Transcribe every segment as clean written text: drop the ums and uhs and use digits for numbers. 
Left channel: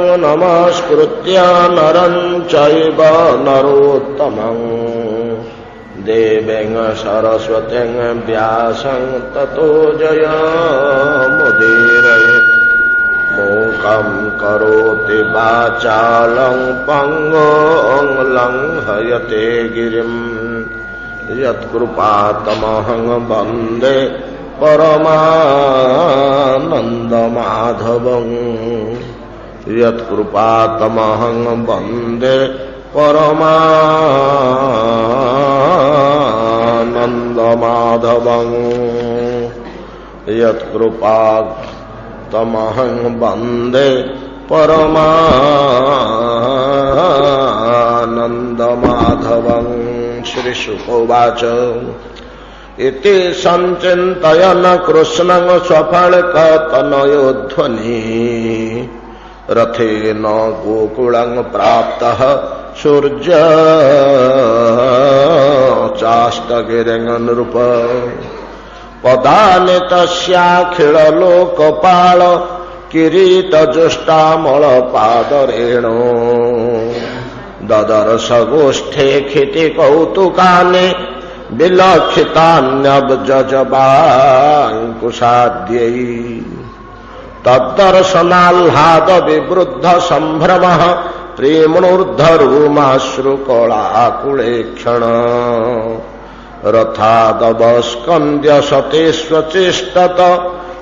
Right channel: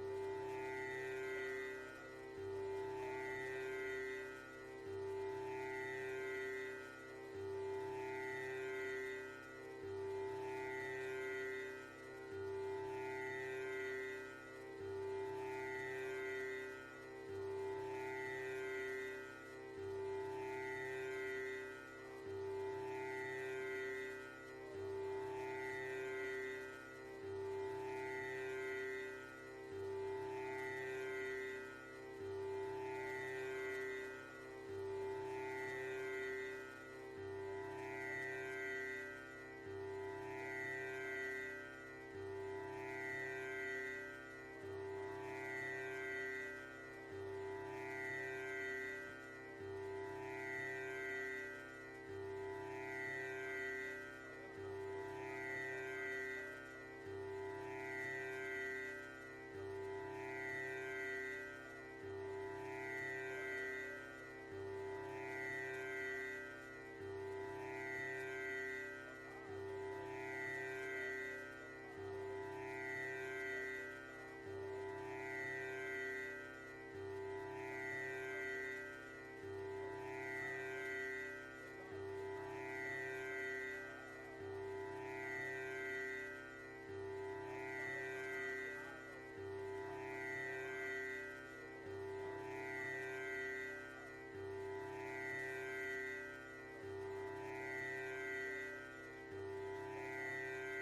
नमस्कृत्य नरं चैव नरोत्तमं देवीं सरस्वतीं व्यासं ततो जयमुदीरयेत्। मूकं करोति वाचालं पङ्गुं लङ्घयते गिरिं यत्कृपातमहं वन्दे परमानन्दमाधवं। यत्कृपातमहं वन्दे परमानन्दमाधवं। यत्कृपातमहं वन्दे परमानन्दमाधवं। श्रीशुकोवाच इति संचिन्तयन् कृष्णं स्वफलकतनयोध्वनि रथेन गोकुलं प्राप्तः सूर्य चाष्टगिरिं नृप। पदानि तस्याखिललोकपाल किरीटजुष्टामलपादरेणो ददर्श गोष्ठे क्षितिकौतुकानि विलक्षितान्यब्जजबाङ्कुशाद्यै। तद्दर्शनाह्लाद विवृद्ध सम्भ्रमः प्रेम्णोर्ध्वरूमाश्रुकलाकुलेक्षण। रथादवस्कन्द्य सते स्वचेष्टत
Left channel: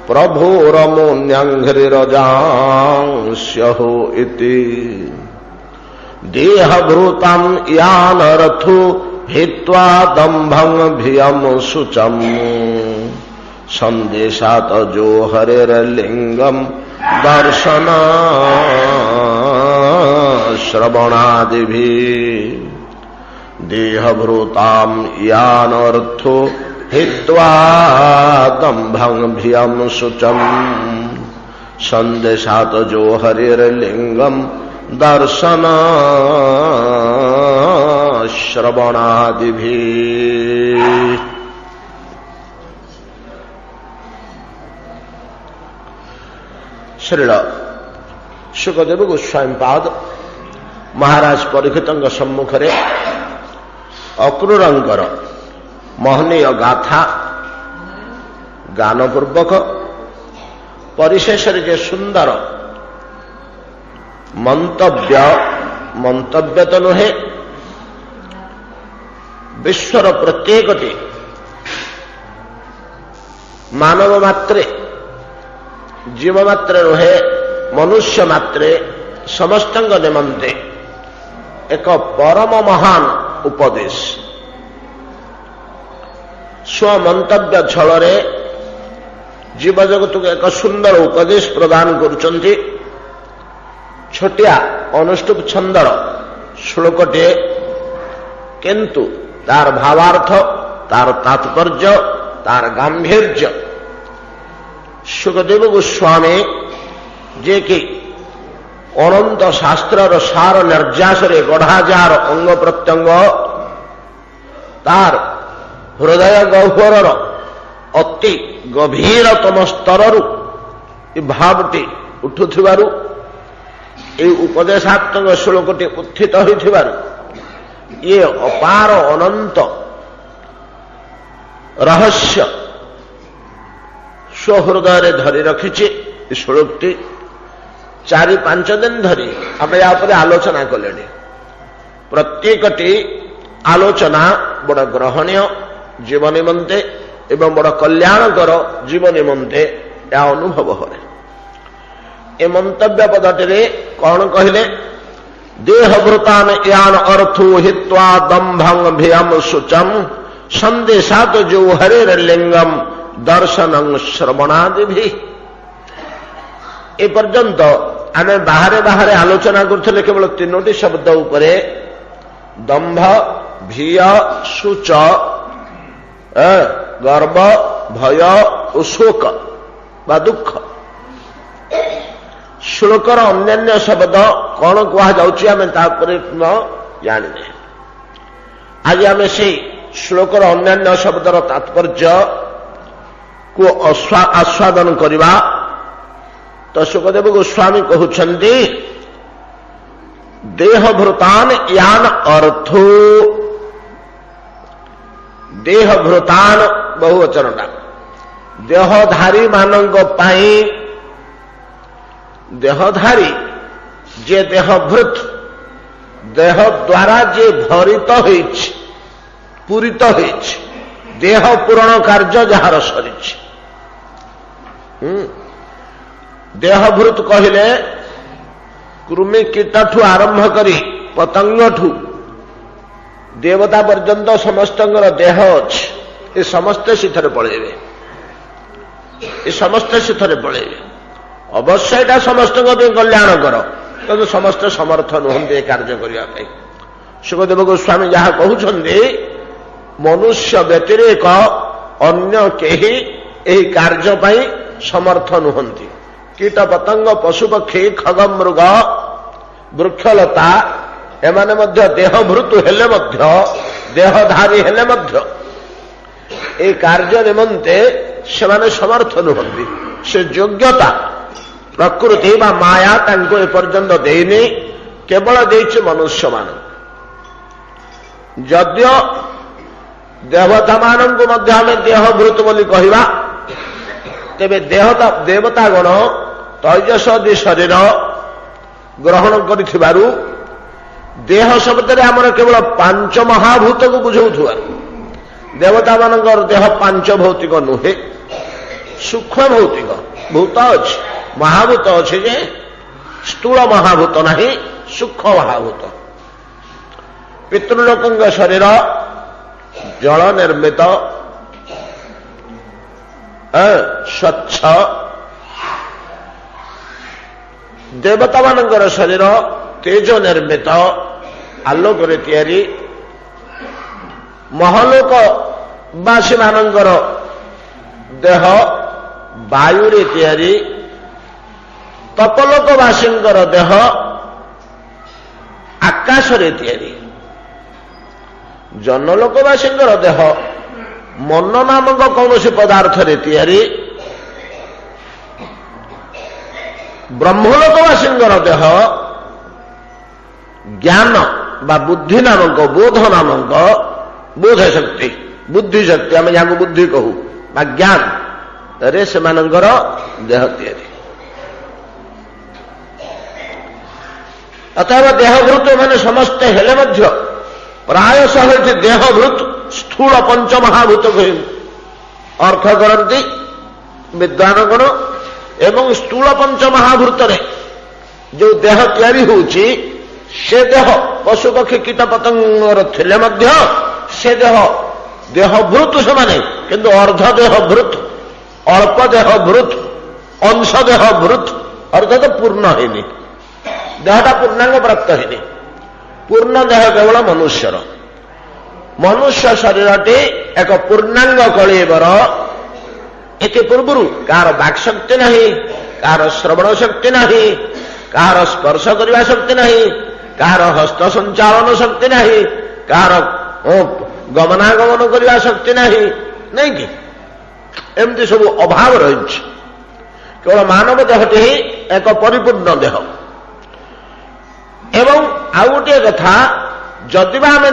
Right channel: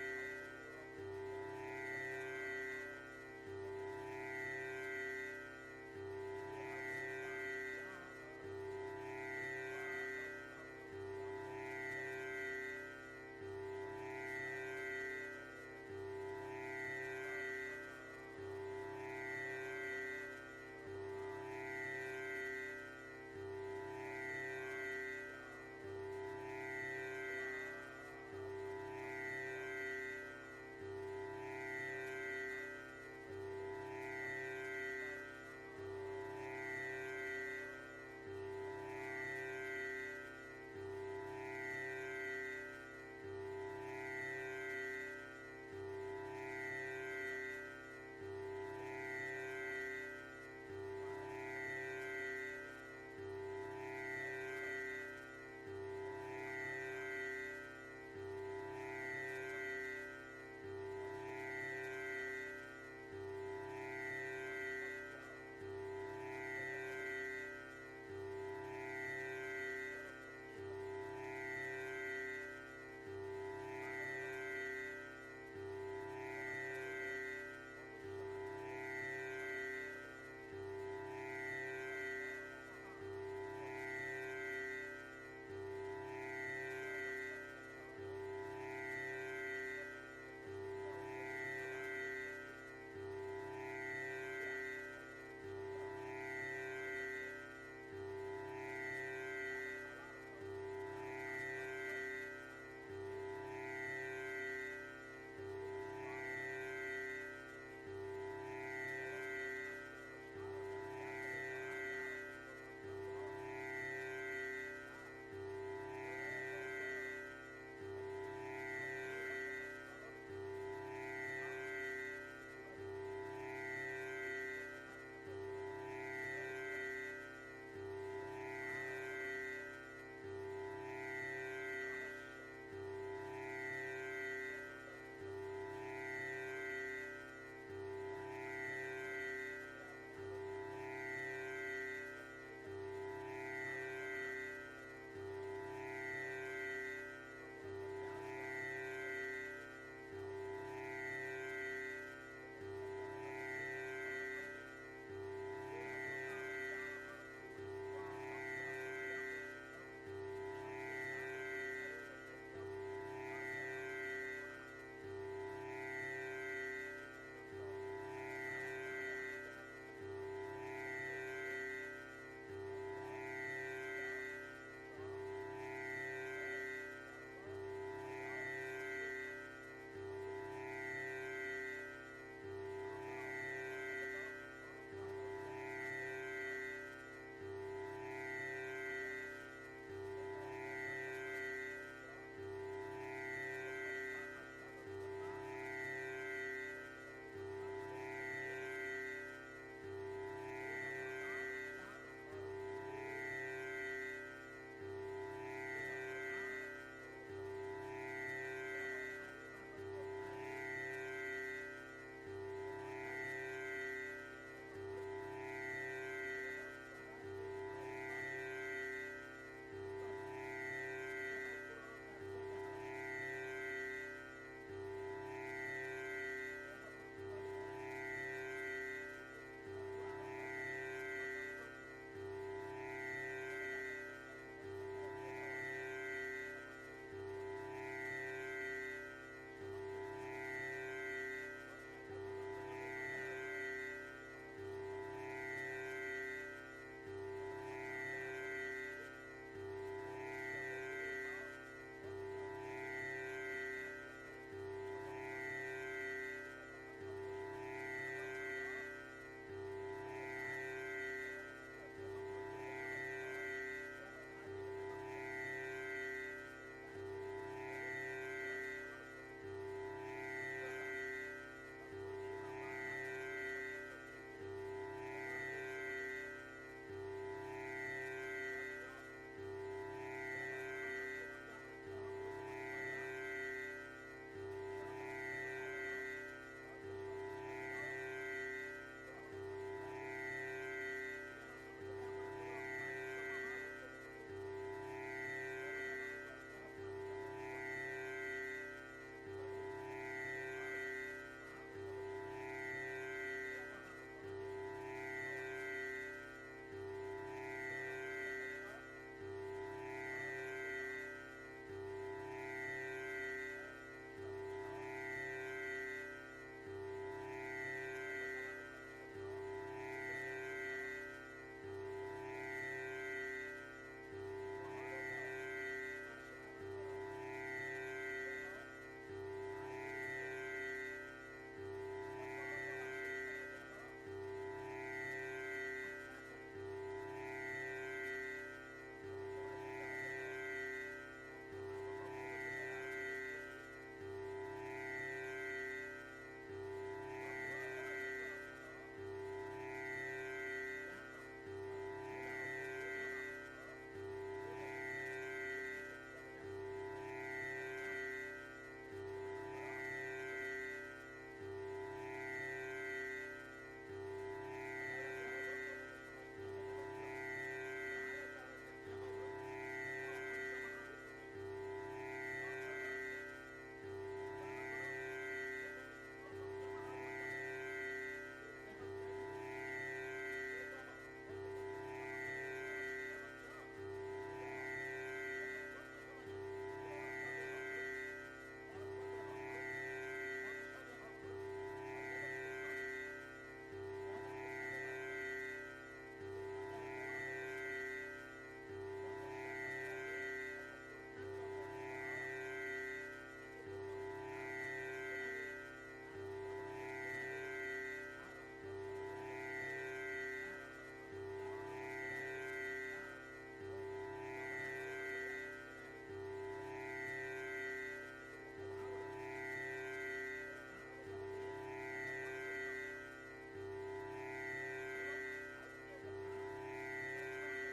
प्रभोरमुन्यङ्घ्रिरजांस्यहो इति। देहभृतं यानरथो हित्वा दम्भं भियं शुचम् संदेशात जो हरेर्लिंगम दर्शन श्रवणादिभिः। देहभृतां यानर्थो हित्वा दम्भं भियं शुचम् संदेशात जो हरेर्लिंगम दर्शन श्रवणादिभिः। श्रील सुखदेव गोस्वामी पाद महाराज परीक्षितଙ୍କ सम्मुखरे अक्रूरଙ୍କର महनीय गाथा गानपूर्वक परिशेषरे जे सुंदर मंतव्य तो नुहे विश्वर प्रत्येकटी मानव मात्रे जीव मात्रे नुहे मनुष्य मात्रे समस्त निमंते एक परम महान उपदेश स्वमंतव्य छल जीव जगत को एक सुंदर उपदेश प्रदान करुचंती। छोटिया अनुष्टुप छंदर श्लोकटे किंतु तार भावार्थ तार तात्पर्य तार गांभीर्य सुखदेव गोस्वामी जे कि अनंत शास्त्रर सार निर्यासरे गढ़ाजार अंग प्रत्यंग तार हृदय गह्वरर अति गभीरतम स्तररु भावटी उठुथिबारु ए उपदेशात्मक श्लोकटी उत्थित होइथिबारु ये अपार अनंत रहस्य स्वहृदय धरी रखिछि। श्लोकटी 4-5 दिन धरी आम या आलोचना कले। प्रत्येकटी आलोचना बड़ ग्रहणीय जीव निमंते एवं बड़ कल्याणकर जीव निमंते या अनुभव है। ए मंतव्य पदटे कौन कहले देहभृतान यान अर्थो हित्वा दम्भं भियम शुचम संदेशात जो हरेर्लिंगम दर्शनं श्रवणादिभिः। ए पर्यंत आम बाहरे बाहरे आलोचना करथिले केवल 3टी शब्द उपरे दंभ भिय शुच गर्व भय और शोक बा दुख। श्लोकर अन्यान्य शब्द कौन कह जाने आज आम से श्लोकर अन्यान्य शब्दर तात्पर्य को आस्वादन करवा। तो सुखदेव गोस्वामी कहते देहभृतान यान अर्थो देहभृतान बहुवचनटा देहधारी मानंग पाई देहधारी जे देहभृत देह द्वारा जे भरित होइछि पूरित होइछि देह पूरण कार्य जार सरिछि देहभृत कहले कृमि कीटठू आरंभ करी पतंगठू देवता पर्यंत समस्त देह अच्छे ये समस्ते सीथरे पलैबे ये समस्ते सीथरे पलैबे अवश्य एटा समस्त कल्याण कर किंतु समस्ते समर्थ नुहंती कार्य करने सुखदेव गोस्वामी जहाँ कहते मनुष्य व्यतिरेक अन्य केही एही कार्य पाई समर्थ नुहंती कीट पतंग पशुपक्षी खग मृग वृक्षलता एमाने मध्य देहभृत हेले मध्य देहधारी हेले मध्य ए कार्य निमंते सेमाने समर्थ नुहंती से योग्यता प्रकृति बा माया तांको ए पर्यंत देइनी केवल देइछि मनुष्य मान यद्य देवता मानंको मध्य आमे देहभृत बोली कहिबा तेबे देवता गण तैजसदि शरीर ग्रहण करिथिबारु देह शब्द आमर केवल पांच महाभूत को बुझाउथुबारु देवता मानकर देह पांच भौतिक नुहे सूक्ष्म भौतिक भूत अच्छे महाभूत अच्छे जे स्थूल महाभूत नहीं सूक्ष्म महाभूत पितृलोकंग शरीर जल निर्मित स्वच्छ देवता मानकर शरीर तेज निर्मित आलोक तैयारी महलोकवासी मानकर देह वायु तैयारी तपलोकवासी देह आकाश तैयारी जनलोकवासी देह मन नामक कौन पदार्थ तैयारी ब्रह्मलोकवासी देह ज्ञान बा बुद्धि नामक बोध नामक बोध शक्ति बुद्धि शक्ति आम जहाँ बुद्धि कहू बा ज्ञान रे से देह तैयारी अतएव देहभृत मैंने समस्ते हेले मध्य प्रायशः देहभृत स्थूल पंच महाभूत को अर्थ करती विद्वान गण एवं स्थूल पंच महाभूत जो देह तैयारी होउची से देह पशु पक्षी कीट पतंगर थिले मध्य से देहभृत से माने किंतु अर्ध देहभृत अल्प देहभृत अंश देहभृत अर्थात पूर्ण है देहटा पूर्णांग प्राप्त है पूर्ण देह केवल मनुष्यर मनुष्य शरीरटी एक पूर्णांग कलिबर एति पूर्व कार वाक् शक्ति नहीं कार श्रवण शक्ति नहीं कार स्पर्श करने शक्ति नहीं कार हस्त संचालन शक्ति नहीं कार गमनागमन करने शक्ति नहीं कि एमती सब अभाव रही केवल मानव देहटी ही एक परिपूर्ण देह एवं आउ गोटे कथा जदिबा आम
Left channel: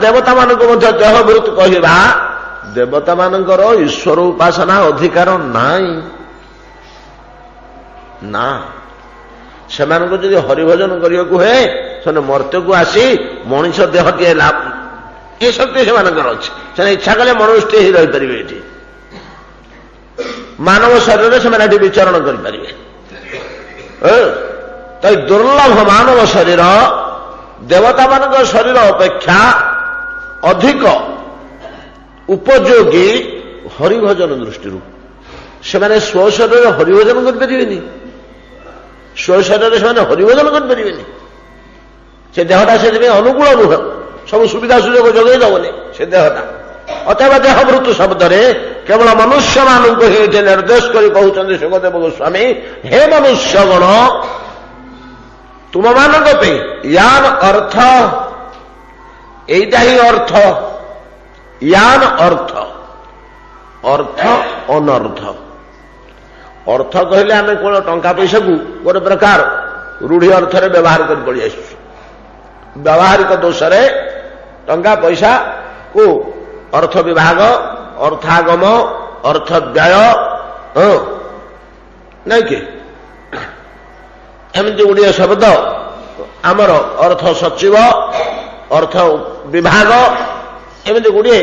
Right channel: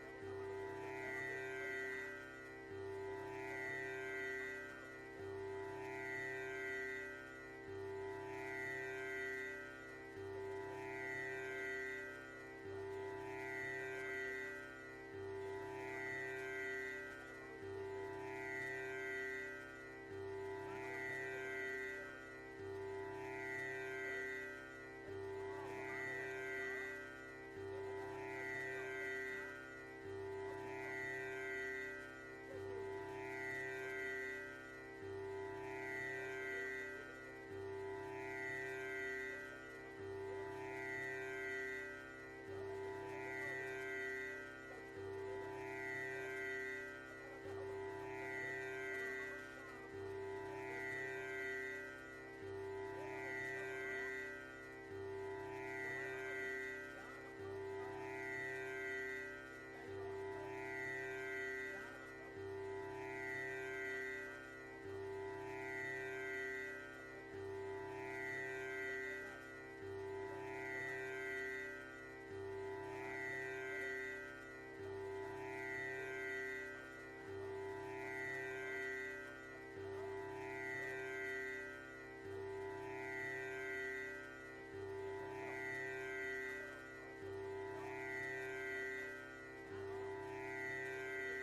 देवता मानक देहभृत कहवा देवता मानकर ईश्वर उपासना अधिकार नाई ना से हरिभजन करने को है से मर्त्य को आसी मनीष देह टे लाभ ये शक्ति से अच्छे इच्छा कले मनुष्य ही रही पारे ये मानव शरीर से विचरण करें तो दुर्लभ मानव शरीर देवता मान शरीर अपेक्षा अधिक उपयोगी हरिभजन दृष्टि से स्व शरीर हरिभजन करें स्व शरीर से हरिभजन करें से देहटा से अनुकूल नुह सब सुविधा सुजोग जगह दबनी से देहटा अतएव देहभृत शब्द केवल मनुष्य मानक ही निर्देश कर कहते सुखदेव गोस्वामी हे मनुष्य गण तुम मानक पे यान अर्थ एटा ही अर्थ यान अर्थ अर्थ अनर्थ अर्थ कहले आम कौन टंका पैसा को गोटे प्रकार रूढ़ी अर्थ रे व्यवहार कर पड़ी आस व्यावहारिक दोष टंका पैसा को अर्थ विभाग अर्थागम अर्थ व्यय नहीं कि एमती गुड़िए शब्द आमर अर्थ सचिव अर्थ विभाग एमती गुड़िए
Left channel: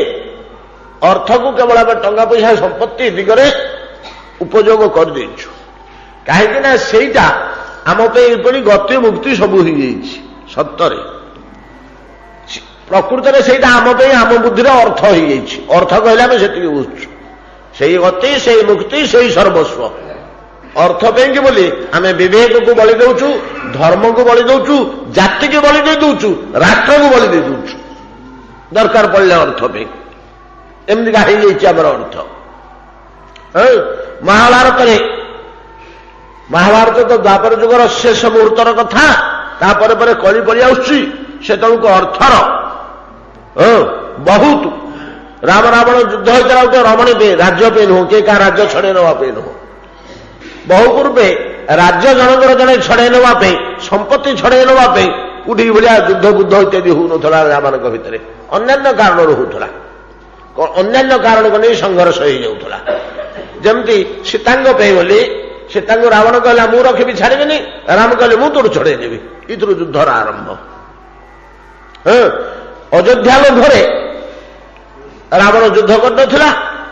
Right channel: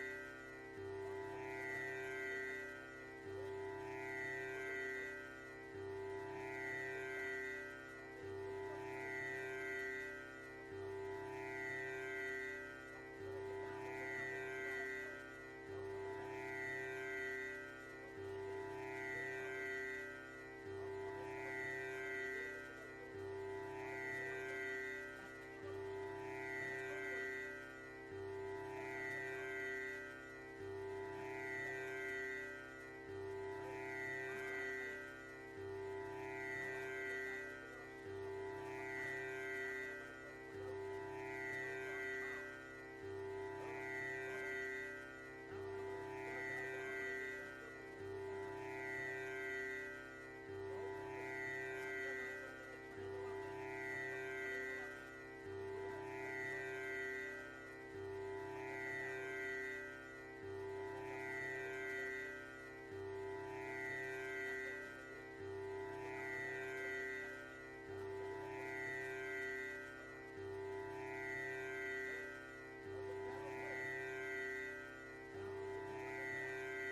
अर्थ को केवल आम टंका पैसा संपत्ति दिगरे उपयोग कर देछु कहीं ना सेटा आम पे गति मुक्ति सब हो सत्तरे प्रकृत में से आम आम बुद्धि अर्थ हो अर्थ कहले आम से बुझु से गति से मुक्ति से सर्वस्व अर्थ कि बोली आम विवेक को बलि दौचु धर्म को बलि दौचु जाति को बलि दे दौचु राष्ट्र को बलि दे दौचु दरकार पड़े अर्थ पे एमती आमर अर्थ महाभारत तो द्वापर जुगर शेष मुहूर्तर कथा तापर कली पड़ी आसुची से तक अर्थर बहुत राम रावण युद्ध होता गोटे रमणी पे राज्य पे नुह किए क्या राज्य छड़े नापे नुह बहु पूर्वे राज्य जनकर जड़े छड़े नापे संपत्ति छड़े नापे कोठी भाया युद्ध बुद्ध इत्यादि होना मान भितर अन्य कारण होता अन्य कारण को नहीं संघर्ष हो जाऊला जमती सीतांग पे बोली सीता रावण कहला मु रखी छाड़बी राम कहले मु तोड़ छड़ेदेवी इतर युद्धर आरंभ अयोध्या लोभरे रावण युद्ध करना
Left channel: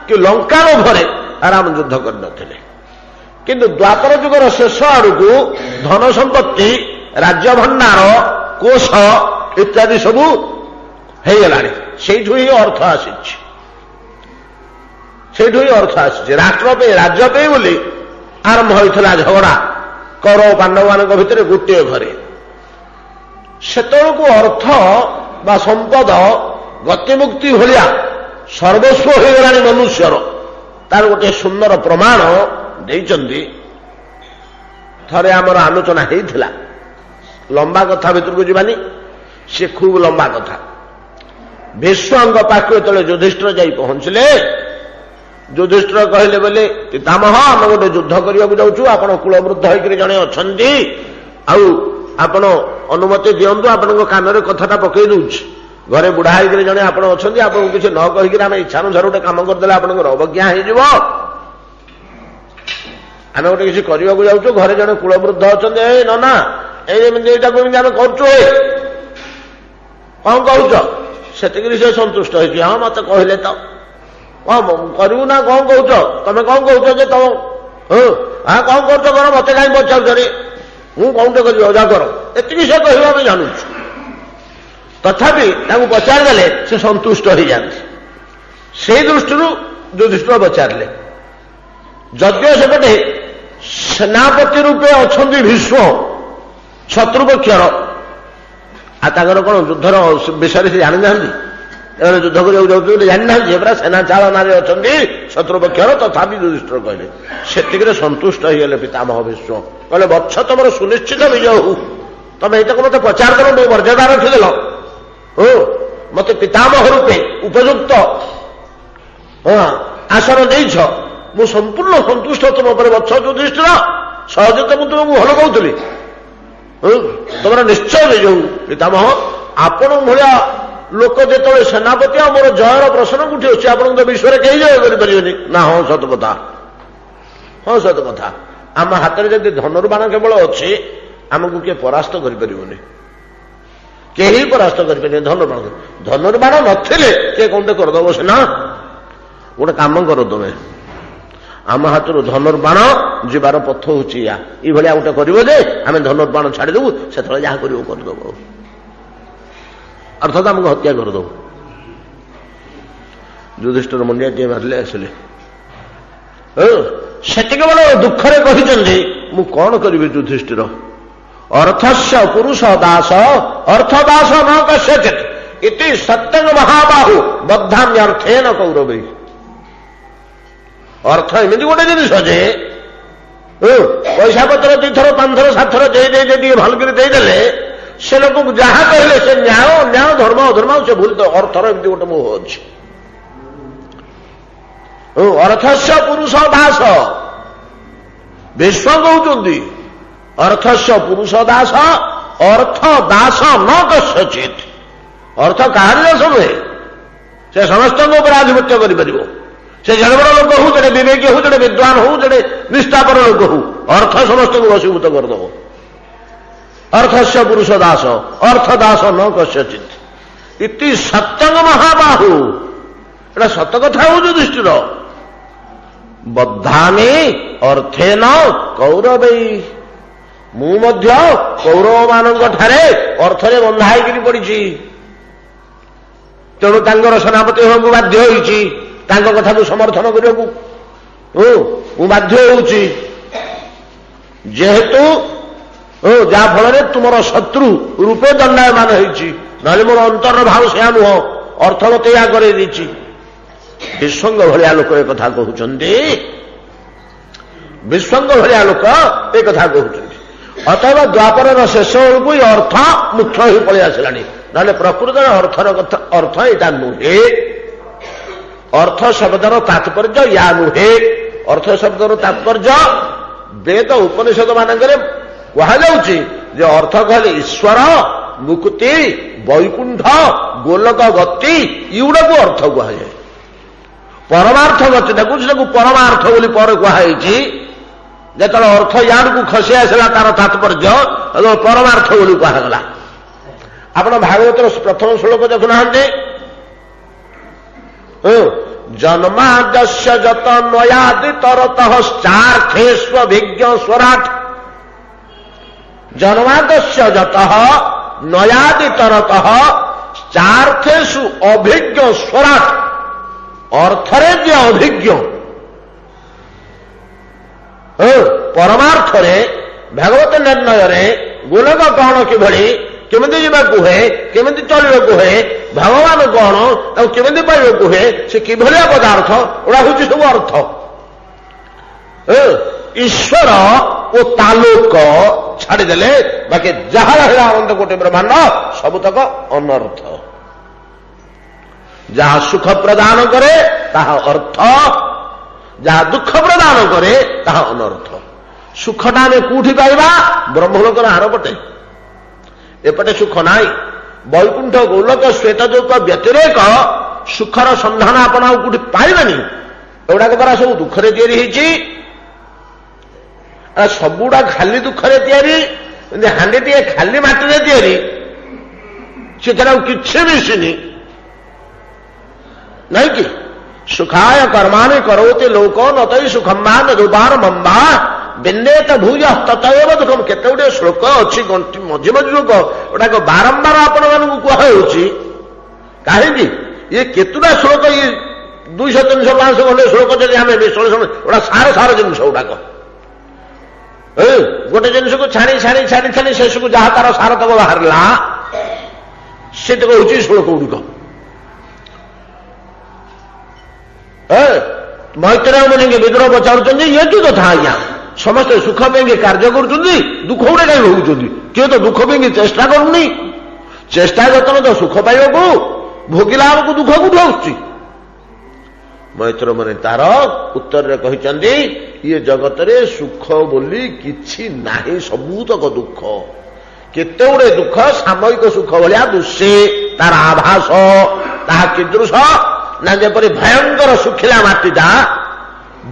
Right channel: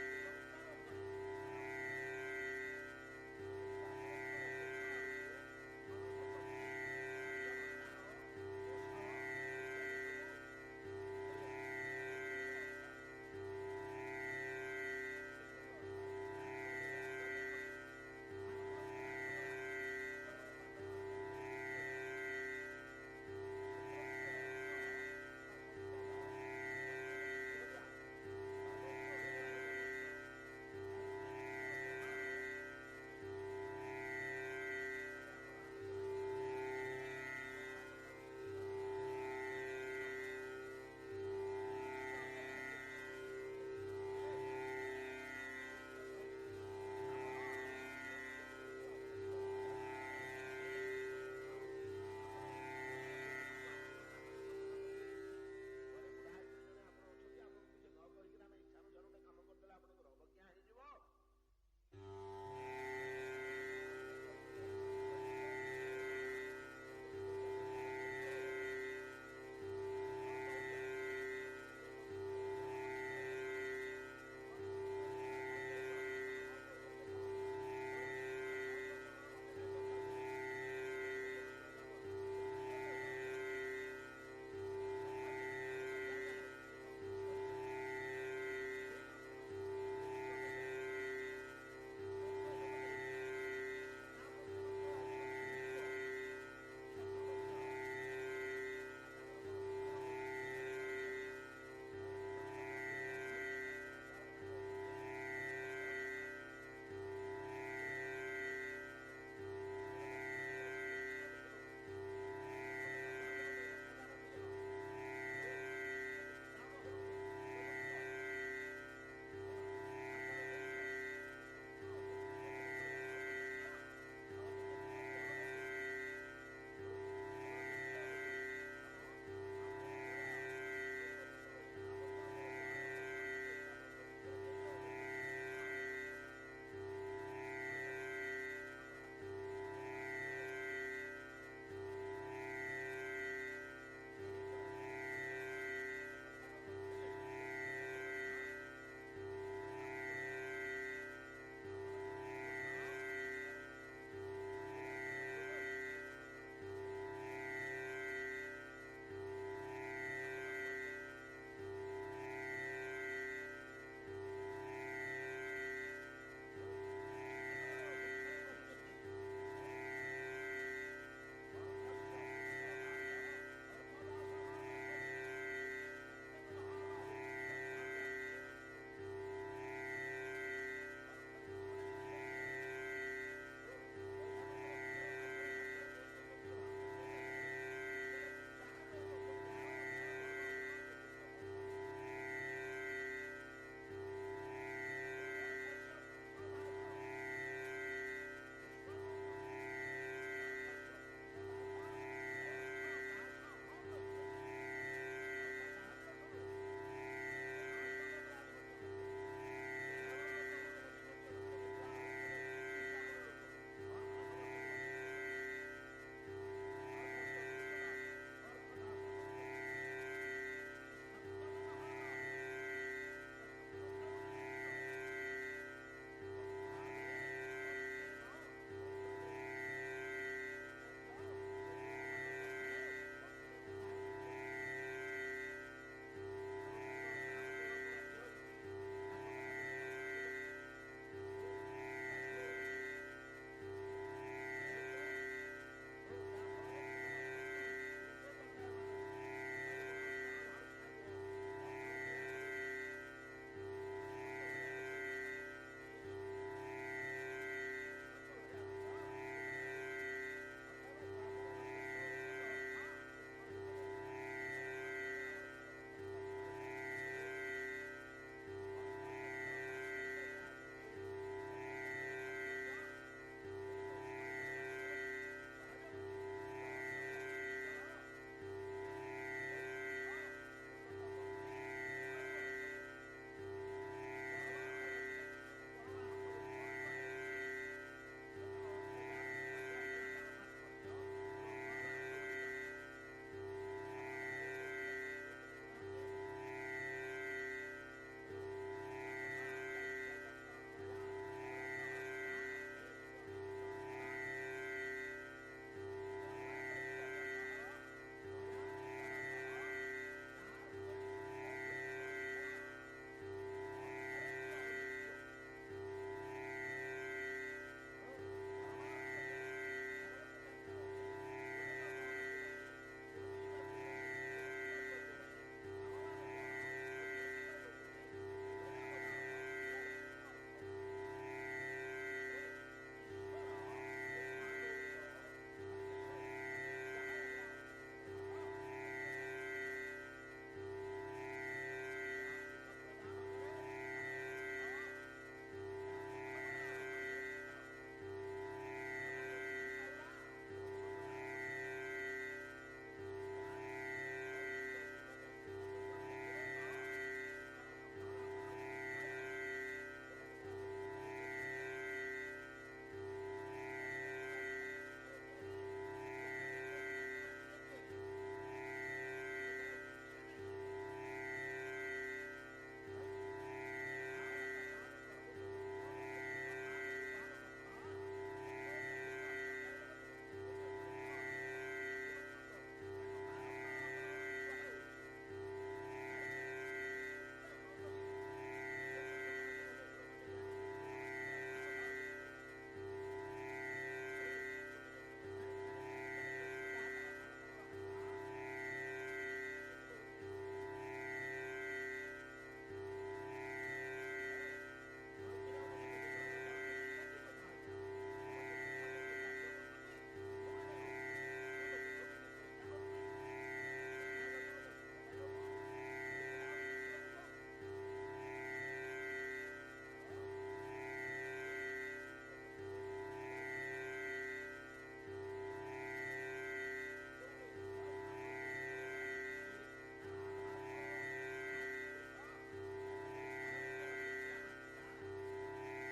कि लंका लोभरे राम युद्ध करते किंतु द्वापर जुगर शेष आड़क धन संपत्ति राज्य भंडार कोष इत्यादि सबू होगला से अर्थ आसी अर्थ आसी राष्ट्र पे राज्य पे बोली आरंभ होता झगड़ा कौरव पांडव मान भितर गोटे घरे सेतक अर्थ बा संपद गतिमुक्ति भाया सर्वस्व होगला मनुष्यर तार गोटे सुंदर प्रमाण देइचंदी थरे आमर आलोचना होता लंबा कथा भितर को जीवानी से खूब लंबा कथा भीष्म पाखु जो युधिष्ठिर जाई पहुंचले युधिष्ठिर कहले बोले पितामह आम गोटे युद्ध करने जाऊँ आप कूलवृद्ध होकर जड़े अच्छा आपण अनुमति दिंतु आपण कान कथाटा पकई दूच घरे बुढ़ा होकर जड़े आप अच्छा आपको किसी न कहीकि आम इच्छानुसार गोटे कम करदे आप अवज्ञा हो आम गोटे किसी करने जाऊँ घरे जड़े कूलवृद्ध अच्छा नना यही आम कर कौन कहूच से सन्तुष्ट हो मत कहले तो करू ना कौन कौच तुम कौन कौच तुम हाँ कौन कर मत कहीं पचार हूँ कौन कर कर ये से कह जानू तथापि पचारदे से सन्तुष्ट हो जाती से दृष्टि युधिष्ठिर पचारे जद्य सेपटे सेनापति रूपे अच्छा भीष्म शत्रुपक्षर आर कौन युद्धर विषय से जानी ना युद्ध करने जाऊँ जानी ना पूरा सेना चालना अच्छा शत्रुपक्षर तथापि युधिष्ठिर कहले से सन्तुष्ट होगले पितामह भीष्म कहले वत्स तुम सुनिश्चित विजय हो तुम ये मत पचार कर मर्यादा रखिदेल हो मत पितामह रूपे उपयुक्त आसन देछ मु संपूर्ण सन्तुष्ट तुम पर वत्स युधिष्ठिर सहजे तो तुमको भल कहूली तुम निश्चय विजय पितामह आपण भाया लोक जो सेनापति आ मोर जयर प्रश्न कोठी अच्छे आप विश्व कहीं जय करें ना हाँ सत कथा हाँ सत कथा आम हाथ में जब धनुर्बाण केवल अच्छे आमको किए परास्त करें कहीं परास्त करें धनुर्बाण नथिले किए कौन करदब सीना गोटे कम कर तुम्हें आम हाथ धनुर्बाण जीवार पथ हूँ या गोटे करे आम धनुर्बाण छाड़देबू से जहाँ करदब अर्थात आमको हत्या करदब युधिष्ठिर मुंडिया टे मारे आसिले से केवल दुखरे कहते मु कौन करी युधिष्ठिर अर्थस्य पुरुष दास अर्थदास न कस्यचित् इति सत्यं महाबाहु बद्धाम्यर्थेन कौरवै अर्थ एमती गोटे जिनिस जे पैसा पत्र 2 थर 5 थर 7 थर दे भलकर देदेले से लोक जहाँ कहले से न्याय अन्याय धर्म अधर्म से भूल तो अर्थर एमती गोटे मोह अच्छे अर्थस्य पुरुष दास भीष्म कहते अर्थस्य पुरुष दास ଅର୍ଥ ଦାସ ନ କସ୍ୟଚିତ୍। ଅର୍ଥ କାହାରି ଦାସ ନୁହେଁ, ସେ ସମସ୍ତଙ୍କ ଉପରେ ଆଧିପତ୍ୟ କରିପାରିବ। ସେ ଜଣେ ବଡ଼ ଲୋକ ହଉ, ଜଣେ ବିବେକୀ ହଉ, ଜଣେ ବିଦ୍ୱାନ ହଉ, ଜଣେ ନିଷ୍ଠାପର ଲୋକ ହଉ, ଅର୍ଥ ସମସ୍ତଙ୍କୁ ବଶୀଭୂତ କରିଦେବ। ଅର୍ଥସ୍ୟ ପୁରୁଷ ଦାସ, ଅର୍ଥ ଦାସ ନ କସ୍ୟଚିତ୍ ଇତି ସତ୍ୟଂ ମହାବାହୁ। ଏଟା ସତ କଥା ହଉ ଯୁଧିଷ୍ଠିର। ବଦ୍ଧାମି ଅର୍ଥେନ କୌରବୈ। ମୁଁ ମଧ୍ୟ କୌରବମାନଙ୍କ ଠାରେ ଅର୍ଥରେ ବନ୍ଧା ହେଇକିରି ପଡ଼ିଛି। ତେଣୁ ତାଙ୍କର ସେନାପତି ହେବାକୁ ବାଧ୍ୟ ହୋଇଛି, ତାଙ୍କ କଥାକୁ ସମର୍ଥନ କରିବାକୁ ମୁଁ ବାଧ୍ୟ ହେଉଛି। ଯେହେତୁ ଯାହା ଫଳରେ ତୁମର ଶତ୍ରୁ ରୂପେ ଦଣ୍ଡାୟମାନ ହେଇଛି, ନହେଲେ ମୋର ଅନ୍ତରର ଭାବ ସେୟା ନୁହଁ, ଅର୍ଥ ମତେ ଏହା କରେଇ ଦେଇଛି। ବିଶ୍ୱଙ୍ଗ ଭଳିଆ ଲୋକ ଏ କଥା କହୁଛନ୍ତି, ବିଶ୍ୱଙ୍ଗ ଭଳିଆ ଲୋକ ଏ କଥା କହୁଛନ୍ତି। ଅତଏବ ଦ୍ୱାପରର ଶେଷ ବେଳକୁ ଏ ଅର୍ଥ ମୁଖ୍ୟ ହୋଇ ପଳେଇ ଆସିଲାଣି, ନହେଲେ ପ୍ରକୃତରେ ଅର୍ଥର କଥା, ଅର୍ଥ ଏଇଟା ନୁହେଁ। ଅର୍ଥ ଶବ୍ଦର ତାତ୍ପର୍ଯ୍ୟ ୟା ନୁହେଁ। ଅର୍ଥ ଶବ୍ଦର ତାତ୍ପର୍ଯ୍ୟ ବେଦ ଉପନିଷଦ ମାନଙ୍କରେ କୁହାଯାଉଛି ଯେ ଅର୍ଥ କହିଲେ ଈଶ୍ୱର, ମୁକ୍ତି, ବୈକୁଣ୍ଠ, ଗୋଲକ ଗତି, ଏଗୁଡ଼ାକୁ ଅର୍ଥ କୁହାଯାଏ। ପରମାର୍ଥ ଗତି ତାକୁ ପରମାର୍ଥ ବୋଲି ପରେ କୁହାଯାଇଛି। ଯେତେବେଳେ ଅର୍ଥ ୟାଡକୁ ଖସି ଆସିଲା ତାର ତାତ୍ପର୍ଯ୍ୟ ପରମାର୍ଥ ବୋଲି କୁହାଗଲା। ଆପଣ ଭାଗବତର ପ୍ରଥମ ଶ୍ଲୋକ ଦେଖୁନାହାନ୍ତି, ଜନ୍ମାଦସ୍ୟ ଯତ ନୟାଦି ତରତଃ ଚାର୍ଥେଷ୍ବିଜ୍ଞ ସ୍ୱରାଟ୍। ଜନ୍ମାଦସ୍ୟ ଯତଃ ନୟାଦି ତରତଃ ଚାର୍ଥେଷୁ ଅଭିଜ୍ଞ ସ୍ୱରାଟ୍। ଅର୍ଥରେ ଯିଏ ଅଭିଜ୍ଞ, ପରମାର୍ଥରେ ଭାଗବତ ନିର୍ଣ୍ଣୟରେ ଗୋଲକ କଣ କିଭଳି, କେମିତି ଯିବାକୁ ହୁଏ, କେମିତି ଚଳିବାକୁ ହୁଏ, ଭଗବାନ କଣ ତାକୁ କେମିତି ପାଇବାକୁ ହୁଏ, ସେ କିଭଳିଆ ପଦାର୍ଥ, ଏଗୁଡ଼ା ହଉଛି ସବୁ ଅର୍ଥ। ଈଶ୍ୱର ଓ ତାଲୁକ ଛାଡ଼ିଦେଲେ ବାକି ଯାହା ରହିଲା ଅନନ୍ତ କୋଟି ବ୍ରହ୍ମାଣ୍ଡ ସବୁତକ ଅନର୍ଥ। ଯାହା ସୁଖ ପ୍ରଦାନ କରେ ତାହା ଅର୍ଥ, ଯାହା ଦୁଃଖ ପ୍ରଦାନ କରେ ତାହା ଅନର୍ଥ। ସୁଖଟା ଆମେ କୋଉଠି ପାଇବା? ବ୍ରହ୍ମଲୋକର ଆରପଟେ। ଏପଟେ ସୁଖ ନାହିଁ। ବୈକୁଣ୍ଠ, ଗୋଲକ, ଶ୍ୱେତଯୌକ ବ୍ୟତିରେକ ସୁଖର ସନ୍ଧାନ ଆପଣ ଆଉ କୋଉଠି ପାଇବେନି। ଏଗୁଡ଼ାକ ପରା ସବୁ ଦୁଃଖରେ ତିଆରି ହେଇଛି। ସବୁଗୁଡ଼ା ଖାଲି ଦୁଃଖରେ ତିଆରି। ହାଣ୍ଡିଟିଏ ଖାଲି ମାଟିରେ ତିଆରି, ସେଥିରେ ଆଉ କିଛି ମିଶିନି, ନାଇଁ କି? ସୁଖାୟ କର୍ମାଣି କରୋତି ଲୋକ ନତଇ ସୁଖମ୍ବାନ ଦୁବାର ମମ୍ବା ବିନ୍ଦେତ ଭୂୟ ତତଏବ ଦୁଃଖମ। କେତେ ଗୁଡ଼ିଏ ଶ୍ଲୋକ ଅଛି, ଗଣ୍ଠି ମଝି ମଝି ଶ୍ଲୋକ, ଏଗୁଡ଼ାକ ବାରମ୍ବାର ଆପଣମାନଙ୍କୁ କୁହାଯାଉଛି। କାହିଁକି? ଇଏ କେତୁଟା ଶ୍ଲୋକ, ଇଏ 200, 300, 500 ଖଣ୍ଡେ ଶ୍ଲୋକ ଯଦି ଆମେ ବିଶ୍ଳେଷଣ, ଏଗୁଡ଼ା ସାର ଜିନିଷ ଗୁଡ଼ାକ। ଗୋଟେ ଜିନିଷକୁ ଛାଣି ଛାଣି ଛାଣି ଛାଣି ଶେଷକୁ ଯାହା ତାର ସାରତକ ବାହାରିଲା, ସେତକ ହଉଛି ଶ୍ଲୋକ ଗୁଡ଼ିକ। ମୈତ୍ରେୟ ମୁନିଙ୍କୁ ବିଦ୍ରୋହ ପଚାରୁଛନ୍ତି, ଇଏ କି କଥା ଆଜ୍ଞା, ସମସ୍ତେ ସୁଖ ପାଇଁକି କାର୍ଯ୍ୟ କରୁଛନ୍ତି, ଦୁଃଖ ଗୁଡ଼େ କାହିଁ ଭୋଗୁଛନ୍ତି? କିଏ ତ ଦୁଃଖ ପାଇଁକି ଚେଷ୍ଟା କରୁନି। ଚେଷ୍ଟା ଯତ୍ନ ତ ସୁଖ ପାଇବାକୁ, ଭୋଗିଲା ବେଳକୁ ଦୁଃଖ କୋଉଠୁ ଆସୁଛି? ମୈତ୍ରେୟ ମୁନି ତାର ଉତ୍ତରରେ କହିଛନ୍ତି, ଇଏ ଜଗତରେ ସୁଖ ବୋଲି କିଛି ନାହିଁ, ସବୁତକ ଦୁଃଖ। କେତେ ଗୁଡ଼େ ଦୁଃଖ ସାମୟିକ ସୁଖ ଭଳିଆ ଦୁଷେ, ତାର ଆଭାସ। ତାହା କିଦୃଶ ନା ଯେପରି ଭୟଙ୍କର ଶୁଖିଲା ମାଟିଟା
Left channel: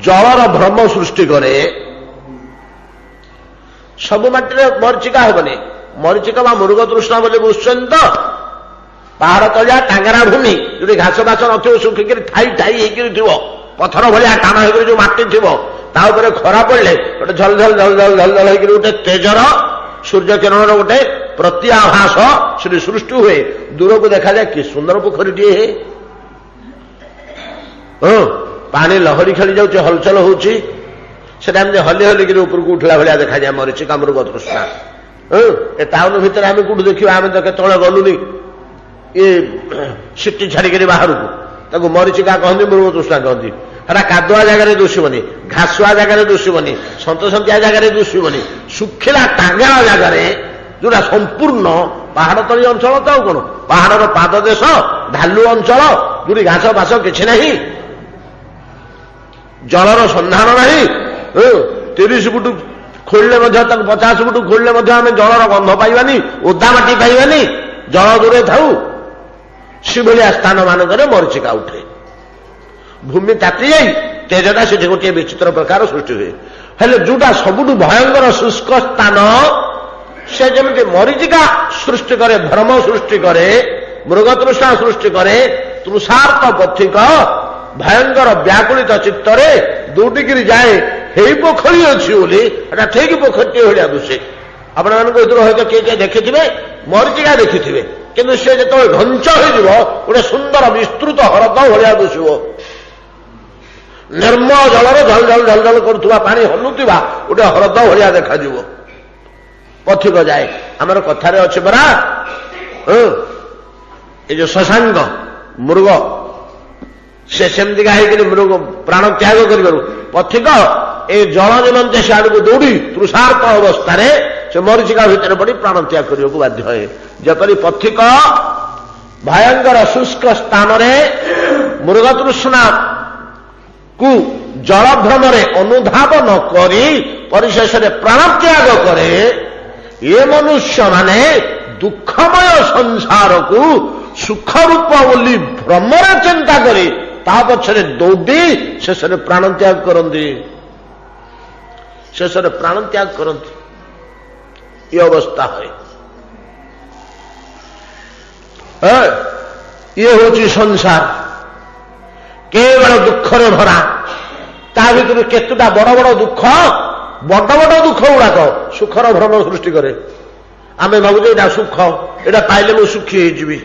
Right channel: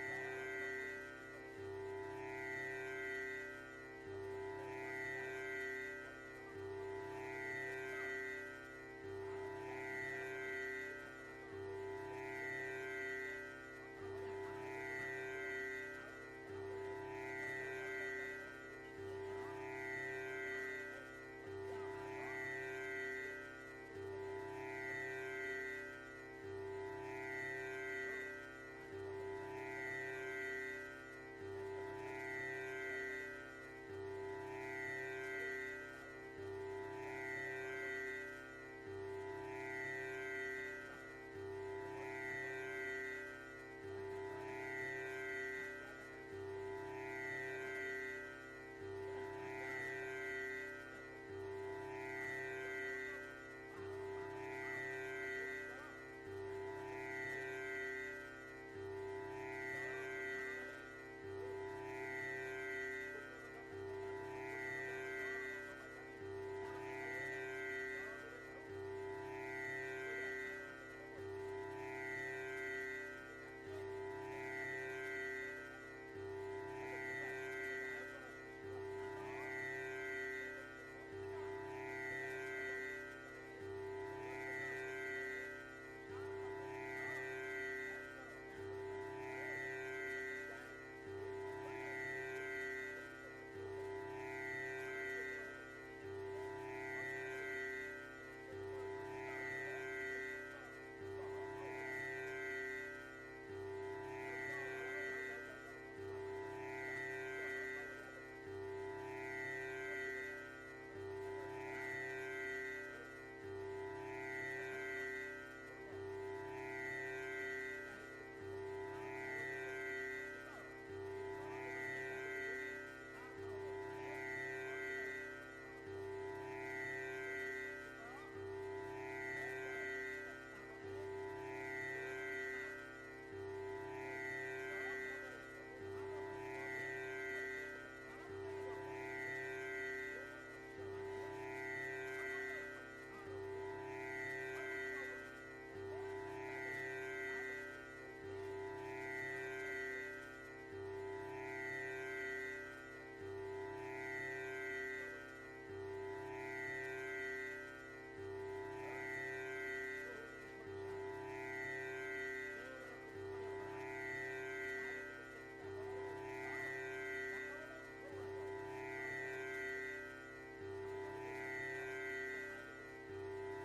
ଜଳର ଭ୍ରମ ସୃଷ୍ଟି କରେ। ସବୁ ମାଟିରେ ମରିଚିକା ହେବନି। ମରିଚିକା ବା ମୃଗତୃଷ୍ଣା ବୋଲି ବୁଝୁଛନ୍ତି ତ? ପାହାଡ଼ ତଳିଆ ଟାଙ୍ଗରା ଭୂମି, ଯୋଉଠି ଘାସ ବାସ ନଥିବ, ଶୁଖିକିରି ଠାଇ ଠାଇ ହେଇକିରି ଥିବ, ପଥର ଭଳିଆ ଟାଣ ହେଇକିରି ଯୋଉ ମାଟି ଥିବ, ତା ଉପରେ ଖରା ପଡ଼ିଲେ ଗୋଟେ ଝଲ ଝଲ ଝଲ ଝଲ ଝଲ ଝଲ ହେଇକିରି ଗୋଟେ ତେଜର ସୂର୍ଯ୍ୟ କିରଣର ଗୋଟେ ପ୍ରତି ଆଭାସ ସେଠି ସୃଷ୍ଟି ହୁଏ। ଦୂରକୁ ଦେଖାଯାଏ କି ସୁନ୍ଦର ପୋଖରୀଟିଏ। ପାଣି ଲହରୀ ଖେଳି ଯାଉଛି, ହଲଚଲ ହଉଛି, ସେଟା ଏମିତି ହଲି ହଲିକିରି ଉପରକୁ ଉଠିଲା ଭଳିଆ ଦେଖାଯାଏ ମରିଚିକା ମୃଗ ତୃଷ୍ଣା। ଏ ଟାଉନ ଭିତରେ ଆମେ କୋଉଠି ଦେଖିବା? ଆମେ ତ କେତେବେଳେ ଗଲୁନି ଏ ସିଟି ଛାଡ଼ିକିରି ବାହାରକୁ, ତାକୁ ମରିଚିକା କହନ୍ତି, ମୃଗ ତୃଷ୍ଣା କହନ୍ତି। ହେଟା କାଦୁଆ ଜାଗାରେ ଦୁଷିବନି, ଘାସୁଆ ଜାଗାରେ ଦୁଷିବନି, ସନ୍ତସନ୍ତିଆ ଜାଗାରେ ଦୁଷିବନି। ଶୁଖିଲା ଟାଙ୍ଗରା ଜାଗାରେ, ଯୋଉଟା ସମ୍ପୂର୍ଣ୍ଣ ପାହାଡ଼ ତଳି ଅଞ୍ଚଳ, ତ ଆଉ କଣ, ପାହାଡ଼ର ପାଦ ଦେଶ, ଢାଲୁ ଅଞ୍ଚଳ, ଯୋଉଠି ଘାସ ବାସ କିଛି ନାହିଁ, ଜଳର ସନ୍ଧାନ ନାହିଁ, 30 ଫୁଟ ଖୋଳିଲେ ମଧ୍ୟ ତାକୁ 50 ଫୁଟ ଖୋଳିଲେ ମଧ୍ୟ ଆମେ ଜଳର ଗନ୍ଧ ପାଇବାନି, ଓଦା ମାଟି ପାଇବାନି, ଜଳ ଦୂରେ ଥାଉ। ସେଭଳିଆ ସ୍ଥାନ ମାନଙ୍କରେ ମରିଚିକା ଉଠେ। ଭୂମି ତାତି ଯାଇ ତେଜଟା ସେଠି ଗୋଟିଏ ବିଚିତ୍ର ପ୍ରକାର ସୃଷ୍ଟି ହୁଏ। ହେଲେ ଯୋଉଟା ସବୁଠୁ ଭୟଙ୍କର ଶୁଷ୍କ ସ୍ଥାନ, ସେ ଯେମିତି ମରିଚିକା ସୃଷ୍ଟି କରେ, ଭ୍ରମ ସୃଷ୍ଟି କରେ, ମୃଗତୃଷ୍ଣା ସୃଷ୍ଟି କରେ, ତୃଷାର୍ତ ପଥିକ ଭୟଙ୍କର ବ୍ୟାକୁଳିତ ଚିତ୍ତରେ ଦୌଡ଼ିକିରି ଯାଏ, ହେଇ ପୋଖରୀ ଅଛି ବୋଲି, ଏଟା ଠିକ ପୋଖରୀଟିଏ ଭଳିଆ ଦୁଷେ। ଆପଣମାନଙ୍କ ଭିତରୁ ହয়তো କିଏ କିଏ ଦେଖିଥିବେ, ମରିଚିକା ଦେଖିଥିବେ, କିନ୍ତୁ ସେ ଯେତେବେଳେ ଘଞ୍ଚ ହୋଇଯିବ ଗୋଟେ ସୁନ୍ଦର ବିସ୍ତୃତ ହ୍ରଦ ଭଳିଆ ଦୁଷିବ। ନିର୍ମଳ ଜଳରେ ଝଲ ଝଲ ଝଲ ଝଲ କରୁଥିବା ପାଣି ହଲୁଥିବା ଗୋଟେ ହ୍ରଦ ଭଳିଆ ଦେଖାଯିବ। ପଥିକ ଯାଏ। ଆମର କଥାରେ ଅଛି ପରା, ଏ ଯୋଉ ଶଶାଙ୍କ ମୃଗ, ସେ ସେମିତିକା ହେଇକରି ମୃଗ ପ୍ରାଣ ତ୍ୟାଗ କରିବାରୁ ପଥିକ ଏ ଜଳ ନିମନ୍ତେ ସେ ଆଡକୁ ଦୌଡ଼ି ତୃଷାର୍ତ ଅବସ୍ଥାରେ ସେ ମରିଚିକା ଭିତରେ ପଡ଼ି ପ୍ରାଣ ତ୍ୟାଗ କରିବାକୁ ବାଧ୍ୟ ହୁଏ। ଯେପରି ପଥିକ ଭୟଙ୍କର ଶୁଷ୍କ ସ୍ଥାନରେ ମୃଗତୃଷ୍ଣା କୁ ଜଳଭ୍ରମରେ ଅନୁଧାବ ନ କରି ପରିଶେଷରେ ପ୍ରାଣତ୍ୟାଗ କରେ, ଏ ମନୁଷ୍ୟମାନେ ଦୁଃଖମୟ ସଂସାରକୁ ସୁଖରୂପ ବୋଲି ଭ୍ରମରେ ଚିନ୍ତା କରି ତା ପଛରେ ଦୌଡ଼ି ଶେଷରେ ପ୍ରାଣତ୍ୟାଗ କରନ୍ତି। ଶେଷରେ ପ୍ରାଣତ୍ୟାଗ କରନ୍ତି। ଏ ଅବସ୍ଥା ହୁଏ। ଇଏ ହେଉଛି ସଂସାର, କେବଳ ଦୁଃଖରେ ଭରା। ତା ଭିତରୁ କେତେଟା ବଡ ବଡ ଦୁଃଖ, ବଡ ବଡ ଦୁଃଖ ଗୁଡାକ ସୁଖର ଭ୍ରମ ସୃଷ୍ଟି କରେ। ଆମେ ଭାବୁଛୁ ଏଇଟା ସୁଖ, ଏଇଟା ପାଇଲେ ମୁଁ ସୁଖୀ ହେଇଯିବି।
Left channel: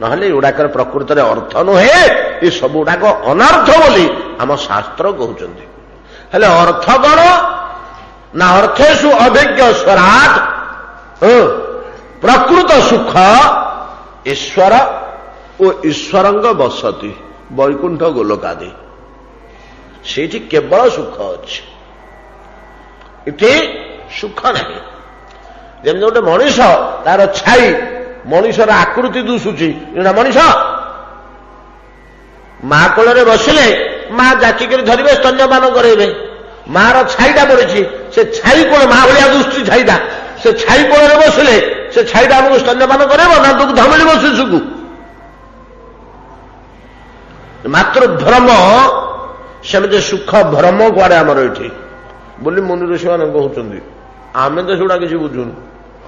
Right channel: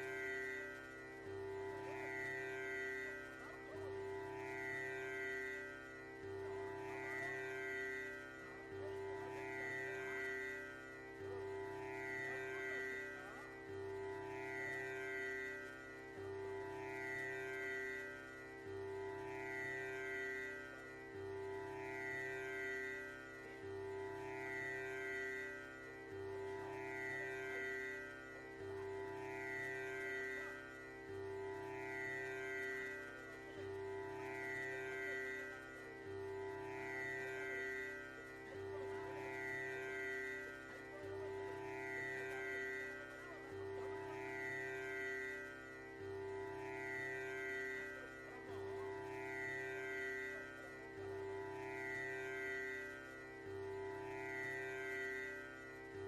ନହେଲେ ଏଗୁଡାକର ପ୍ରକୃତରେ ଅର୍ଥ ନୁହେଁ, ଏ ସବୁ ଗୁଡାକ ଅନର୍ଥ ବୋଲି ଆମ ଶାସ୍ତ୍ର କହୁଛନ୍ତି। ହେଲେ ଅର୍ଥ କଣ ନା, ଅର୍ଥେଷୁ ଅଭିଜ୍ଞ ସ୍ୱରାଟ, ପ୍ରକୃତ ସୁଖ ଈଶ୍ୱର ଓ ଈଶ୍ୱରଙ୍କ ବସତି ବୈକୁଣ୍ଠ ଗୋଲକାଦି, ସେଇଠି କେବଳ ସୁଖ ଅଛି, ଏଠି ସୁଖ ନାହିଁ। ଯେମିତି ଗୋଟେ ମଣିଷ, ତାର ଛାଇ, ମଣିଷର ଆକୃତି ଦୁଶୁଛି, ଏଟା ମଣିଷ। ମା କୋଳରେ ବସିଲେ ମା ଜାକିକରି ଧରିବେ, ସ୍ତନ୍ୟପାନ କରେଇବେ। ମାର ଛାଇଟା ପଡିଛି, ସେ ଛାଇ କୋଳ ମା ଭଳିଆ ଦୁଶୁଛି ଛାଇଟା। ସେ ଛାଇ କୋଳରେ ବସିଲେ ସେ ଛାଇଟା ଆମକୁ ସ୍ତନ୍ୟପାନ କରେଇବ ନା ଦୁଗ୍ଧ ମିଳିବ ଶିଶୁକୁ? ମାତ୍ର ଭ୍ରମ, ସେମିତି ସୁଖ ଭ୍ରମ କୁଆଡେ ଆମର ଏଠି ବୋଲି ମୁନି ଋଷିମାନେ କହୁଛନ୍ତି। ଆମେ ତ ସେଗୁଡା କିଛି ବୁଝୁନୁ।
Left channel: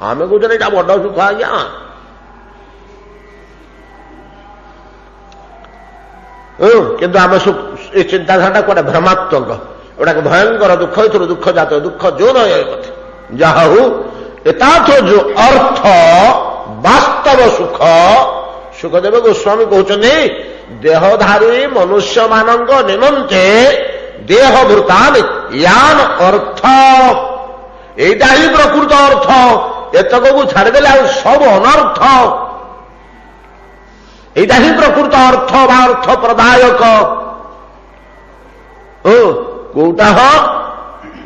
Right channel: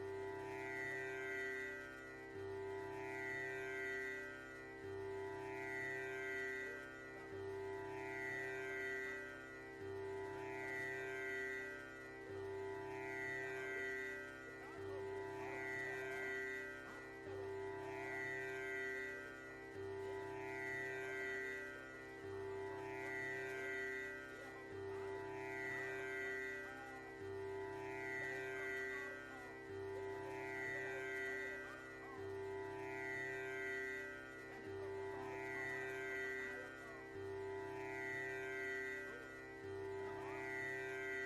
ଆମେ କହୁଛନ୍ତି ଏଇଟା ବଡ ସୁଖ ଆଜ୍ଞା। କିନ୍ତୁ ଆମେ ଏ ଚିନ୍ତାଧାରାଟା କୁଆଡେ ଭ୍ରମାତ୍ମକ, ଏଗୁଡାକ ଭୟଙ୍କର ଦୁଃଖ, ଏଥିରୁ ଦୁଃଖ ଜାତ, ଦୁଃଖ ଯୋନ କଥା। ଯାହା ହଉ, ଏତାଥ ଯୋଉ ଅର୍ଥ ବାସ୍ତବ ସୁଖ, ସୁଖଦେବ ଗୋସ୍ୱାମୀ କହୁଛନ୍ତି ଦେହଧାରୀ ମନୁଷ୍ୟମାନଙ୍କ ନିମନ୍ତେ ଦେହଭୂତାନ ୟାନ ଅର୍ଥ, ଏଇଟା ହିଁ ପ୍ରକୃତ ଅର୍ଥ। ଏତକକୁ ଛାଡ଼ିଦେଲେ ଆଉ ସବୁ ଅନର୍ଥ। ଏଇଟା ହିଁ ପ୍ରକୃତ ଅର୍ଥ ବା ଅର୍ଥ ପ୍ରଦାୟକ।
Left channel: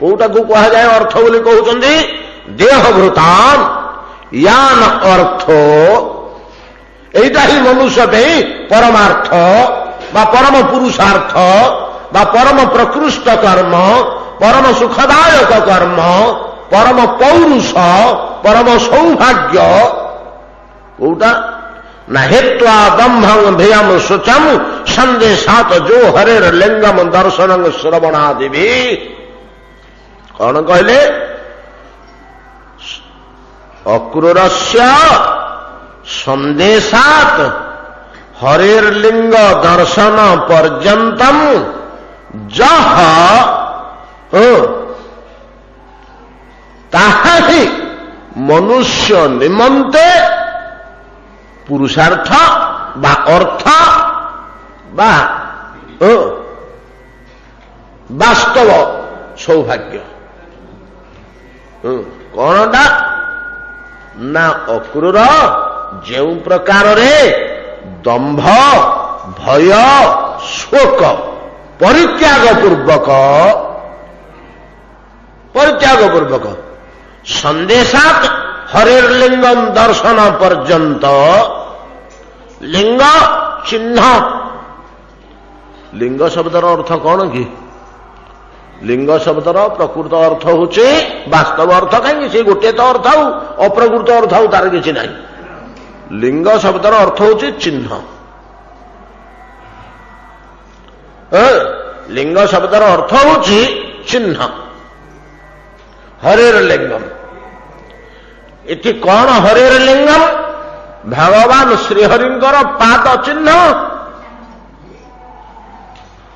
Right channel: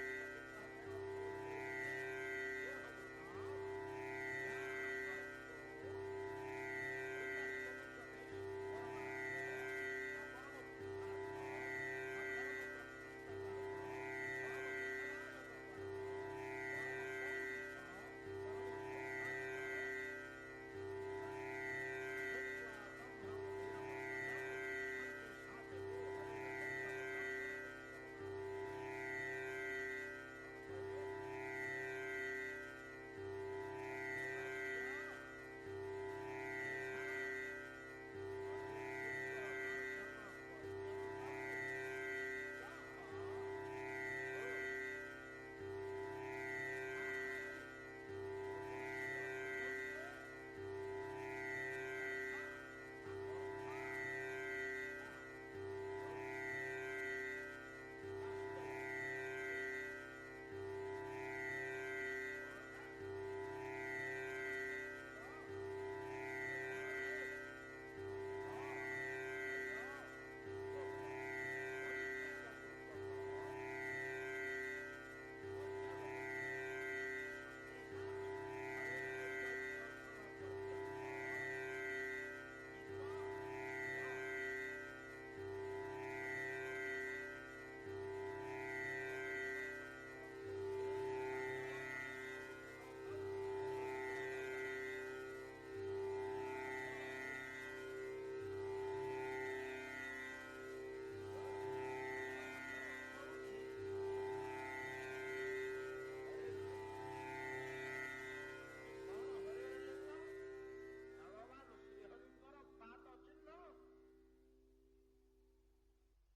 କୋଉଟାକୁ କୁହାଯାଏ ଅର୍ଥ ବୋଲି କହୁଛନ୍ତି? ଦେହଭୂତାନ ୟାନ ଅର୍ଥ, এইটা ହିଁ ମନୁଷ୍ୟ ପାଇଁ ପରମାର୍ଥ ବା ପରମ ପୁରୁଷାର୍ଥ ବା ପରମ ପ୍ରକୃଷ୍ଟ କର୍ମ, ପରମ ସୁଖଦାୟକ କର୍ମ, ପରମ ପୌରୁଷ, ପରମ ସୌଭାଗ୍ୟ। କୋଉଟା ନା ହେତ୍ୱା ଦମ୍ଭଂ ଧିୟମ ଶୁଚମ ସନ୍ଦେଶାତ ଯୋ ହରେର ଲିଙ୍ଗମ ଦର୍ଶନଂ ଶ୍ରବଣାଦିଭି। କଣ କହିଲେ? ଅକ୍ରୂରସ୍ୟ ସନ୍ଦେଶାତ ହରେର ଲିଙ୍ଗ ଦର୍ଶନ ପର୍ଯ୍ୟନ୍ତମ ଯହ, ତାହା ହିଁ ମନୁଷ୍ୟ ନିମନ୍ତେ ପୁରୁଷାର୍ଥ ବା ଅର୍ଥ ବା ବାସ୍ତବ ସୌଭାଗ୍ୟ। କଣଟା ନା ଅକ୍ରୂର ଯେଉଁ ପ୍ରକାରରେ ଦମ୍ଭ, ଭୟ, ଶୋକ ପରିତ୍ୟାଗ ପୂର୍ବକ ସନ୍ଦେଶାତ ହରେର ଲିଙ୍ଗମ ଦର୍ଶନ ପର୍ଯ୍ୟନ୍ତ, ଲିଙ୍ଗ ଚିହ୍ନ। ଲିଙ୍ଗ ଶବ୍ଦର ଅର୍ଥ କଣ କି? लिंग शब्दर प्रकृत अर्थ होचे वास्तव अर्थ कहीं से गोटे तो अर्थ आउ अप्रकृत अर्थ आउ तार किसी ना। लिंग शब्दर अर्थ होचे चिन्ह। लिंग शब्दर अर्थ होची चिन्ह। हरेर लिंगम इति कौन हरेर लिंगम भगवान श्रीहरिंकर पाद चिन्ह।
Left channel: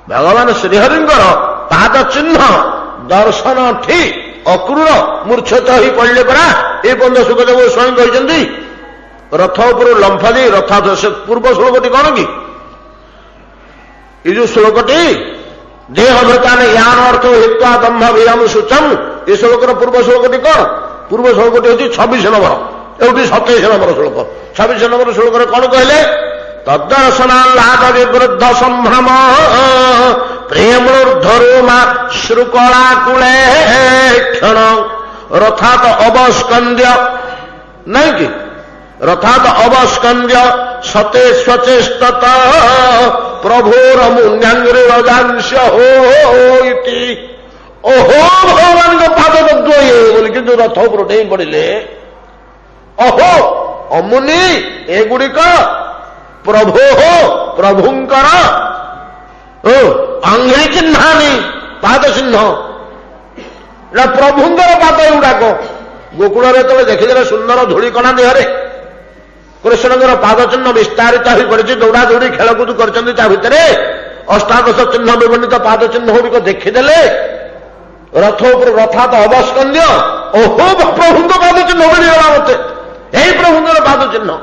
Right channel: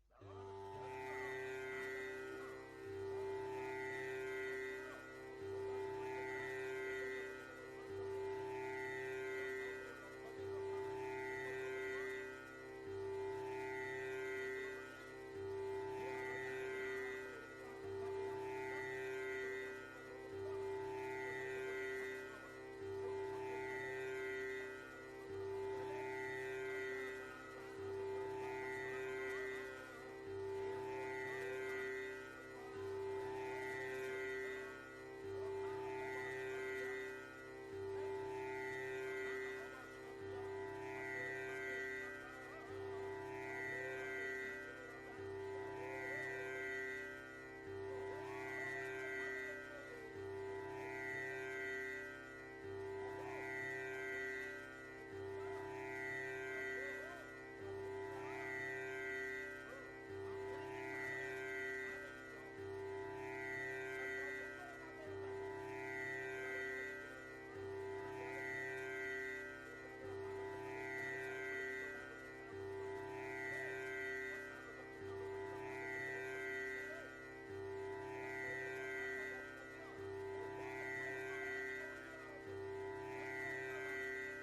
भगवान श्रीहरिंकर पाद चिन्ह दर्शन ठी अक्रूर मूर्छित हो पड़े परा ये बंध सुखदेव स्वयं कहते रथ उपर लंफ दे रथ से पूर्व श्लोकटी कौन कि ये जो श्लोकटी देह भृतान यान अर्थ हित्वा दम्भ विराम सूचम ये श्लोकर पूर्व श्लोकटी कौन पूर्व श्लोकटी हूँ 26 नंबर एवं 27 नंबर श्लोक 26 नंबर श्लोक कौन कहले तदर्शनाल्लाद विवृद्ध संभ्रम प्रेमूर्धरोमा श्रुकलाकुले क्षण रथात अवस्कंद्य नहीं कि रथात अवस्कंद्य सते स्वचेष्टत प्रभुर मुन्यांग्रिजांश हो ओहो भगवान को पाद ये बोली कि रथ उपर डेई पड़े अहो अमुनि एगुड़िक प्रभो हो प्रभुंकर अंग्री चिन्हानी पाद चिन्ह प्रभुंकर पाद गुड़ाक गोकुल तो देखिदे सुंदर धूलिकणा देहरे कृष्णकर पाद चिन्ह विस्तारित हो पड़ी दौड़ा दौड़ी खेलकूद कर भितर अष्टादश चिन्ह विवर्णित पाद चिन्ह गुड़िक देखीदे रथ उपर रथात अवस्कंद्य ओहो प्रभुंक पाद चिन्ह मिलगला मत यही प्रभुंकर पाद चिन्ह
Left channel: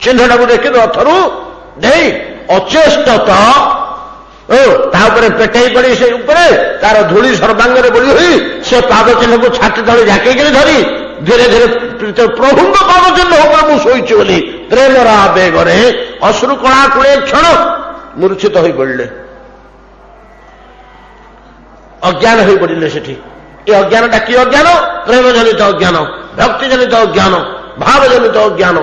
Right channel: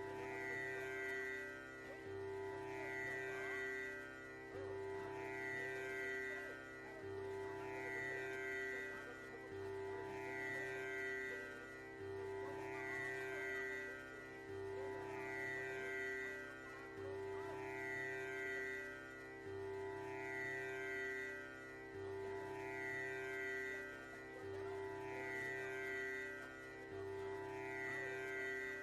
चिन्हटा को देखी रथरू दे अचेष्टत तापर पेटे पड़ी से तार धूली सर्वांगे बोली हुई से पाद चिन्ह को छाती तले झाके धरी धीरे धीरे प्रभुंक पाद चिन्ह होकर मुझे शोची बोली प्रेमर आवेगे अश्रु कणा कूड़े क्षण मूर्छित हो पड़े अज्ञान हो पड़े से अज्ञानटा कि अज्ञान प्रेम जनित अज्ञान भक्ति जनित अज्ञान भाव जनित अज्ञान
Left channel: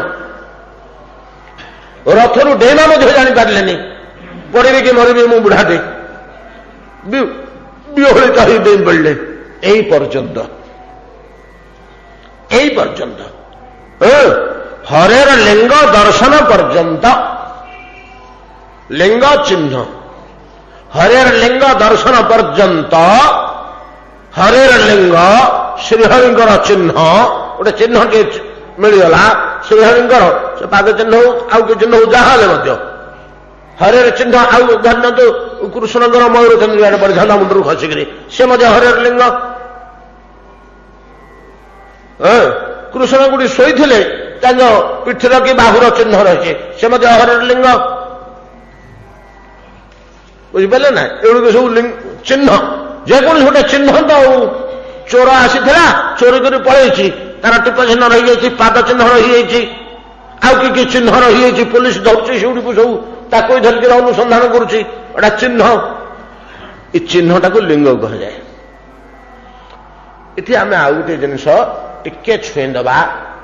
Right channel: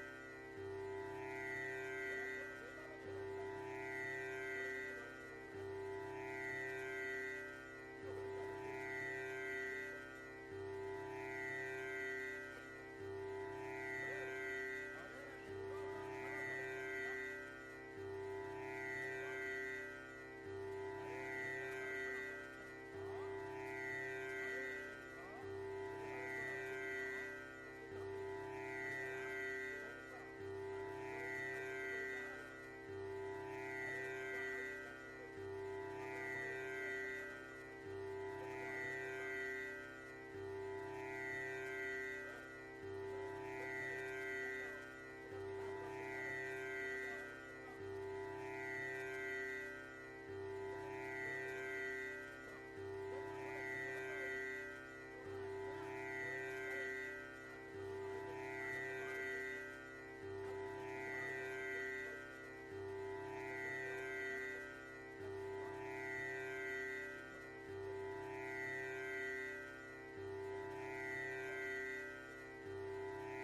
रथरू डेमा जापारे पड़े कि मरबी मु बुढ़ाटे विहलित हो डेई पड़े यही पर्यंत हरेर लिंग दर्शन पर्यंत लिंग चिन्ह हरेर लिंग दर्शन पर्यंत हरेर लिंग श्रीहरिंकर चिन्ह गोटे चिन्ह टे मिलगला श्रीहरिंकर से पाद चिन्ह हो आउ चिन्ह हो जहाँ हरेर चिन्ह आउ धन्य तो कृष्णकर मयूर चंद्र पड़े झंडा मुंडर खसिक से हरेर लिंग कृष्ण गुड़ी शोई पिठर कि बाहुर चिन्ह रही से हरेर लिंग बुझिपारे ना एगुड़ी सब लिंग चिन्ह जेको गोटे चिन्ह तो चोर आसी चोरी कर पलि तार टीप चिन्ह रही पाद चिन्ह रही आउ कि चिन्ह रही पुलिस धरुची से सब ताक धरिक अनुसंधान करुच्ची एटा चिन्ह ये चिन्हटा को लिंग कह जाए। इति आम आउ गोटे जिनस टिके छुईदबा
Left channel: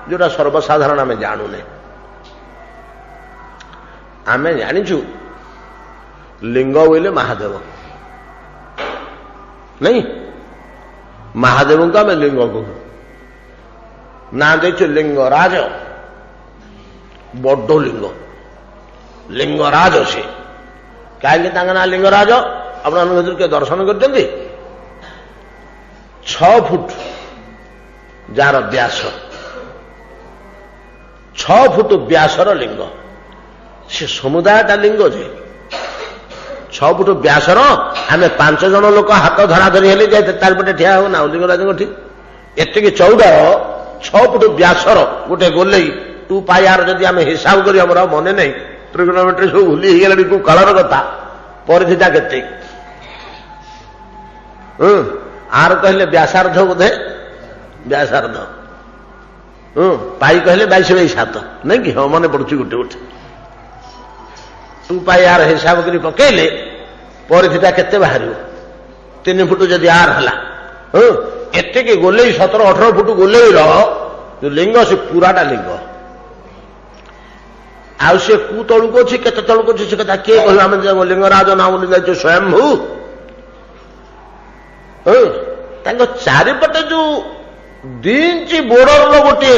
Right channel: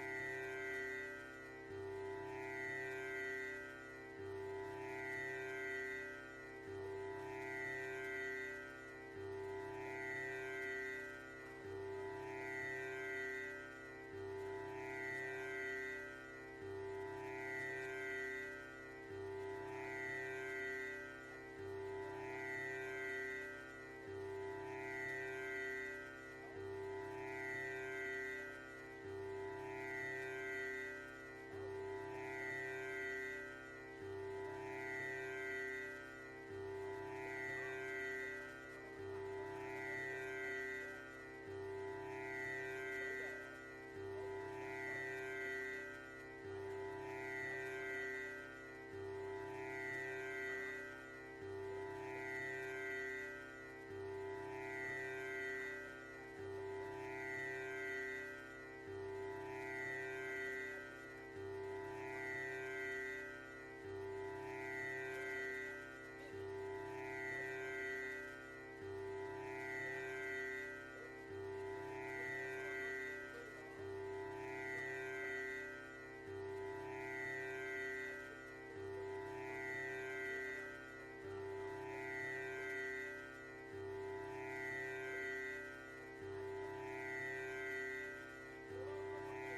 जोटा सर्वसाधारण आम जानूने आम जाचु लिंग बोले महादेव नहीं महादेव को आम लिंग कहू ना देचु लिंगराज बड़ लिंग लिंगराज से कहीं ना लिंगराज अपना के दर्शन कर 6 फुट जार व्यास 6 फुट व्यासर लिंग से समुदायटा लिंग जे 6 फुट व्यासर आम 5 जन लोक हाथ धरा धरी हेले जाए चारिपटे ठिया हो ना लिंगराज ठीक एतिक चौड़ा 6 फुट व्यासर गोटे गोलई 2 पायार जदि आम हिसाब करी आम मन नहीं ट्रिगोनोमेट्री सब भूली गला को कालर कथा परिधिटा के आर कहले व्यासार्ध बोधे व्यासार्ध पाई कहले 22/7 नहीं कि हाँ मन पड़ुची गोटे गोटे 2 पायार हिसाब कर पकड़े परिधिटा केते बाहर 3 फुट जदि आर है एतिक गोले 17-18 फुट गोले लिंग से पूराटा लिंग आउ से कु तलुक अच्छी के तलुक अच्छी से कथा किए कह लिंगराज ना बोली जाए स्वयंभू ତାଙ୍କ ଚାରିପଟେ ଯୋଉ 2 ଇଞ୍ଚ ବୋର୍ଡରର ଗୋଟିଏ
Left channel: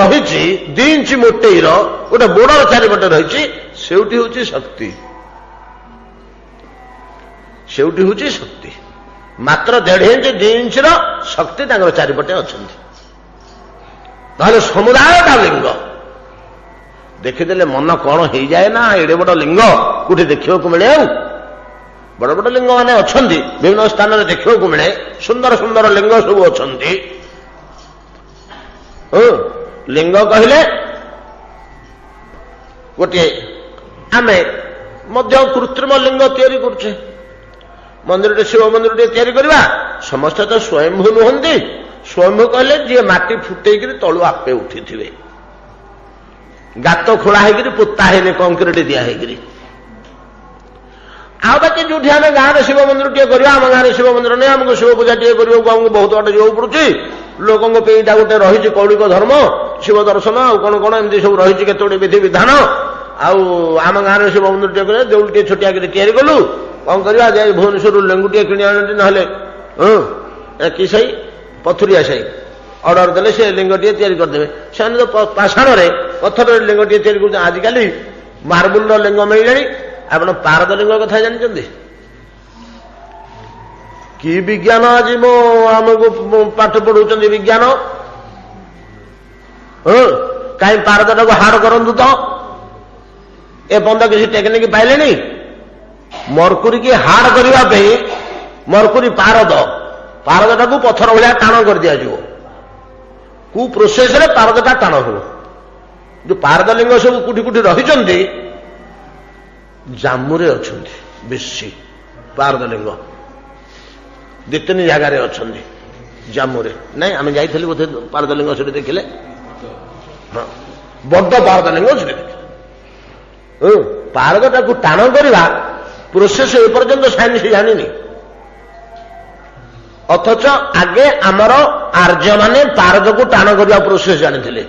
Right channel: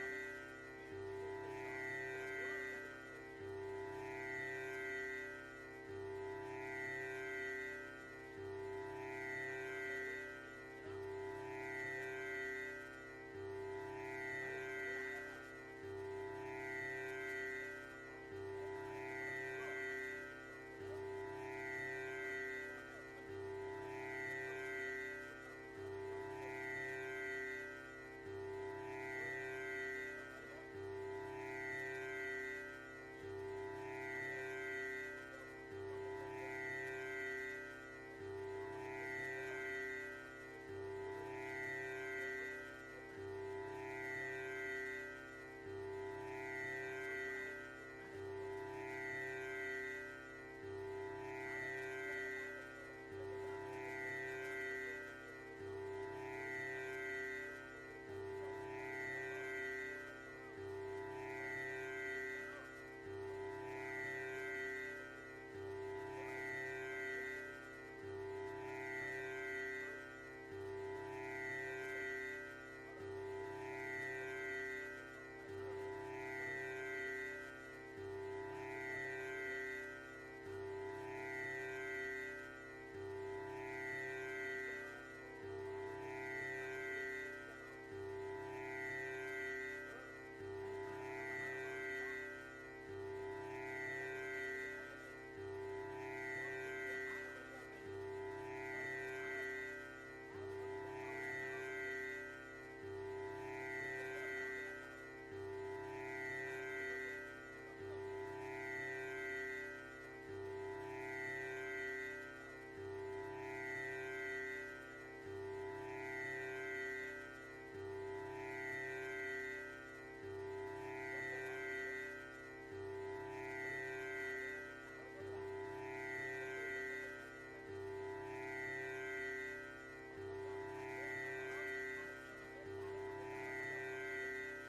ରହିଛି, 2 ଇଞ୍ଚ ମୋଟେଇର ଗୋଟେ ବୋର୍ଡର ଚାରିପଟେ ରହିଛି, ସେଇଠି ହଉଛି ଶକ୍ତି, ସେଇଠି ହଉଛି ଶକ୍ତି। ମାତ୍ର 1.5 ଇଞ୍ଚ 2 ଇଞ୍ଚର ଶକ୍ତି ତାଙ୍କର ଚାରିପଟେ ଅଛନ୍ତି। ନହେଲେ ସମୁଦାୟଟା ଲିଙ୍ଗ। ଦେଖିଦେଲେ ମନ କଣ ହେଇଯାଏ ନା, ଏଡେ ବଡ ଲିଙ୍ଗ କୋଉଠି ଦେଖିବାକୁ ମିଳେ? ଆଉ ବଡ ବଡ ଲିଙ୍ଗ ମାନେ ଅଛନ୍ତି, ବିଭିନ୍ନ ସ୍ଥାନରେ ଦେଖିବାକୁ ମିଳେ, ସୁନ୍ଦର ସୁନ୍ଦର ଲିଙ୍ଗ ସବୁ ଅଛନ୍ତି। ଲିଙ୍ଗ କହିଲେ ଗୋଟିଏ ଆମେ ମଧ୍ୟ କୃତ୍ରିମ ଲିଙ୍ଗ ତିଆରି କରୁଛେ। ମନ୍ଦିରଟେ, ଶିବ ମନ୍ଦିରଟେ ତିଆରି କରିବା, ସମସ୍ତେ ତ ସ୍ୱୟଂଭୂ ନୁହନ୍ତି। ସ୍ୱୟଂଭୂ କହିଲେ ଯିଏ ମାଟି ଫୁଟେଇକିରି ତଳୁ ଆପେ ଉଠିଥିବେ, ଗାତ ଖୋଳା ହେଇକିରି ପୋତା ହେଇନି, କଂକ୍ରିଟ ଦିଆ ହେଇକିରି। ଆଉ ବାକି ଯୋଉଠି ଆମେ ଗାଁରେ ଶିବ ମନ୍ଦିର ଟିଏ କରିବା, ଆମ ଗାଁରେ ଶିବ ମନ୍ଦିର ନେଇ ଆମକୁ ଶିବ ପୂଜା ଟିଏ କରିବାକୁ ଆମକୁ ବହୁତ ବାଟ ଯିବାକୁ ପଡୁଛି। ଲୋକଙ୍କ ପାଇଁ ଏଇଟା ଗୋଟେ ରହିଛି କୌଳିକ ଧର୍ମ, ଶିବ ଦର୍ଶନ, ଆଉ କଣ କଣ ଏମିତି ସବୁ ରହିଛି କେତେ ଗୁଡେ ବିଧି ବିଧାନ। ଆଉ ଆମ ଗାଁରେ ଶିବ ମନ୍ଦିର ଟିଏ କରିବା, ଦେଉଳ ଟିଏ ଛୋଟିଆ କରି ତିଆରି କଲୁ, କଣ କରିବା? ଯାଇ ଭୁବନେଶ୍ୱରରୁ ଲେଙ୍ଗୁ ଟିଏ କିଣି ଆଣନ୍ତି, ନହେଲେ କି ସାହି, ପଥୁରିଆ ସାହି, ଅର୍ଡର ଦେଲେ ସେ ଲିଙ୍ଗଟିଏ ତିଆରି କରିଦେବେ। ସେମାନେ ତ ପାଷାଣରେ ପଥରରେ ଲିଙ୍ଗଟିଏ ତିଆରି କରୁଛନ୍ତି। ଆଜିକାଲି ମାର୍ବୁଲର ଲିଙ୍ଗ ମିଳିଲାଣି। ଆପଣ ପାରଦ ଲିଙ୍ଗ କଥା ଜାଣିଛନ୍ତି? କି ବିଜ୍ଞାନ ଆଜି ଆମକୁ ପାଠ ପଢଉଛନ୍ତି ବିଜ୍ଞାନ। କାହିଁ ପାରଦଟାକୁ ହାର୍ଡ କରନ୍ତୁ ତ, ଏ ପର୍ଯ୍ୟନ୍ତ କିଛି ଟେକ୍ନିକ ପାଇଲେଣି? ମର୍କୁରୀ କି ହାର୍ଡ କରିବା ପାଇଁ ମର୍କୁରୀ ପାରଦଟାକୁ ପଥର ଭଳିଆ ଟାଣ କରିଦିଆଯିବ। କୋଉ ପ୍ରୋସେସରେ ପାରଦଟା ଟାଣ ହେବ? ଯୋଉ ପାରଦ ଲିଙ୍ଗ ସବୁ କୋଉଠି କୋଉଠି ରହିଛନ୍ତି, ଜାମ୍ମୁରେ ଅଛନ୍ତି ବେଶୀ ପାରଦ ଲିଙ୍ଗ, 2-3 ଜାଗାରେ ଅଛନ୍ତି ଜାମ୍ମୁରେ। ନାଇଁ, ଆମେ ଯାଇଥିଲୁ ବୋଧେ ପାରଦ ଲିଙ୍ଗ ସେଠି ଦେଖିଲେ। ବଡ ପାରଦ ଲିଙ୍ଗ ସେଠି ଦେଖିଲେ। ପାରଦଟାକୁ ଟାଣ କରିବା ପ୍ରୋସେସ ଏପର୍ଯ୍ୟନ୍ତ ସାଇନ୍ସ ଜାଣିନି। ଅଥଚ ଆଗେ ଆମର ଆର୍ଯ୍ୟମାନେ ପାରଦକୁ ଟାଣ କରିବା ପ୍ରୋସେସ ଜାଣିଥିଲେ।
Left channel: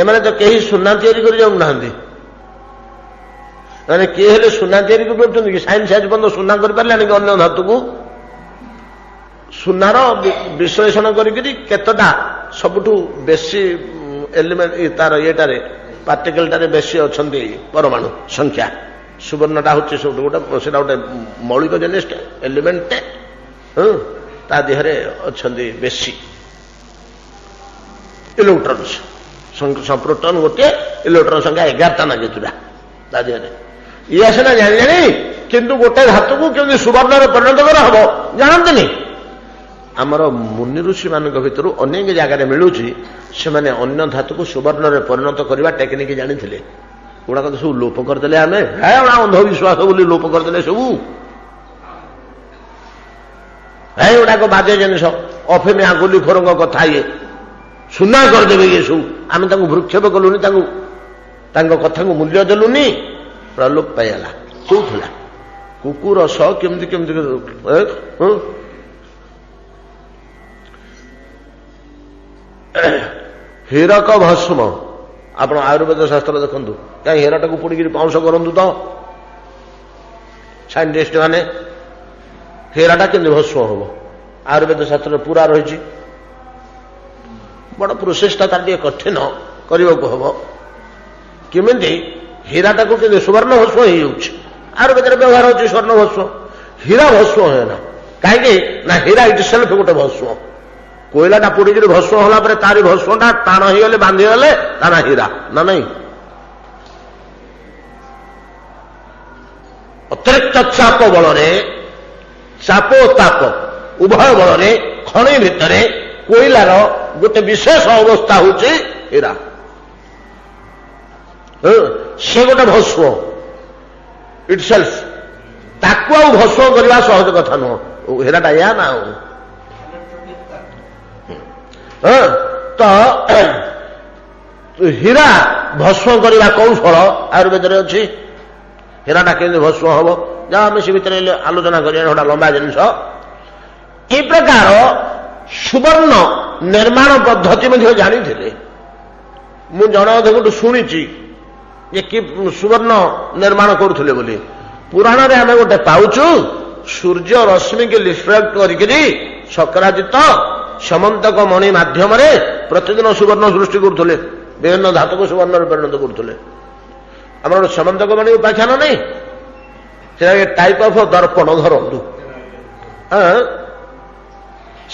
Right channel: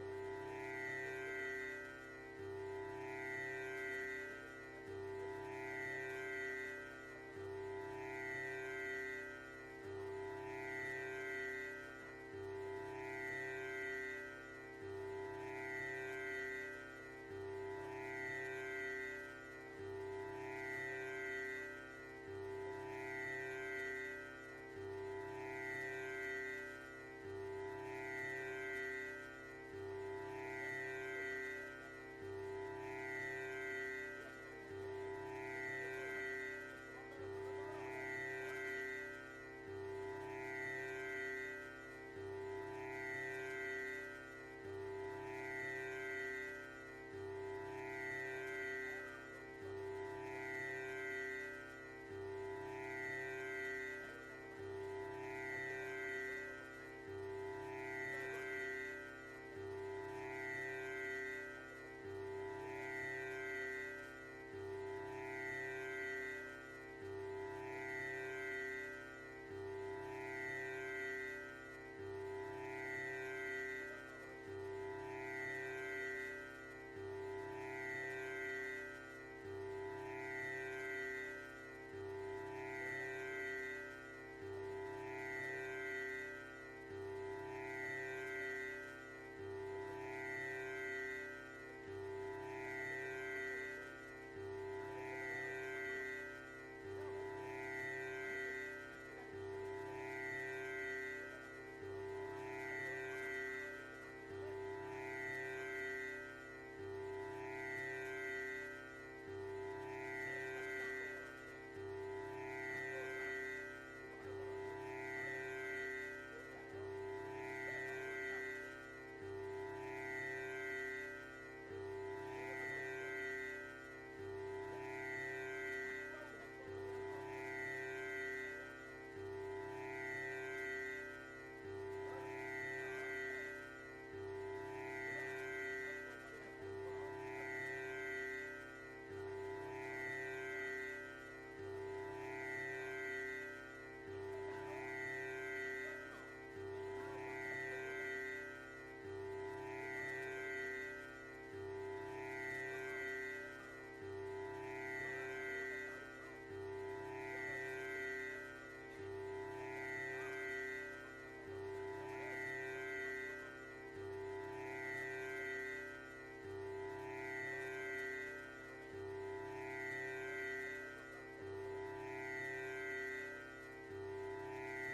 ଏମାନେ ତ କେହି ସୁନା ତିଆରି କରି ଯାଉନାହାନ୍ତି। ମାନେ କିଏ ହେଲେ ସୁନା ତିଆରି କରିପାରୁଛନ୍ତି କି? ସାଇନ୍ସ ଆଜି ପର୍ଯ୍ୟନ୍ତ ସୁନା କରିପାରିଲାନି କି? ଅନ୍ୟ ଧାତୁକୁ ସୁନାର ବିଶ୍ଳେଷଣ କରିକିରି କେତେଟା ସବୁଠୁ ବେଶୀ ଏଲିମେଣ୍ଟ, ତାର ଇଏଟାରେ ପାର୍ଟିକଲଟାରେ ବେଶୀ ଅଛନ୍ତି ପରମାଣୁ ସଂଖ୍ୟା। ସୁବର୍ଣ୍ଣଟା ହଉଛି ସବୁଠୁ ଗୋଟେ, ସେଟା ଗୋଟେ ମୌଳିକ ଜିନିଷ ଏଲିମେଣ୍ଟ। ତା ଦେହରେ ଅଛନ୍ତି ବେଶୀ ଇଲେକ୍ଟ୍ରନ୍ସ, ପ୍ରୋଟନ ଗୋଟିଏ, ଇଲେକ୍ଟ୍ରନ ସଂଖ୍ୟା 11ଟା ନା କେତେଟା ତା ଦେହରେ। ଇଏ ସିନା ଜାଣିଲେଣି, କିନ୍ତୁ ଗୋଟେ ଧାତୁକୁ କେମିତି ସୁବର୍ଣ୍ଣରେ ପରିଣତ କରାହବ ଜାଣନ୍ତିନି। ଆମର ମୁନି ଋଷି ମାନଙ୍କ ଭିତରୁ ଅନେକ ଜାଗାରେ ମିଳୁଛି, ସେମାନେ ଅନ୍ୟ ଧାତୁକୁ ସୁବର୍ଣ୍ଣରେ ପରିଣତ କରିବା ଟେକ୍ନିକ ଜାଣିଥିଲେ। ଗୁଡାକ ତ ସବୁ ଲୋପ କରିଦେଲେ। ଆମେ ଅନ୍ଧବିଶ୍ୱାସ ବୋଲି ଲୋପ କରିଦେଲେ ସବୁ। ଗୁଡାକ ବାଜେ ଜିନିଷ, ଅଫିମିଆ ଗୁଲିଖୋରଙ୍କ କଥା, ଇଏ ସୁନା କରିଦେବେ ଇଏ ସବୁ। ଆମେ ତାଙ୍କୁ ଭୃକ୍ଷେପ କଲୁନି, ତାଙ୍କ କଥାକୁ ମୂଲ୍ୟ ଦେଲୁନି, ପ୍ରଲୋପ ପାଇଗଲା। କହୁଥିଲା କୁକୁର ସହ କେମିତି କେମିତି ହୀରକ ଭସ୍ମ। ଆପଣ ଆୟୁର୍ବେଦ ଶାସ୍ତ୍ର ଦେଖନ୍ତୁ, କାହିଁ ହୀରାଟାକୁ ପୋଡ଼ିକିରି ପାଉଁଶ କରନ୍ତୁ ତ ସାଇଣ୍ଟିଷ୍ଟ ମାନେ। ହୀରାଟା କେମିତି ଭସ୍ମ ହବ? ଆୟୁର୍ବେଦ ଶାସ୍ତ୍ରରେ ପୁରା ରହିଛି। ବଡ ପ୍ରୋସେସଟା ତାର ଟିକେ କଠିନ କରିବାକୁ ହବ। କେମିତି ହୀରାଟାକୁ କେମିତି ସୁବର୍ଣ୍ଣ ଭସ୍ମ ହେଇଯାଉଛି, ଆୟୁର୍ବେଦରେ ବ୍ୟବହାର ହଉଛି ସ୍ୱର୍ଣ୍ଣ ଭସ୍ମ। ହୀରା ଭସ୍ମ ହୁଏ ନା, କାହିଁକି ନା ହୀରା ଇଟ୍ ସେଲ୍ଫ ଗୋଟେ ଭସ୍ମ। କୋଇଲାଟା ପୋଡ଼ିକିରି ଭସ୍ମ ହେଲା ପରେ ତାରି ଭସ୍ମଟା ଟାଣ ହେଇଗଲେ, ବାନ୍ଧିଗଲେ ତା ନା ହୀରା ନା ନାଇଁ। ଅତିରିକ୍ତ ଚାପ ବଳରେ, ଚାପ ଓ ତାପ ଉଭୟ ବଳରେ ଖଣି ଭିତରେ କୋଇଲାର ଗୋଟେ ବିଶେଷ ଅବସ୍ଥା ହଉଛି ହୀରା। ସେ ଗୋଟେ ଭସ୍ମ ଇଟ୍ ସେଲ୍ଫ। ତାକୁ ଆଉ ଭସ୍ମ କରିବା ସହଜ କଥା ନୁହଁ। ହୀରାଟା ୟା ନା ଆଉ। ତ ହୀରା ଭସ୍ମ କରିବା କୌଶଳ ଆୟୁର୍ବେଦରେ ଅଛି। ହୀରାଟା କେମିତି ଭସ୍ମ ହବ, ଯାହା ଆମେ ସେ ଭିତରେ ଆଲୋଚନା କରିବା, ଗୋଟେ ଲମ୍ବା ଜିନିଷ। এই ପ୍ରକାର ସୁବର୍ଣ୍ଣ ନିର୍ମାଣ ପଦ୍ଧତି ମଧ୍ୟ ଜାଣିଥିଲେ। ମୁଁ ଜଣେ ଅଧେଙ୍କଠୁ ଶୁଣିଛି ଯେ କି ସୁବର୍ଣ୍ଣ ନିର୍ମାଣ କରୁଥିଲେ ବୋଲି। ପୁରାଣରେ ଆମେ ଗୋଟେ ପାଉଛୁ, ସୂର୍ଯ୍ୟ ରଶ୍ମିକି ରିଫ୍ଲେକ୍ଟ କରିକିରି ଶଙ୍କରାଜିତ ସମନ୍ତକ ମଣି ମାଧ୍ୟମରେ ପ୍ରତିଦିନ ସୁବର୍ଣ୍ଣ ସୃଷ୍ଟି କରୁଥିଲେ, ବିଭିନ୍ନ ଧାତୁକୁ ସୁବର୍ଣ୍ଣରେ ପରିଣତ କରୁଥିଲେ। ଆମର ସମନ୍ତକ ମଣି ଉପାଖ୍ୟାନ ନାହିଁ, ସେଟା ଟାଇପ ଅଫ ଦର୍ପଣ ଧରନ୍ତୁ।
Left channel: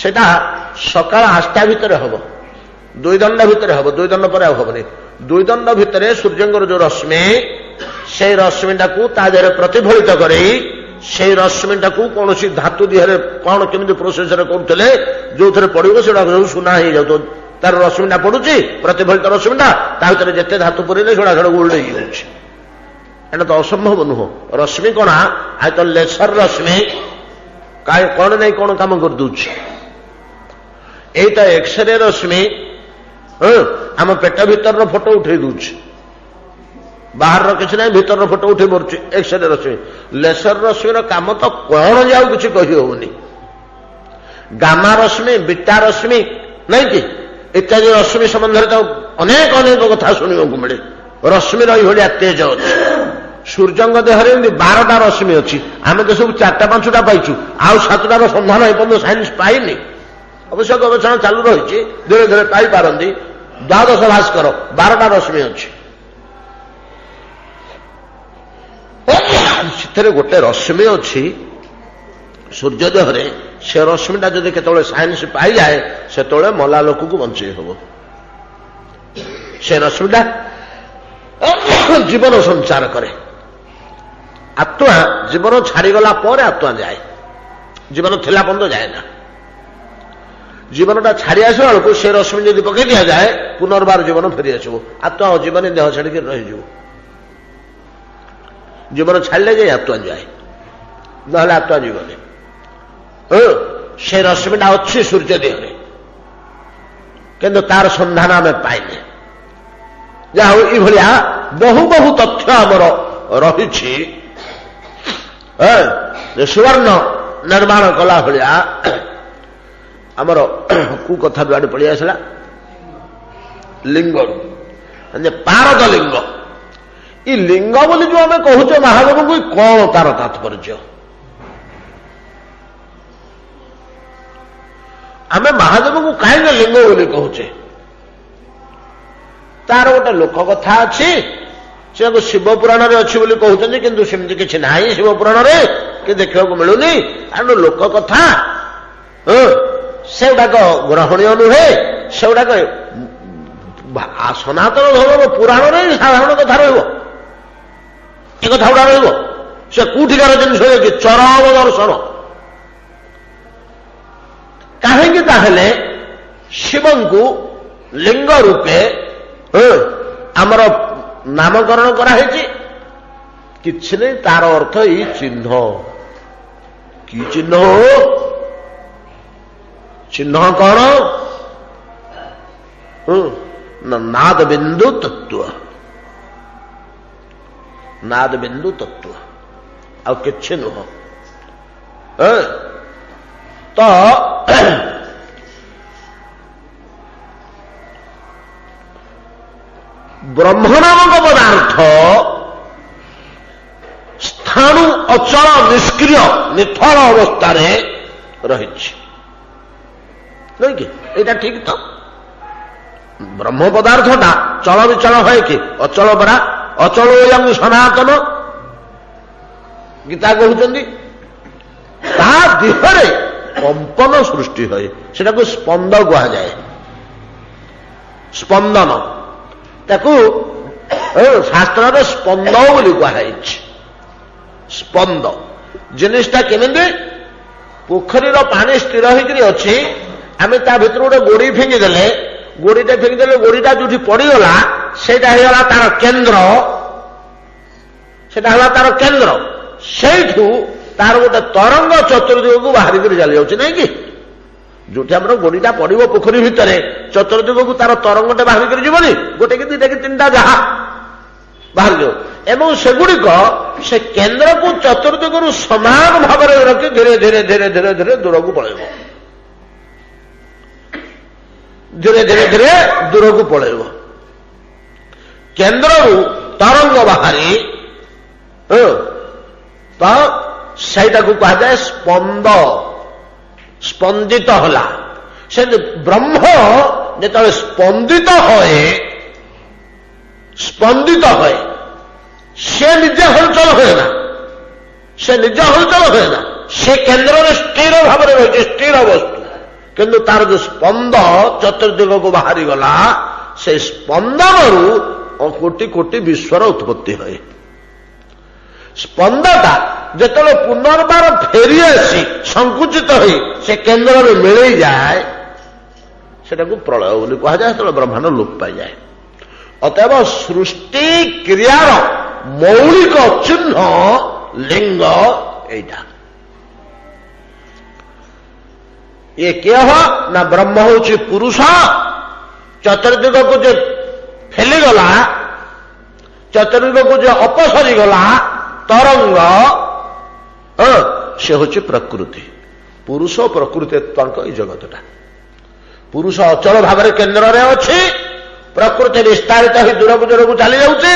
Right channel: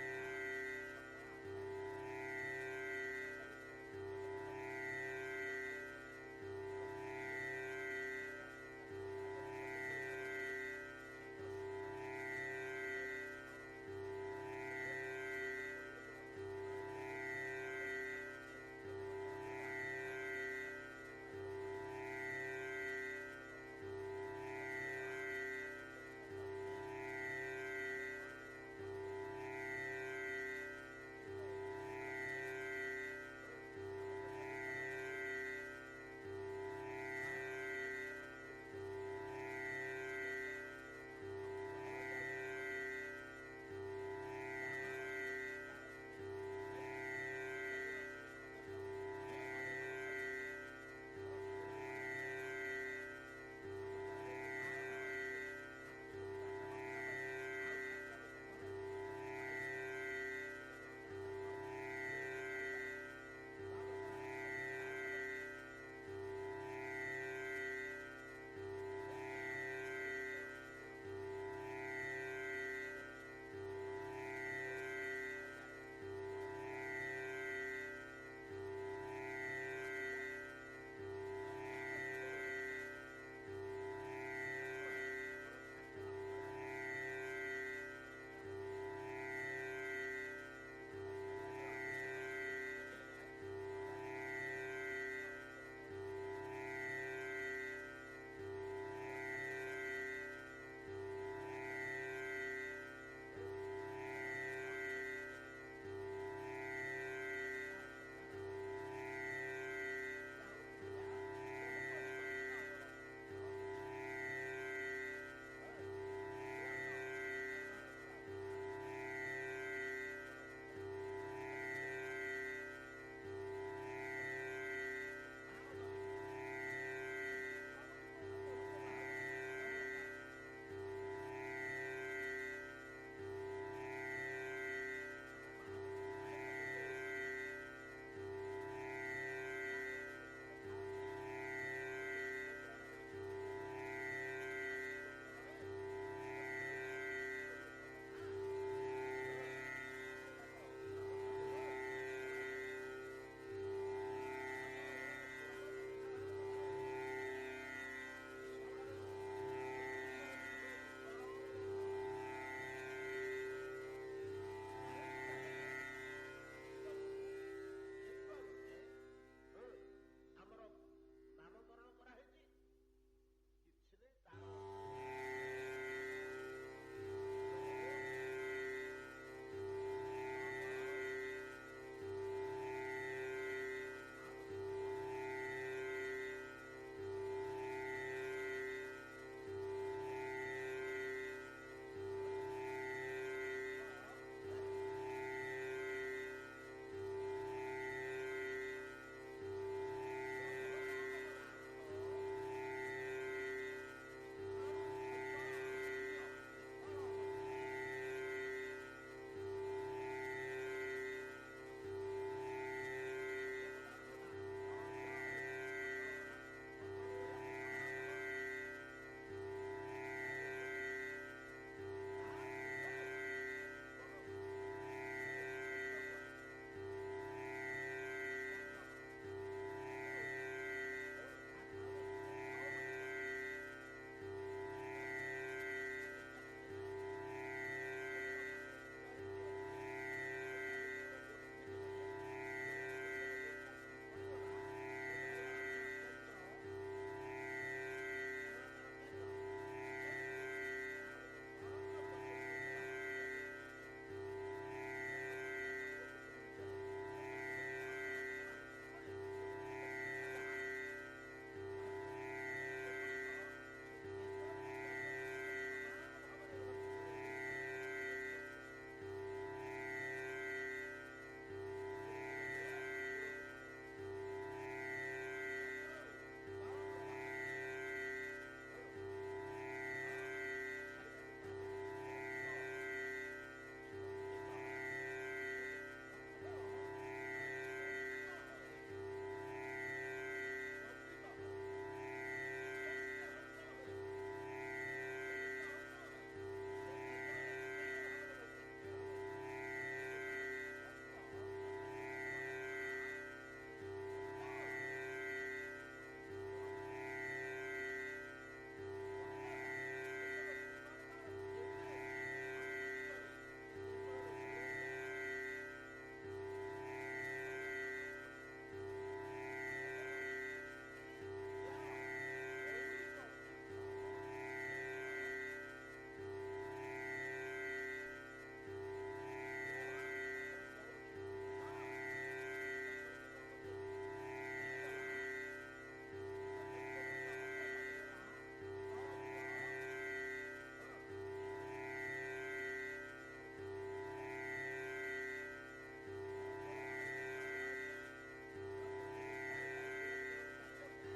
ସେଟା ସକାଳ 8ଟା ଭିତରେ ହବ, 2 ଦଣ୍ଡ ଭିତରେ ହବ, 2 ଦଣ୍ଡ ପରେ ଆଉ ହବନି। 2 ଦଣ୍ଡ ଭିତରେ ସୂର୍ଯ୍ୟଙ୍କର ଯୋଉ ରଶ୍ମି, ସେଇ ରଶ୍ମିଟାକୁ ତା ଦେହରେ ପ୍ରତିଫଳିତ କରି ସେଇ ରଶ୍ମିଟାକୁ କୌଣସି ଧାତୁ ଦେହରେ କଣ କେମିତି ପ୍ରୋସେସରେ କରୁଥିଲେ, ଯୋଉଥିରେ ପଡିବ ସେଗୁଡା ସବୁ ସୁନା ହେଇଯାଉଥିବ। ତାର ରଶ୍ମିଟା ପଡୁଛି, ପ୍ରତିଫଳିତ ରଶ୍ମିଟା, ତା ଭିତରେ ଯେତେ ଧାତୁ ପୁରେଇଲେ ସେଗୁଡା ସେଟା ଗୋଲ୍ଡ ହେଇଯାଉଛି। ଏଟା ତ ଅସମ୍ଭବ ନୁହଁ। ରଶ୍ମି କଣା ଆଇ ତ ଲେସର ରଶ୍ମି କଣ ନାଇଁ କଣ କାମ କରିଦଉଛି। ଏଇଟା ଏକ୍ସରେ ରଶ୍ମି ଆମ ପେଟ ଭିତରର ଫଟୋ ଉଠେଇ ଦଉଛି, ବାହାରର କିଛି ନାହିଁ, ଭିତରର ଫଟୋ ଉଠେଇ ପାରୁଛି ଏକ୍ସରେ ରଶ୍ମି। ଲେସର ରଶ୍ମିର କାମ ତ କଣ ଯେ ଆଉ କିଛି କହି ହଉନି। ଗାମା ରଶ୍ମି, ବିଟା ରଶ୍ମି ନାଇଁ କି ଇତ୍ୟାଦି ରଶ୍ମି ସମ୍ବନ୍ଧରେ ତ ଅନେକ ଅନେକ କଥା ଶୁଣିବାକୁ ମିଳେ। ରଶ୍ମିର ଏଇଭଳିଆ ତେଜ ଅଛି। ସୂର୍ଯ୍ୟଙ୍କ ଦେହରେ ଏମିତି 12ଟା ରଶ୍ମି ଅଛି, ଆମେ ତ ସବୁ 4ଟା 5ଟା ପାଇଛୁ, ଆଉ 7ଟାର ସନ୍ଧାନ ଏପର୍ଯ୍ୟନ୍ତ ସାଇନ୍ସ ପାଇନି। ଅବଶ୍ୟ ଗବେଷଣା ଚାଲୁ ରହିଛି, ଧୀରେ ଧୀରେ ପାଇପାରନ୍ତି। ଦ୍ୱାଦଶ ଭାସ୍କର 12ଟା ରଶ୍ମି ଅଛି, ସେଥିରେ ଗୋଟେ ରଶ୍ମି ଅଛି ସୂର୍ଯ୍ୟ ଦେହରେ। ସେ ରଶ୍ମିଟା ଯଦି କେତେବେଳେ ସାଇନ୍ସ ପାଇଯାଏ, ସେତେବେଳେ ମଲା ଲୋକକୁ ବଞ୍ଚେଇ ହବ। ସେ ରଶ୍ମିଟା ଜୀବନ ସଞ୍ଚାର କରେ। ଆତ୍ମା ଜୀବନ ଛାଡିଗଲା ପରେ ଆତ୍ମା ଯାଏ, ଜୀବନ ଥିଲା ପର୍ଯ୍ୟନ୍ତ ଯାଏ ନା। ଜୀବନଟା ଛାଡି ଆସିବା ବେଳକୁ ସେ ରଶ୍ମି ଯଦି ପକେଇ ଦିଆଯାଏ, ପୁନର୍ବାର ଜୀବନ ଫେରିଆସିବ। ଆତ୍ମା ଆଉ ଜୀବନୀ ଦେହ ଛାଡିକି ରହିଯିବ। ଜୀବନ ଛାଡ଼ିଲେ ଯାଇ ଆତ୍ମା ଯାଏ, ନହେଲେ ଆତ୍ମା ଜୀବନୀ। ସେ ରଶ୍ମିଟା ଅଛି ସୂର୍ଯ୍ୟ ଦେହରେ, କିନ୍ତୁ ତାର ସନ୍ଧାନ ଆମେ ପାଇନେ। ଯାହା ହଉ ଏଇଭଳିଆ ବହୁ ବହୁ ତଥ୍ୟ ଆମର ରହିଛି। ସୁବର୍ଣ୍ଣ ନିର୍ମାଣ କଲା ଭଳିଆ ଆମର କୁ କଥା ବି ଆଡେ ପଳେଇ ଆସିଲା, ଲିଙ୍ଗରୁ ପାରଦ ଲିଙ୍ଗ। ଇ ଲିଙ୍ଗ ବୋଲି ଯୋଉ ଆମେ କହୁଛେ ମହାଦେବଙ୍କୁ, କଣ ତାର ତାତ୍ପର୍ଯ୍ୟ? ଆମେ ମହାଦେବଙ୍କୁ କାହିଁକି ଲିଙ୍ଗ ବୋଲି କହୁଛେ? ତାର ଗୋଟେ ଲୋକ କଥା ଅଛି, ସେକୁ ଶିବ ପୁରାଣରେ ଅଛି ବୋଲି କହୁଛନ୍ତି, କିନ୍ତୁ ସେମିତି କିଛି ନାହିଁ ଶିବ ପୁରାଣରେ, କି ଦେଖିବାକୁ ମିଳୁନି। କାରଣ ଲୋକ କଥା ସେଗୁଡାକ ଗ୍ରହଣୀୟ ନୁହେଁ। ସେଗୁଡାକ ସନାତନ ଧର୍ମ ପୁରାଣରେ ସାଧାରଣ କଥା ରହିବ, ଏ କଥା ଗୁଡା ରହିବ। ସେ କୋଉଠିକାର ଜିନିଷ କି ଚରମ ଦର୍ଶନ। କାହିଁକି ତାହେଲେ ଶିବଙ୍କୁ ଲିଙ୍ଗ ରୂପେ ଆମର ନାମକରଣ କରାହେଇଛି? କିଛି ନାହିଁ, ତାର ଅର୍ଥ ଏଇ ଚିହ୍ନ। କି ଚିହ୍ନ? ଚିହ୍ନ କଣ? ନାଦ ବିନ୍ଦୁ ତତ୍ତ୍ୱ, ନାଦ ବିନ୍ଦୁ ତତ୍ତ୍ୱ, ଆଉ କିଛି ନୁହଁ। ତ ବ୍ରହ୍ମ ନାମକ ପଦାର୍ଥ ସ୍ଥାଣୁ ଅଚଳ ନିଷ୍କ୍ରିୟ ନିଥଳ ଅବସ୍ଥାରେ ରହିଛି, ନୁହେଁ କି? ଏଇଟା ଠିକ ତ? ବ୍ରହ୍ମ ପଦାର୍ଥଟା ଚଳ ବିଚଳ ହୁଏ କି? ଅଚଳ ପରା। ଅଚଳ ଏୟଂ ସନାତନ, ଗୀତା କହୁଛନ୍ତି। ତା ଦେହରେ କମ୍ପନ ସୃଷ୍ଟି ହୁଏ, ସେଟାକୁ ସ୍ପନ୍ଦ କୁହାଯାଏ। ସ୍ପନ୍ଦନ, ତାକୁ ଶାସ୍ତ୍ରରେ ସ୍ପନ୍ଦ ବୋଲି କୁହାଯାଇଛି। ସ୍ପନ୍ଦ ଜିନିଷଟା କେମିତି? ପୋଖରୀର ପାଣି ସ୍ଥିର ହେଇକରି ଅଛି, ଆମେ ତା ଭିତରୁ ଗୋଟେ ଗୋଡି ଫିଙ୍ଗିଦେଲେ, ଗୋଡିଟା ଫିଙ୍ଗିଦେଲେ ଗୋଡିଟା ଯୋଉଠି ପଡିଗଲା ସେଇଟା ହେଇଗଲା ତାର କେନ୍ଦ୍ର, ସେଟା ହେଲା ତାର କେନ୍ଦ୍ର। ସେଇଠୁ ତାର ଗୋଟେ ତରଙ୍ଗ ଚତୁର୍ଦିଗକୁ ବାହାରିକରି ଚାଲି ଯାଉଛି, ନାଇଁ କି? ଯୋଉଠି ଆମର ଗୋଡିଟା ପଡିବ ପୋଖରୀ ଭିତରେ, ଚତୁର୍ଦିଗକୁ ତାର ତରଙ୍ଗଟେ ବାହାରିକରି ଯିବନି, ଗୋଟେ କି ଦିଟା କି ତିନିଟା ଯାହା ବାହାରିଯିବ। ଏବଂ ସେଗୁଡିକ ସେ କେନ୍ଦ୍ରକୁ ଚତୁର୍ଦିଗରୁ ସମାନ ଭାବରେ ରଖି ଧୀରେ ଧୀରେ ଧୀରେ ଧୀରେ ଧୀରେ ଦୂରକୁ ପଳେଇବ, ଧୀରେ ଧୀରେ ଧୀରେ ଦୂରକୁ ପଳେଇବ। କେନ୍ଦ୍ରରୁ ତରଙ୍ଗ ବାହାରି ତ ସେଇଟାକୁ କୁହାଯାଏ ସ୍ପନ୍ଦ। ସ୍ପନ୍ଦିତ ହେଲା। ସେ ବ୍ରହ୍ମ ଯେତେବେଳେ ସ୍ପନ୍ଦିତ ହୁଏ ସେ ନିଜେ ହଲଚଲ ହୁଏ ନା, ସେ ନିଜେ ହଲଚଲ ହୁଏ ନା, ସେ କେନ୍ଦ୍ରରେ ସ୍ଥିର ଭାବରେ ରହିଛି, ସ୍ଥିର ବସ୍ତୁ। କିନ୍ତୁ ତାର ଯୋଉ ସ୍ପନ୍ଦ ଚତୁର୍ଦିଗକୁ ବାହାରିଗଲା, ସେ ସ୍ପନ୍ଦନରୁ କୋଟି କୋଟି ବିଶ୍ୱର ଉତ୍ପତ୍ତି ହୁଏ। ସ୍ପନ୍ଦଟା ଯେତେବେଳେ ପୁନର୍ବାର ଫେରିଆସି ସଙ୍କୁଚିତ ହୋଇ ସେ କେନ୍ଦ୍ରରେ ମିଳେଇଯାଏ, ସେଟାକୁ ପ୍ରଳୟ ବୋଲି କୁହାଯାଏ। ସେତେବେଳେ ବ୍ରହ୍ମାଣ୍ଡ ଲୋପ ପାଇଯାଏ। ଅତଏବ ସୃଷ୍ଟି କ୍ରିୟାର ମୌଳିକ ଚିହ୍ନ ଲିଙ୍ଗ ଏଇଟା। ଇଏ କିଏ ହ ନା ବ୍ରହ୍ମ ହଉଛି ପୁରୁଷ। ଚତୁର୍ଦିଗକୁ ଯେ ଫେଲିଗଲା, ଚତୁର୍ଦିଗକୁ ଯେ ଅପସରିଗଲା ତରଙ୍ଗ, ସେ ହଉଛି ପ୍ରକୃତି। ପୁରୁଷ ଓ ପ୍ରକୃତି ତାଙ୍କ ଏଇ ଜଗତଟା। ପୁରୁଷ ଅଚଳ ଭାବରେ କେନ୍ଦ୍ରରେ ଅଛି, ପ୍ରକୃତି ବିସ୍ତାରିତ ହୋଇ ଦୂରକୁ ଦୂରକୁ ଚାଲି ଯାଉଛି।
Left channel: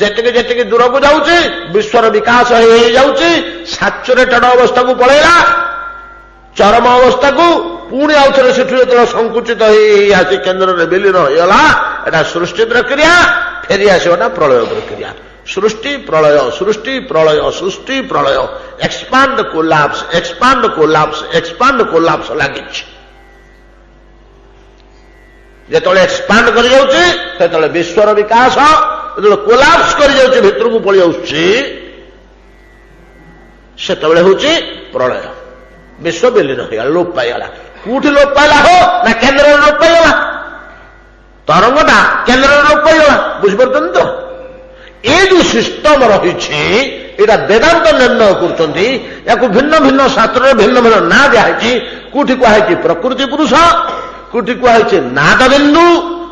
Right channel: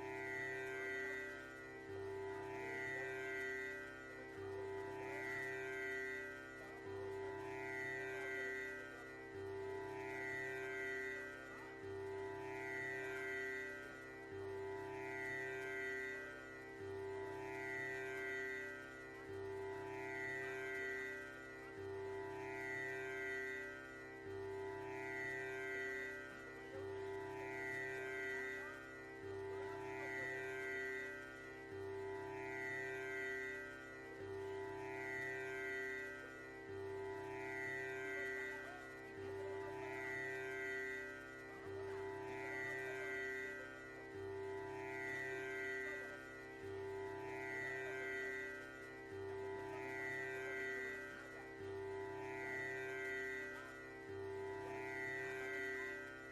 ଯେତିକି ଯେତିକି ଦୂରକୁ ଯାଉଛି ବିଶ୍ୱର ବିକାଶ ହେଇଯାଉଛି, ସାଚୁରେଟେଡ ଅବସ୍ଥାକୁ ପଳେଇଲା, ଚରମ ଅବସ୍ଥାକୁ। ପୁଣି ଆଉଥରେ ସେଠୁ ଯେତେବେଳେ ସଙ୍କୁଚିତ ହେଇ ଆସି କେନ୍ଦ୍ରରେ ବିଲୀନ ହେଇଗଲା, ଏଟା ସୃଷ୍ଟି ପ୍ରକ୍ରିୟା। ଫେରି ଆସିବଟା ପ୍ରଳୟ ପ୍ରକ୍ରିୟା। ସୃଷ୍ଟି ପ୍ରଳୟ, ସୃଷ୍ଟି ପ୍ରଳୟ, ସୃଷ୍ଟି ପ୍ରଳୟ, expand collapse, expand collapse, expand collapse ଲାଗିଛି। ଯେତେବେଳେ ଏକ୍ସପାଣ୍ଡ କରିଯାଉଛି ସେତେବେଳେ ବିଶ୍ୱର ବିକାଶ, ଯେତେବେଳେ କୋଲାପ୍ସ କରିଯାଉଛି ଭିତରକୁ ପଳେଇ ଆସୁଛି, ସେତେବେଳେ ହଉଛି ପ୍ରଳୟ। ବିଶ୍ୱ ବିଲୀନ ହେଇଗଲା, ଲୋପ ପାଇଗଲା। କୋଉଠି ଲୋପ ପାଇଲା ହୋ ନା କେନ୍ଦ୍ରରେ ଲୋପ ପାଇଗଲା। ତରଙ୍ଗଟା କେନ୍ଦ୍ରରେ ଲୋପ ପାଇଗଲା। ବୁଝିପାରୁଛନ୍ତି ତ? ଏ ଯୋଉ ସିଷ୍ଟମ ରହିଛି, ଏଇଟା ବେଦାନ୍ତ ନିର୍ଣ୍ଣୟ କରୁଛନ୍ତି। ୟାକୁ ଭିନ୍ନ ଭିନ୍ନ ଶାସ୍ତ୍ରରେ ଭିନ୍ନ ଭିନ୍ନ ନାଁ ଦିଆହେଇଛି। କୋଉଠି କୁହାହେଇଛି ପ୍ରକୃତି ପୁରୁଷ, କୋଉଠି କୁହାହେଇଛି ନାଦ ବିନ୍ଦୁ,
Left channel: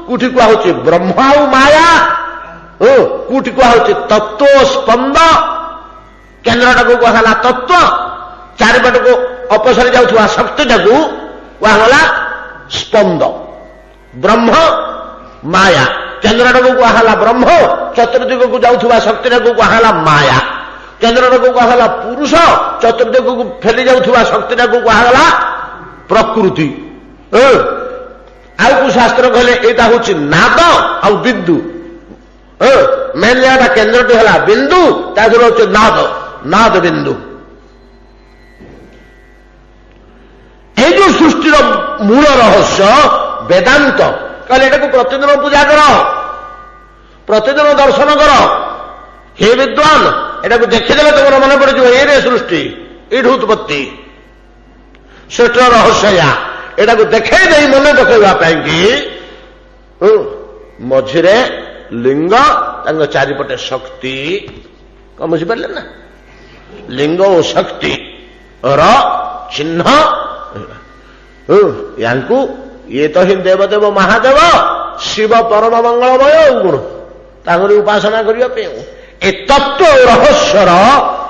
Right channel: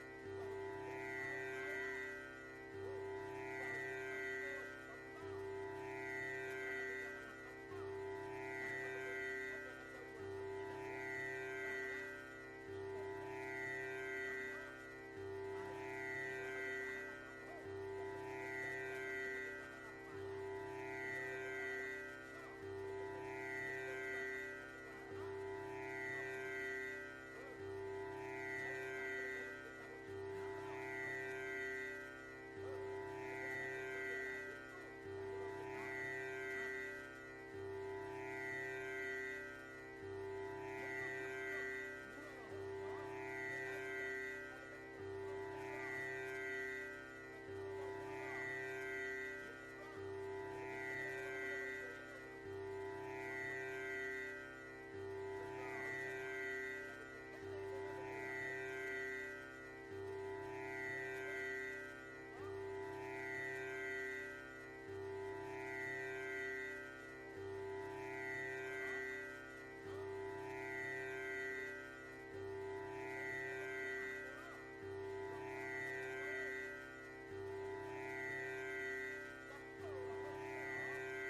କୋଉଠି କୁହାହଉଛି ବ୍ରହ୍ମ ଆଉ ମାୟା, କୋଉଠି କୁହାହଉଛି ତତ୍ତ୍ୱ ସ୍ପନ୍ଦ। କେନ୍ଦ୍ରଟାକୁ କୁହାଗଲା ତତ୍ତ୍ୱ, ଚାରିପଟକୁ ଅପସରି ଯାଉଥିବା ଶକ୍ତିଟାକୁ କୁହାଗଲା ସ୍ପନ୍ଦ। ବ୍ରହ୍ମ ମାୟା, କେନ୍ଦ୍ରଟାକୁ କୁହାଗଲା ବ୍ରହ୍ମ, ଚତୁର୍ଦିଗକୁ ଯାଉଥିବା ଶକ୍ତିଟାକୁ କୁହାଗଲା ମାୟା। କେନ୍ଦ୍ରଟାକୁ କୁହାଗଲା ପୁରୁଷ, ଚତୁର୍ଦିଗକୁ ଫେଲି ଯାଉଥିବା ଶକ୍ତିଟାକୁ କୁହାଗଲା ପ୍ରକୃତି। ଆଉ କୋଉ ଶାସ୍ତ୍ର କହିଲେ ଏଇଟା ହଉଛି ନାଦ ଆଉ ବିନ୍ଦୁ। ମେନ୍ ଏଟା କେନ୍ଦ୍ରଟି ହେଲା ବିନ୍ଦୁ, ତା ଦେହରେ ହଉଛି ନାଦ, ନାଦ ବିନ୍ଦୁ। এই যে সৃষ্টির মূল রহস্য বেদান্ত କହିଲେ ଏଟାକୁ ପ୍ରତିଦିନ ପୂଜା କର, ପ୍ରତିଦିନ ଦର୍ଶନ କର। ହେ ବିଦ୍ୱାନ, ଏଟାକୁ ଦେଖିଦେଲେ ତମର ମନେ ପଡିଯିବ ଏରେ ସୃଷ୍ଟି, ଏଇଠି ଉତ୍ପତ୍ତି, ସୃଷ୍ଟିର ରହସ୍ୟ ଏୟା। ଏଟାକୁ ଦେଖେଇ ଦେଇ ମନେ ପକେଇବା ପାଇଁକି ମଝିରେ ଲିଙ୍ଗ, ତାଙ୍କ ଚାରିପଟେ ଶକ୍ତି। କଣ ବୁଝିପାରିଲେ ନା? ଲିଙ୍ଗ ଓ ଶକ୍ତି ର ଚିହ୍ନ। ୟାଙ୍କୁ ଇଏ ତ ହିଁ ଦେବଦେବ ମହାଦେବ, ଶିବ ପରମ ମଙ୍ଗଳମୟ। ଆଉ ଗୁଣ ତାଙ୍କରି ଉପାସନା କରିବା ପାଇଁ ଏ ତତ୍ତ୍ୱ ରହସ୍ୟର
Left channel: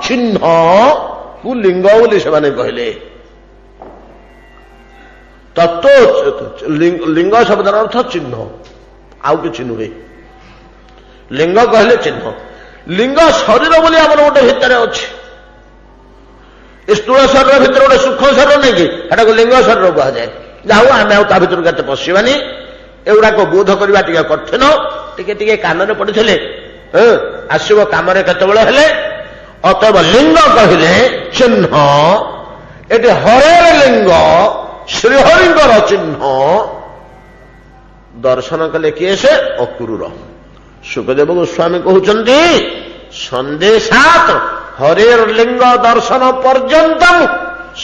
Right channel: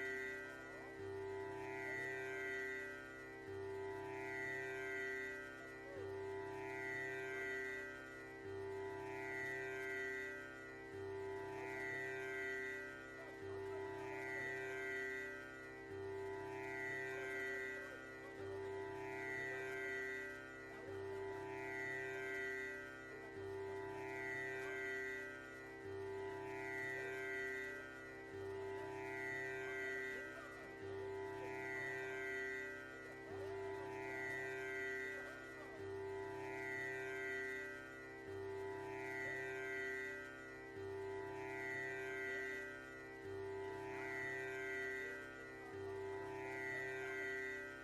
ଚିହ୍ନକୁ ଲିଙ୍ଗ ବୋଲି ସେମାନେ କହିଲେ। ତତ୍ତ୍ୱ ଲିଙ୍ଗ ଶବ୍ଦର ଅର୍ଥ ଚିହ୍ନ, ଆଉ କିଛି ନୁହେଁ। ଲିଙ୍ଗ କହିଲେ ଚିହ୍ନ। ଲିଙ୍ଗ ଶରୀର ବୋଲି ଆମର ଗୋଟେ ଭିତରେ ଅଛି। ଏ ସ୍ଥୂଳ ଶରୀର ଭିତରେ ଗୋଟେ ସୂକ୍ଷ୍ମ ଶରୀର ନାଇଁ କି, ସେଟାକୁ ଲିଙ୍ଗ ଶରୀର କୁହାଯାଏ। ଯାଉ ଆମେ ଆଉ ତା ଭିତରକୁ କେତେ ପଶିବାନି। ଏଗୁଡାକ ବୋଧ କରିବା ଟିକେ କଠିନ। ଟିକେ ଟିକେ କାନରେ ପଡିଥିଲେ ଆସିବ କାମରେ କେତେବେଳେ ହେଲେ। ଅତଏବ ଲିଙ୍ଗ କହିଲେ ଚିହ୍ନ। ଏଠି ହରେର ଲିଙ୍ଗ, ଶ୍ରୀହରିଙ୍କର ଚିହ୍ନ ଦର୍ଶନ କଲେ କିଏ? ସେ ଅକ୍ରୂର। ସୁଖଦେବ ଗୋସ୍ୱାମୀ କହୁଛନ୍ତି ସନ୍ଦେଶାତ ହରେର ଲିଙ୍ଗ ଦର୍ଶନ ପର୍ଯ୍ୟନ୍ତମ।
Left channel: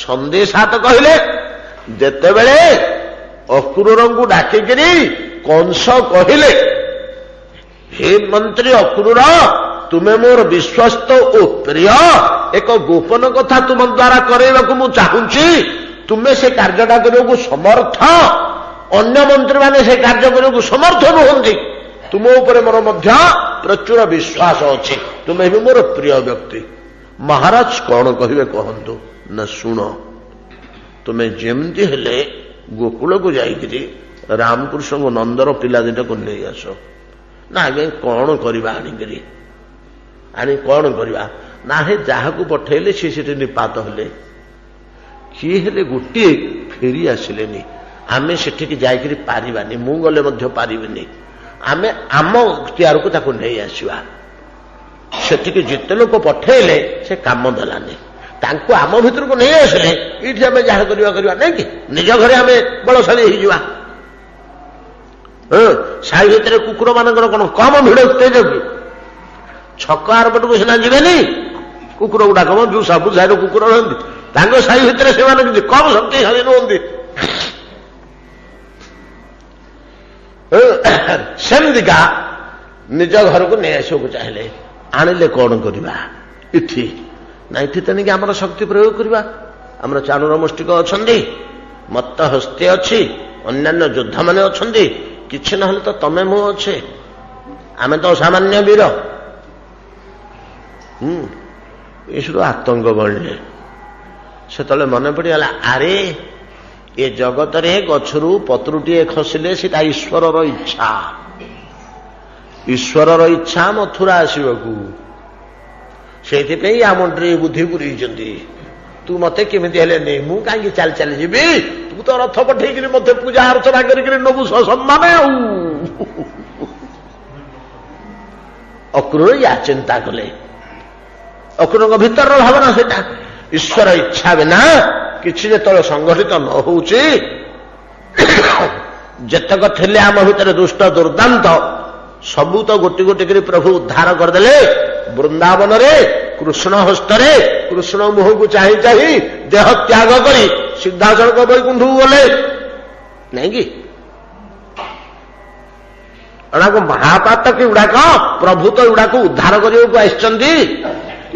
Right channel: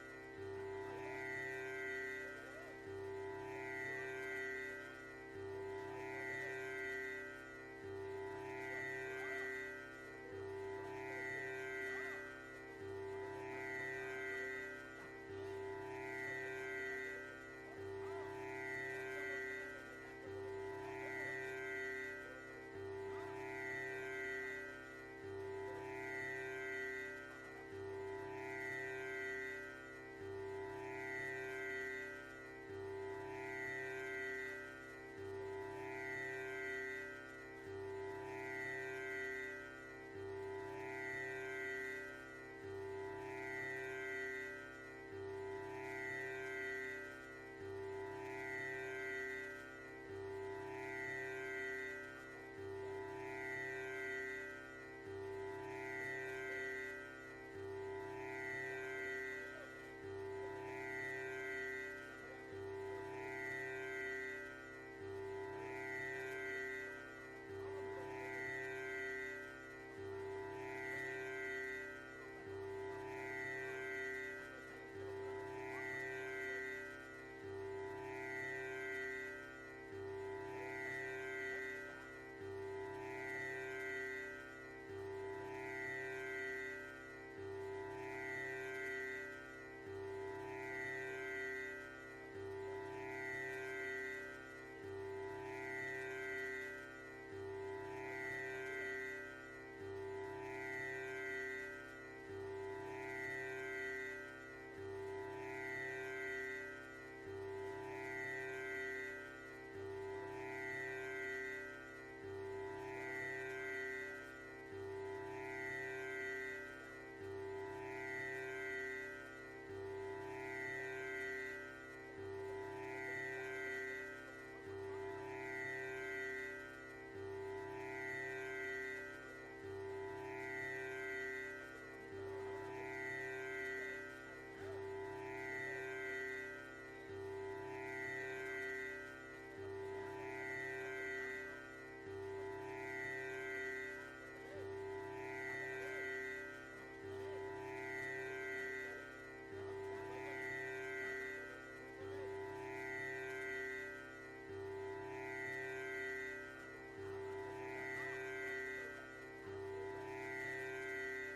ସନ୍ଦେଶାତ କହିଲେ ଯେତେବେଳେ ଅକ୍ରୂରଙ୍କୁ ଡାକିକିରି କଂସ କହିଲେ, ହେ ମନ୍ତ୍ରୀ ଅକ୍ରୂର, ତୁମେ ମୋର ବିଶ୍ୱସ୍ତ ଓ ପ୍ରିୟ, ଏକ ଗୋପନ କଥା ତୁମ ଦ୍ୱାରା କରାଇବାକୁ ମୁଁ ଚାହୁଁଛି। ତୁମେ ସେ କାର୍ଯ୍ୟଟା କରିବାକୁ ସମର୍ଥ। ଅନ୍ୟ ମନ୍ତ୍ରୀମାନେ ସେ କାର୍ଯ୍ୟ କରିବାକୁ ସମର୍ଥ ନୁହନ୍ତି। ତୁମ ଉପରେ ମୋର ମଧ୍ୟ ପ୍ରଚୁର ବିଶ୍ୱାସ ଅଛି। ତୁମେ ବି ମୋର ପ୍ରିୟ ବ୍ୟକ୍ତି। ମହାରାଜ କଣ କହିବେ କହନ୍ତୁ ନା, ଶୁଣ, ତୁମେ ଯେମିତି ହେଲେ ଗୋକୁଳକୁ ଯାଇକିରି ରାମକୃଷ୍ଣଙ୍କ ନନ୍ଦର ପିଲା ଦିଟାକୁ ନେଇ ଆସ। ନା ଆଜ୍ଞା କଣ କରିବା ଆଣିକିରି? ଆଣି କଣ କରିବା? ନା ହେ ଯାହାକୁ ପଠେଇଲେ ସେ ସେଠି ନିପାତ ହେଲେ। କିଏ ହେଲେ ଗୋଟିଏ ଫେରି ଆସିଲେନି। ଆମେ ସେଠିକି ଯାଇକରି ପାରିବାନି, ମୁଁ ଗଲେ ମଧ୍ୟ ପାରିବିନି, ଆମେ ଆମ ତିଆରକୁ ତାକୁ ନେଇ ଆସିବା। ସେଠିକି ଯେତେ ଲୋକ ପଠେଇଲେ ସେ କାମ ଦେଲାନି। ତାଙ୍କୁ ଆମ ଭିତରକୁ ନେଇ ଆସିଲେ ଏଇଠି ଆମେ ଯାହା କରିବା କରିବା ନାଇଁ କି, ନିଜ ଘରେ ଆମେ ବଳଶାଳୀ ହେଇଯିବା। ସାହି ଭିତରେ କୁକୁର ମାନଙ୍କର କଣ କମ ଭିଡ଼ ଉତ୍ତେଜ କି? ଛକ ଆରପଟକୁ ସିନା ଯିବେନି କୁକୁର ଗୁଡାକ, ଯୋଉ ସବୁ ସାହିର କୁକୁର ରହନ୍ତି ତାଙ୍କ ସାହି ଭିତରେ ସେମାନେ କିଛି କମ ଶକ୍ତିଶାଳୀ ନୁହନ୍ତି। ସେମିତିକା ନିଜ ଘରକୁ ନେଇ ଆସିବାକୁ ଚାହିଁଲେ, ଆଣିଲେ କଣ କରିବା? ଏଠି ନା ଏଠି ତେଣିକି ଆମର ଶକ୍ତି ପ୍ରୟୋଗ କରିବା। ଆମର ଚାଣୁର ମୁଷ୍ଟିକ ଅଛନ୍ତି, ମତ୍ତ ହସ୍ତି ଅଛି, ଅନ୍ୟାନ୍ୟ ଯୋଦ୍ଧାମାନେ ଅଛନ୍ତି, କିଛି ନହେଲେ ତ ତମେ ମୁଁ ଅଛେ, ଆମେ ତ ସାମାନ୍ୟ ବୀର। ଏସବୁ ଆତଙ୍କ ବଳିଲେ ସେତେବେଳେ ମନେ ପଡ଼ିଗଲା, ଆରେ ଏ ଜଗତରେ ଗଛରୁ ପତ୍ରଟିଏ ଖସିଲେ ସେଟା ଈଶ୍ୱରର ଇଚ୍ଛା। ଈଶ୍ୱରର ଇଚ୍ଛା ମଥୁରା ଆସିବାକୁ, ସେଇଥିପାଇଁ ଆ ମୁଣ୍ଡରେ ବୁଦ୍ଧି ପୁରେଇଛନ୍ତି। ତୁ ମତେ କେମିତି ହେଲେ ନେ, ମୁଁ କାହିଁକି ଚାଲି ଚାଲି ଯିବି? ତୁ ତ ରଥ ପଠେଇକିରି ମତେ ପୂଜା ଅର୍ଚ୍ଚନା କରିକିରି ନବୁ ସମ୍ମାନ। ଆଉ ଅକ୍ରୂର ୟା ଚିନ୍ତା କଲେ। ଅକ୍ରୂରଙ୍କ ଭିତରର ଭାବନା ସେଇଟା, ଈଶ୍ୱର ଇଚ୍ଛା ବିନା କିଛି ଯେତେବେଳେ ସଂଗଠିତ ନ ହଉଛି, ଯେତକ ଥିଲେ ଆମ ଭିତରେ ଦୁଷ୍ଟ ଦୁର୍ଦାନ୍ତ ସବୁ ତ ଗୋଟି ଗୋଟି କରି ପ୍ରଭୁ ଉଦ୍ଧାର କରିଦେଲେ। ବୃନ୍ଦାବନରେ କୃଷ୍ଣ ହସ୍ତରେ କୃଷ୍ଣ ମୁହଁକୁ ଚାହିଁ ଚାହିଁ ଦେହ ତ୍ୟାଗ କରି ସିଦ୍ଧାସଳଖ ବୈକୁଣ୍ଠକୁ ଗଲେ ନାଇଁ କି? ଏଗୁଡାକ ମହାପାତକ, ଏଗୁଡାକ ପ୍ରଭୁ ତ ଏଗୁଡାକୁ ଉଦ୍ଧାର କରିବାକୁ ଆସିଛନ୍ତି।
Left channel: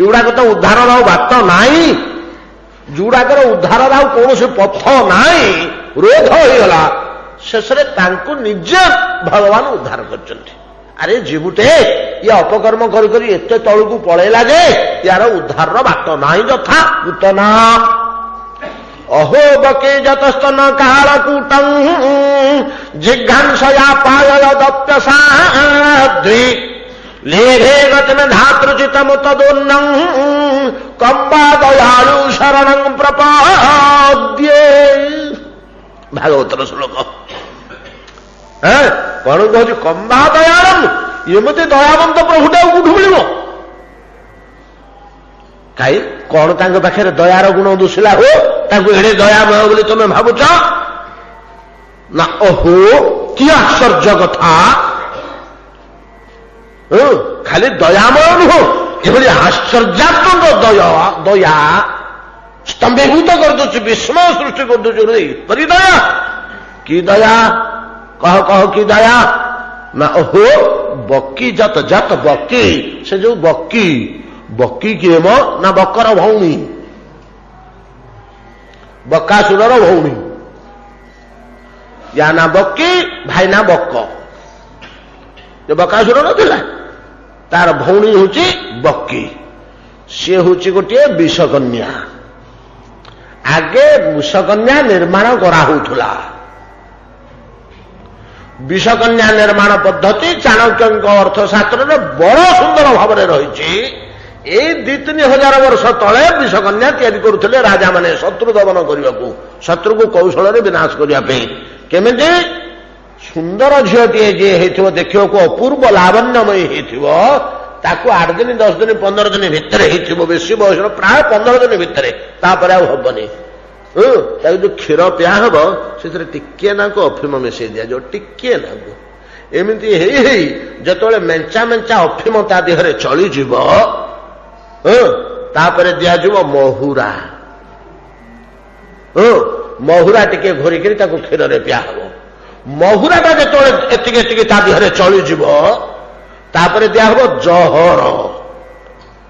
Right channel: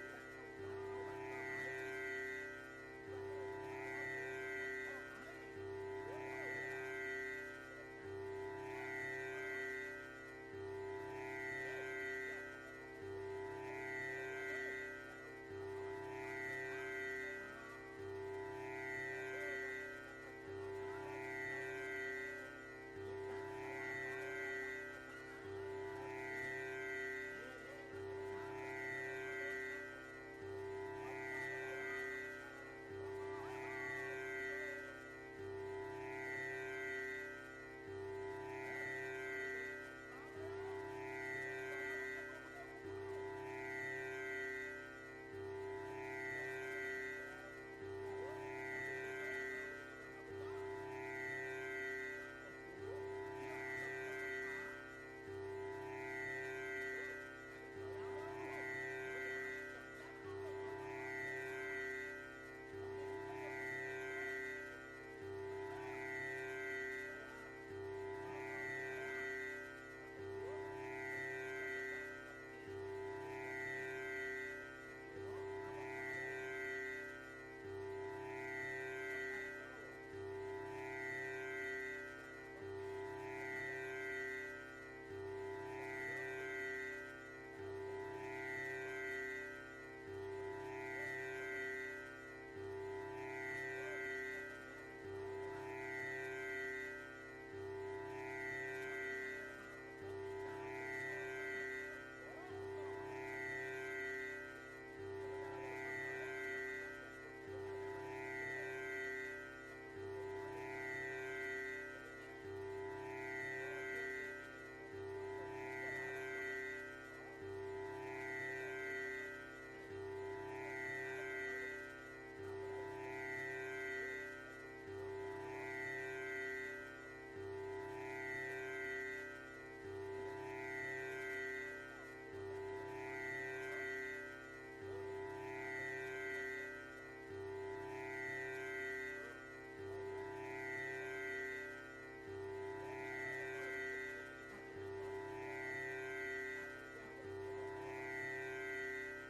ଏଗୁଡାକ ତ ଉଦ୍ଧାରର ଆଉ ବାଟ ନାହିଁ, ଯୋଉଗୁଡାକର ଉଦ୍ଧାରର ଆଉ କୌଣସି ପଥ ନାହିଁ, ରୋଧ ହେଇଗଲା। ଶେଷରେ ତାଙ୍କୁ ନିଜେ ଭଗବାନ ଉଦ୍ଧାର କରିଛନ୍ତି। ଆରେ ଜୀବୁଟେ ଇଏ ଅପକର୍ମ କରି କରି ଏତେ ତଳକୁ ପଳେଇଲା ଯେ ୟାର ଉଦ୍ଧାରର ବାଟ ନାହିଁ। ଯଥା ପୂତନା ଅହୋ ବକେ ଯତସ୍ତନ କାଳକୂଟଂ ଜିଘାଂସୟା ପାୟ ଦପ୍ୟସାଧ୍ୱୀ ଲେଘେ ଗତିନ ଧାତୃଚିତମ ତଦୁନ୍ନଂ କମ୍ବା ଦୟାଳୁ ଶରଣଂ ପ୍ରପଦ୍ୟେ। ଭାଗବତର ଶ୍ଲୋକ। କଣ କହୁଛି? କମ୍ବା ଦୟାଳଂ, ଏମିତି ଦୟାବନ୍ତ ପ୍ରଭୁଟା କୋଉଠୁ ମିଳିବ? କାଇଁ କଣ ତାଙ୍କ ପାଖରେ ଦୟାର ଗୁଣ ଦୁଶିଲା ହୋ ତାଙ୍କୁ ଏଡେ ଦୟାମୟ ବୋଲି ତମେ ଭାବୁଛ? ନା ଓହୋ କି ଆଶ୍ଚର୍ଯ୍ୟ କଥା! ଖାଲି ଦୟାମୟ ନୁହଁ, ଏଭଳି ଆଶ୍ଚର୍ଯ୍ୟାତ୍ମକ ଦୟା ସ୍ତମ୍ଭୀଭୂତ କରିଦଉଛି, ବିସ୍ମୟ ସୃଷ୍ଟି କରିଦଉଛି। ଏପରି ଦୟା, କି ଦୟା? କହ କହ କି ଦୟା? ନା ଓହୋ ବକି ଜାତ ଜାତ ବକି, ସେ ଯୋଉ ବକି, ବକି କିଏ ମ? ନା ବକର ଭଉଣୀ, ବକାସୁରର ଭଉଣୀ। ୟା ନା ବକି, ଭାଇ ନା ବକ। ଯେ ବକାସୁର ନଥିଲା, ତାର ଭଉଣୀ ହଉଛି ବକି। ସିଏ ହଉଛି ଗୋଟିଏ ବିଷକନ୍ୟା। ଆଗେ ବିଷକନ୍ୟା ନିର୍ମାଣ କରାହଉଥିଲା। ବିଷକନ୍ୟା ନିର୍ମାଣ ପଦ୍ଧତି ଚାଣକ୍ୟଙ୍କ ଅର୍ଥଶାସ୍ତ୍ରରେ ବଡ଼ ସୁନ୍ଦର ଭାବରେ ରହିଛି। ଏଇ 2-3 ବର୍ଷ ତଳେ ବିଷକନ୍ୟା ତିଆରି କରୁଥିଲେ ରାଜାମାନେ ଶତ୍ରୁ ଦମନ କରିବାକୁ, ଶତ୍ରୁକୁ କୌଶଳରେ ବିନାଶ କରିବା ପାଇଁ। କେମିତି? ସୁନ୍ଦର ଝିଅଟିଏ ଯିଏ ହେଇଥିବ, ଦେଖିବାକୁ ଅପୂର୍ବ ଲାବଣ୍ୟମୟୀ ହେଇଥିବ, ତାକୁ 8 ଦିନ 10 ଦିନ 15 ଦିନ ଭିତରେ ହେଇଥିବ, ବେଶୀ ବୟସର ପ୍ରାୟ 15 ଦିନ ଭିତରେ, ତାପରେ ଆଉ ହବନି। ତାକୁ ଯୋଉ କ୍ଷୀର ପିଆ ହବ ସେଥିରେ ଟିକିଏ ନାକୁ ଅଫିମ ମିଶେଇ ଦିଆଯିବ, ଟିକିଏ ନାକୁ। ଏମିତି ହେଇ ହେଇ ଯେତେବେଳେ ମେଞ୍ଚା ମେଞ୍ଚା ଅଫିମ ତା ଦେହରେ ଚଳିଯିବ, ତାପରେ ଦିଆଯିବ ମହୁରା। ମହୁରା ଟିକେ ଘୋରିକିରି ତାକୁ କ୍ଷୀରରେ ପିଆ ହବ। ମହୁରାଟା ଯେତେବେଳେ ଏତିକି ଏତିକି ତା ଦେହରେ ଚଳିଯିବ, ତାପରେ ଦିଆହବ ଜହର।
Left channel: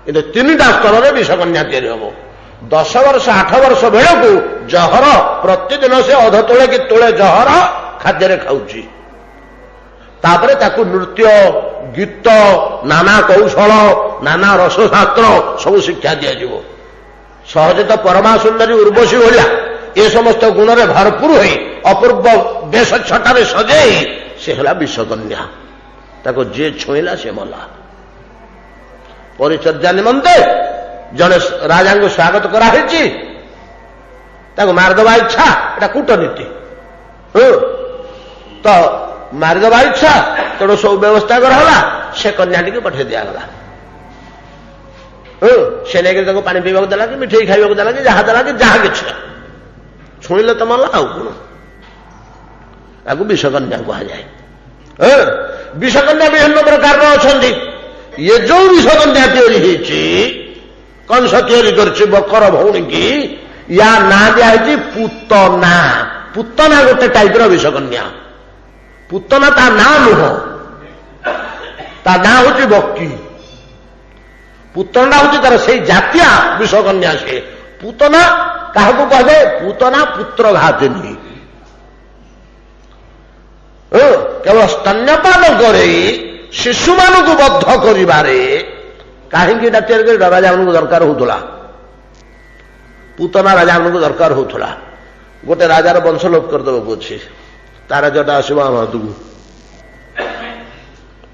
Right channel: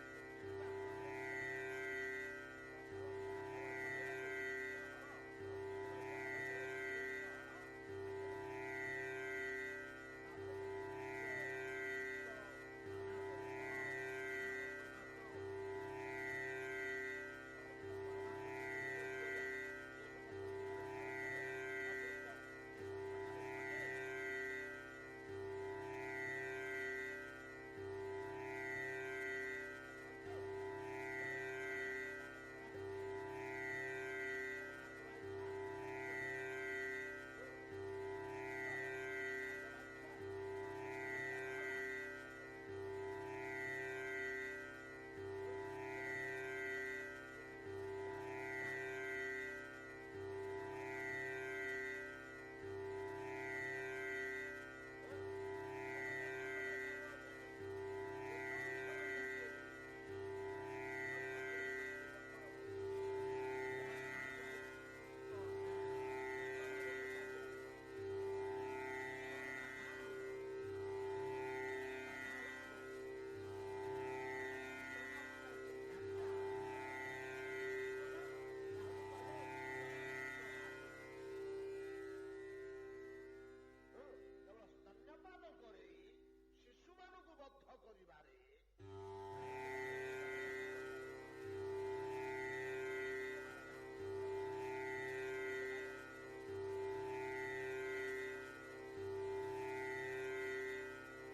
କିନ୍ତୁ 3ଟା ସ୍ତରରେ ବିଷକନ୍ୟା ତିଆରି ହବ। 10 ବର୍ଷ 8 ବର୍ଷ ବେଳକୁ ଜହର ପ୍ରତିଦିନ ସେ ଅଧ ତୋଳେ କି ତୋଳେ ଜହର ଖାଦ୍ୟରେ ଖାଉଛି। ତାପରେ ତାକୁ ନୃତ୍ୟ, ଗୀତ, ନାନା କୌଶଳ, ନାନା ରସଶାସ୍ତ୍ର ସବୁ ଶିକ୍ଷା ଦିଆଯିବ। ସହଜେ ତ ପରମା ସୁନ୍ଦରୀ ଉର୍ବଶୀ ଭଳିଆ ଏ ସମସ୍ତ ଗୁଣରେ ଭରପୁର ହୋଇ ଅପୂର୍ବ ବେଶ ଛଟାରେ ସଜେଇ ସେ ହେଲା ବିଷକନ୍ୟା। ତାକୁ ଯିଏ ଛୁଇଁଲା ସେ ମଲା। ପରିଚର୍ଯ୍ୟା ନିମନ୍ତେ ଜଣେ ରାଜାଙ୍କୁ ସ୍ୱାଗତ କରାହେଇଛି। ତାକୁ ମାରିଦେବା ଇଚ୍ଛା, ଏଟା କୂଟନୀତି। ତ ମାରିଦେବା ଇଚ୍ଛା, ତେଣୁ ସବୁ ବ୍ୟବସ୍ଥା କରାଗଲା, ସେ କନ୍ୟାଟିକୁ ପଠେଇ ଦିଆଗଲା। ସେ ନେଇକି ତାକୁ ପାଣି ପିଇବାକୁ ଦେଲା କି ମିଠେଇ ଖାଇବାକୁ ଦେଲା କି ଯାହା କିଛି ଛୁଇଁଲେ ତ ମଲା ଆଉ କଣ। ତାକୁ ବିଷକନ୍ୟା କୁହାଯାଏ। ବିଷକନ୍ୟା ବିଭିନ୍ନ ପ୍ରକାରର ଅଛନ୍ତି। ଇଏ ଯୋଉ ବିଷକନ୍ୟା ତିଆରି ହେଇଛି, କଂସ ତିଆରି କରିଛି ବକର ଭଉଣୀ କି, ୟା ନାଁ ଦିଆହେଇଛି ପୁତନା। ପୁତନା ଗୋଟେ ଟାଇପର ବିଷକନ୍ୟା। ପୁତନା ତା ନାଁ ନୁହଁ, ତା ନାଁ ହଉଛି ବକି। ପୁତନା ହଉଛି ତାର ସେଇ ଜାତୀୟ ବିଷକନ୍ୟା। ସେ ପୁତନା କାହାକୁ କୁହାଯାଏ? ପୁତନା ପୁତ୍ର ଘାତିନୀ। କେବଳ ସ୍ତନ୍ୟପାନ କରେଇ ଶିଶୁମାନଙ୍କୁ ବଦ୍ଧ କରିବାରେ କାହିଁକି ଏଟା ତିଆରି କରି ରାଜାମାନଙ୍କୁ ଦରକାର ହଉଥିଲା? ପୁତନା ରାଜାମାନଙ୍କୁ ଦରକାର ହଉଥିଲା। ଗୋଟେ ରାଜାର ବଂଶ ଲୋପ କରିଦେବାକୁ ଅଛି, ତା ରାଜ୍ୟଟା ଆସିବ ଆମ ହାତକୁ,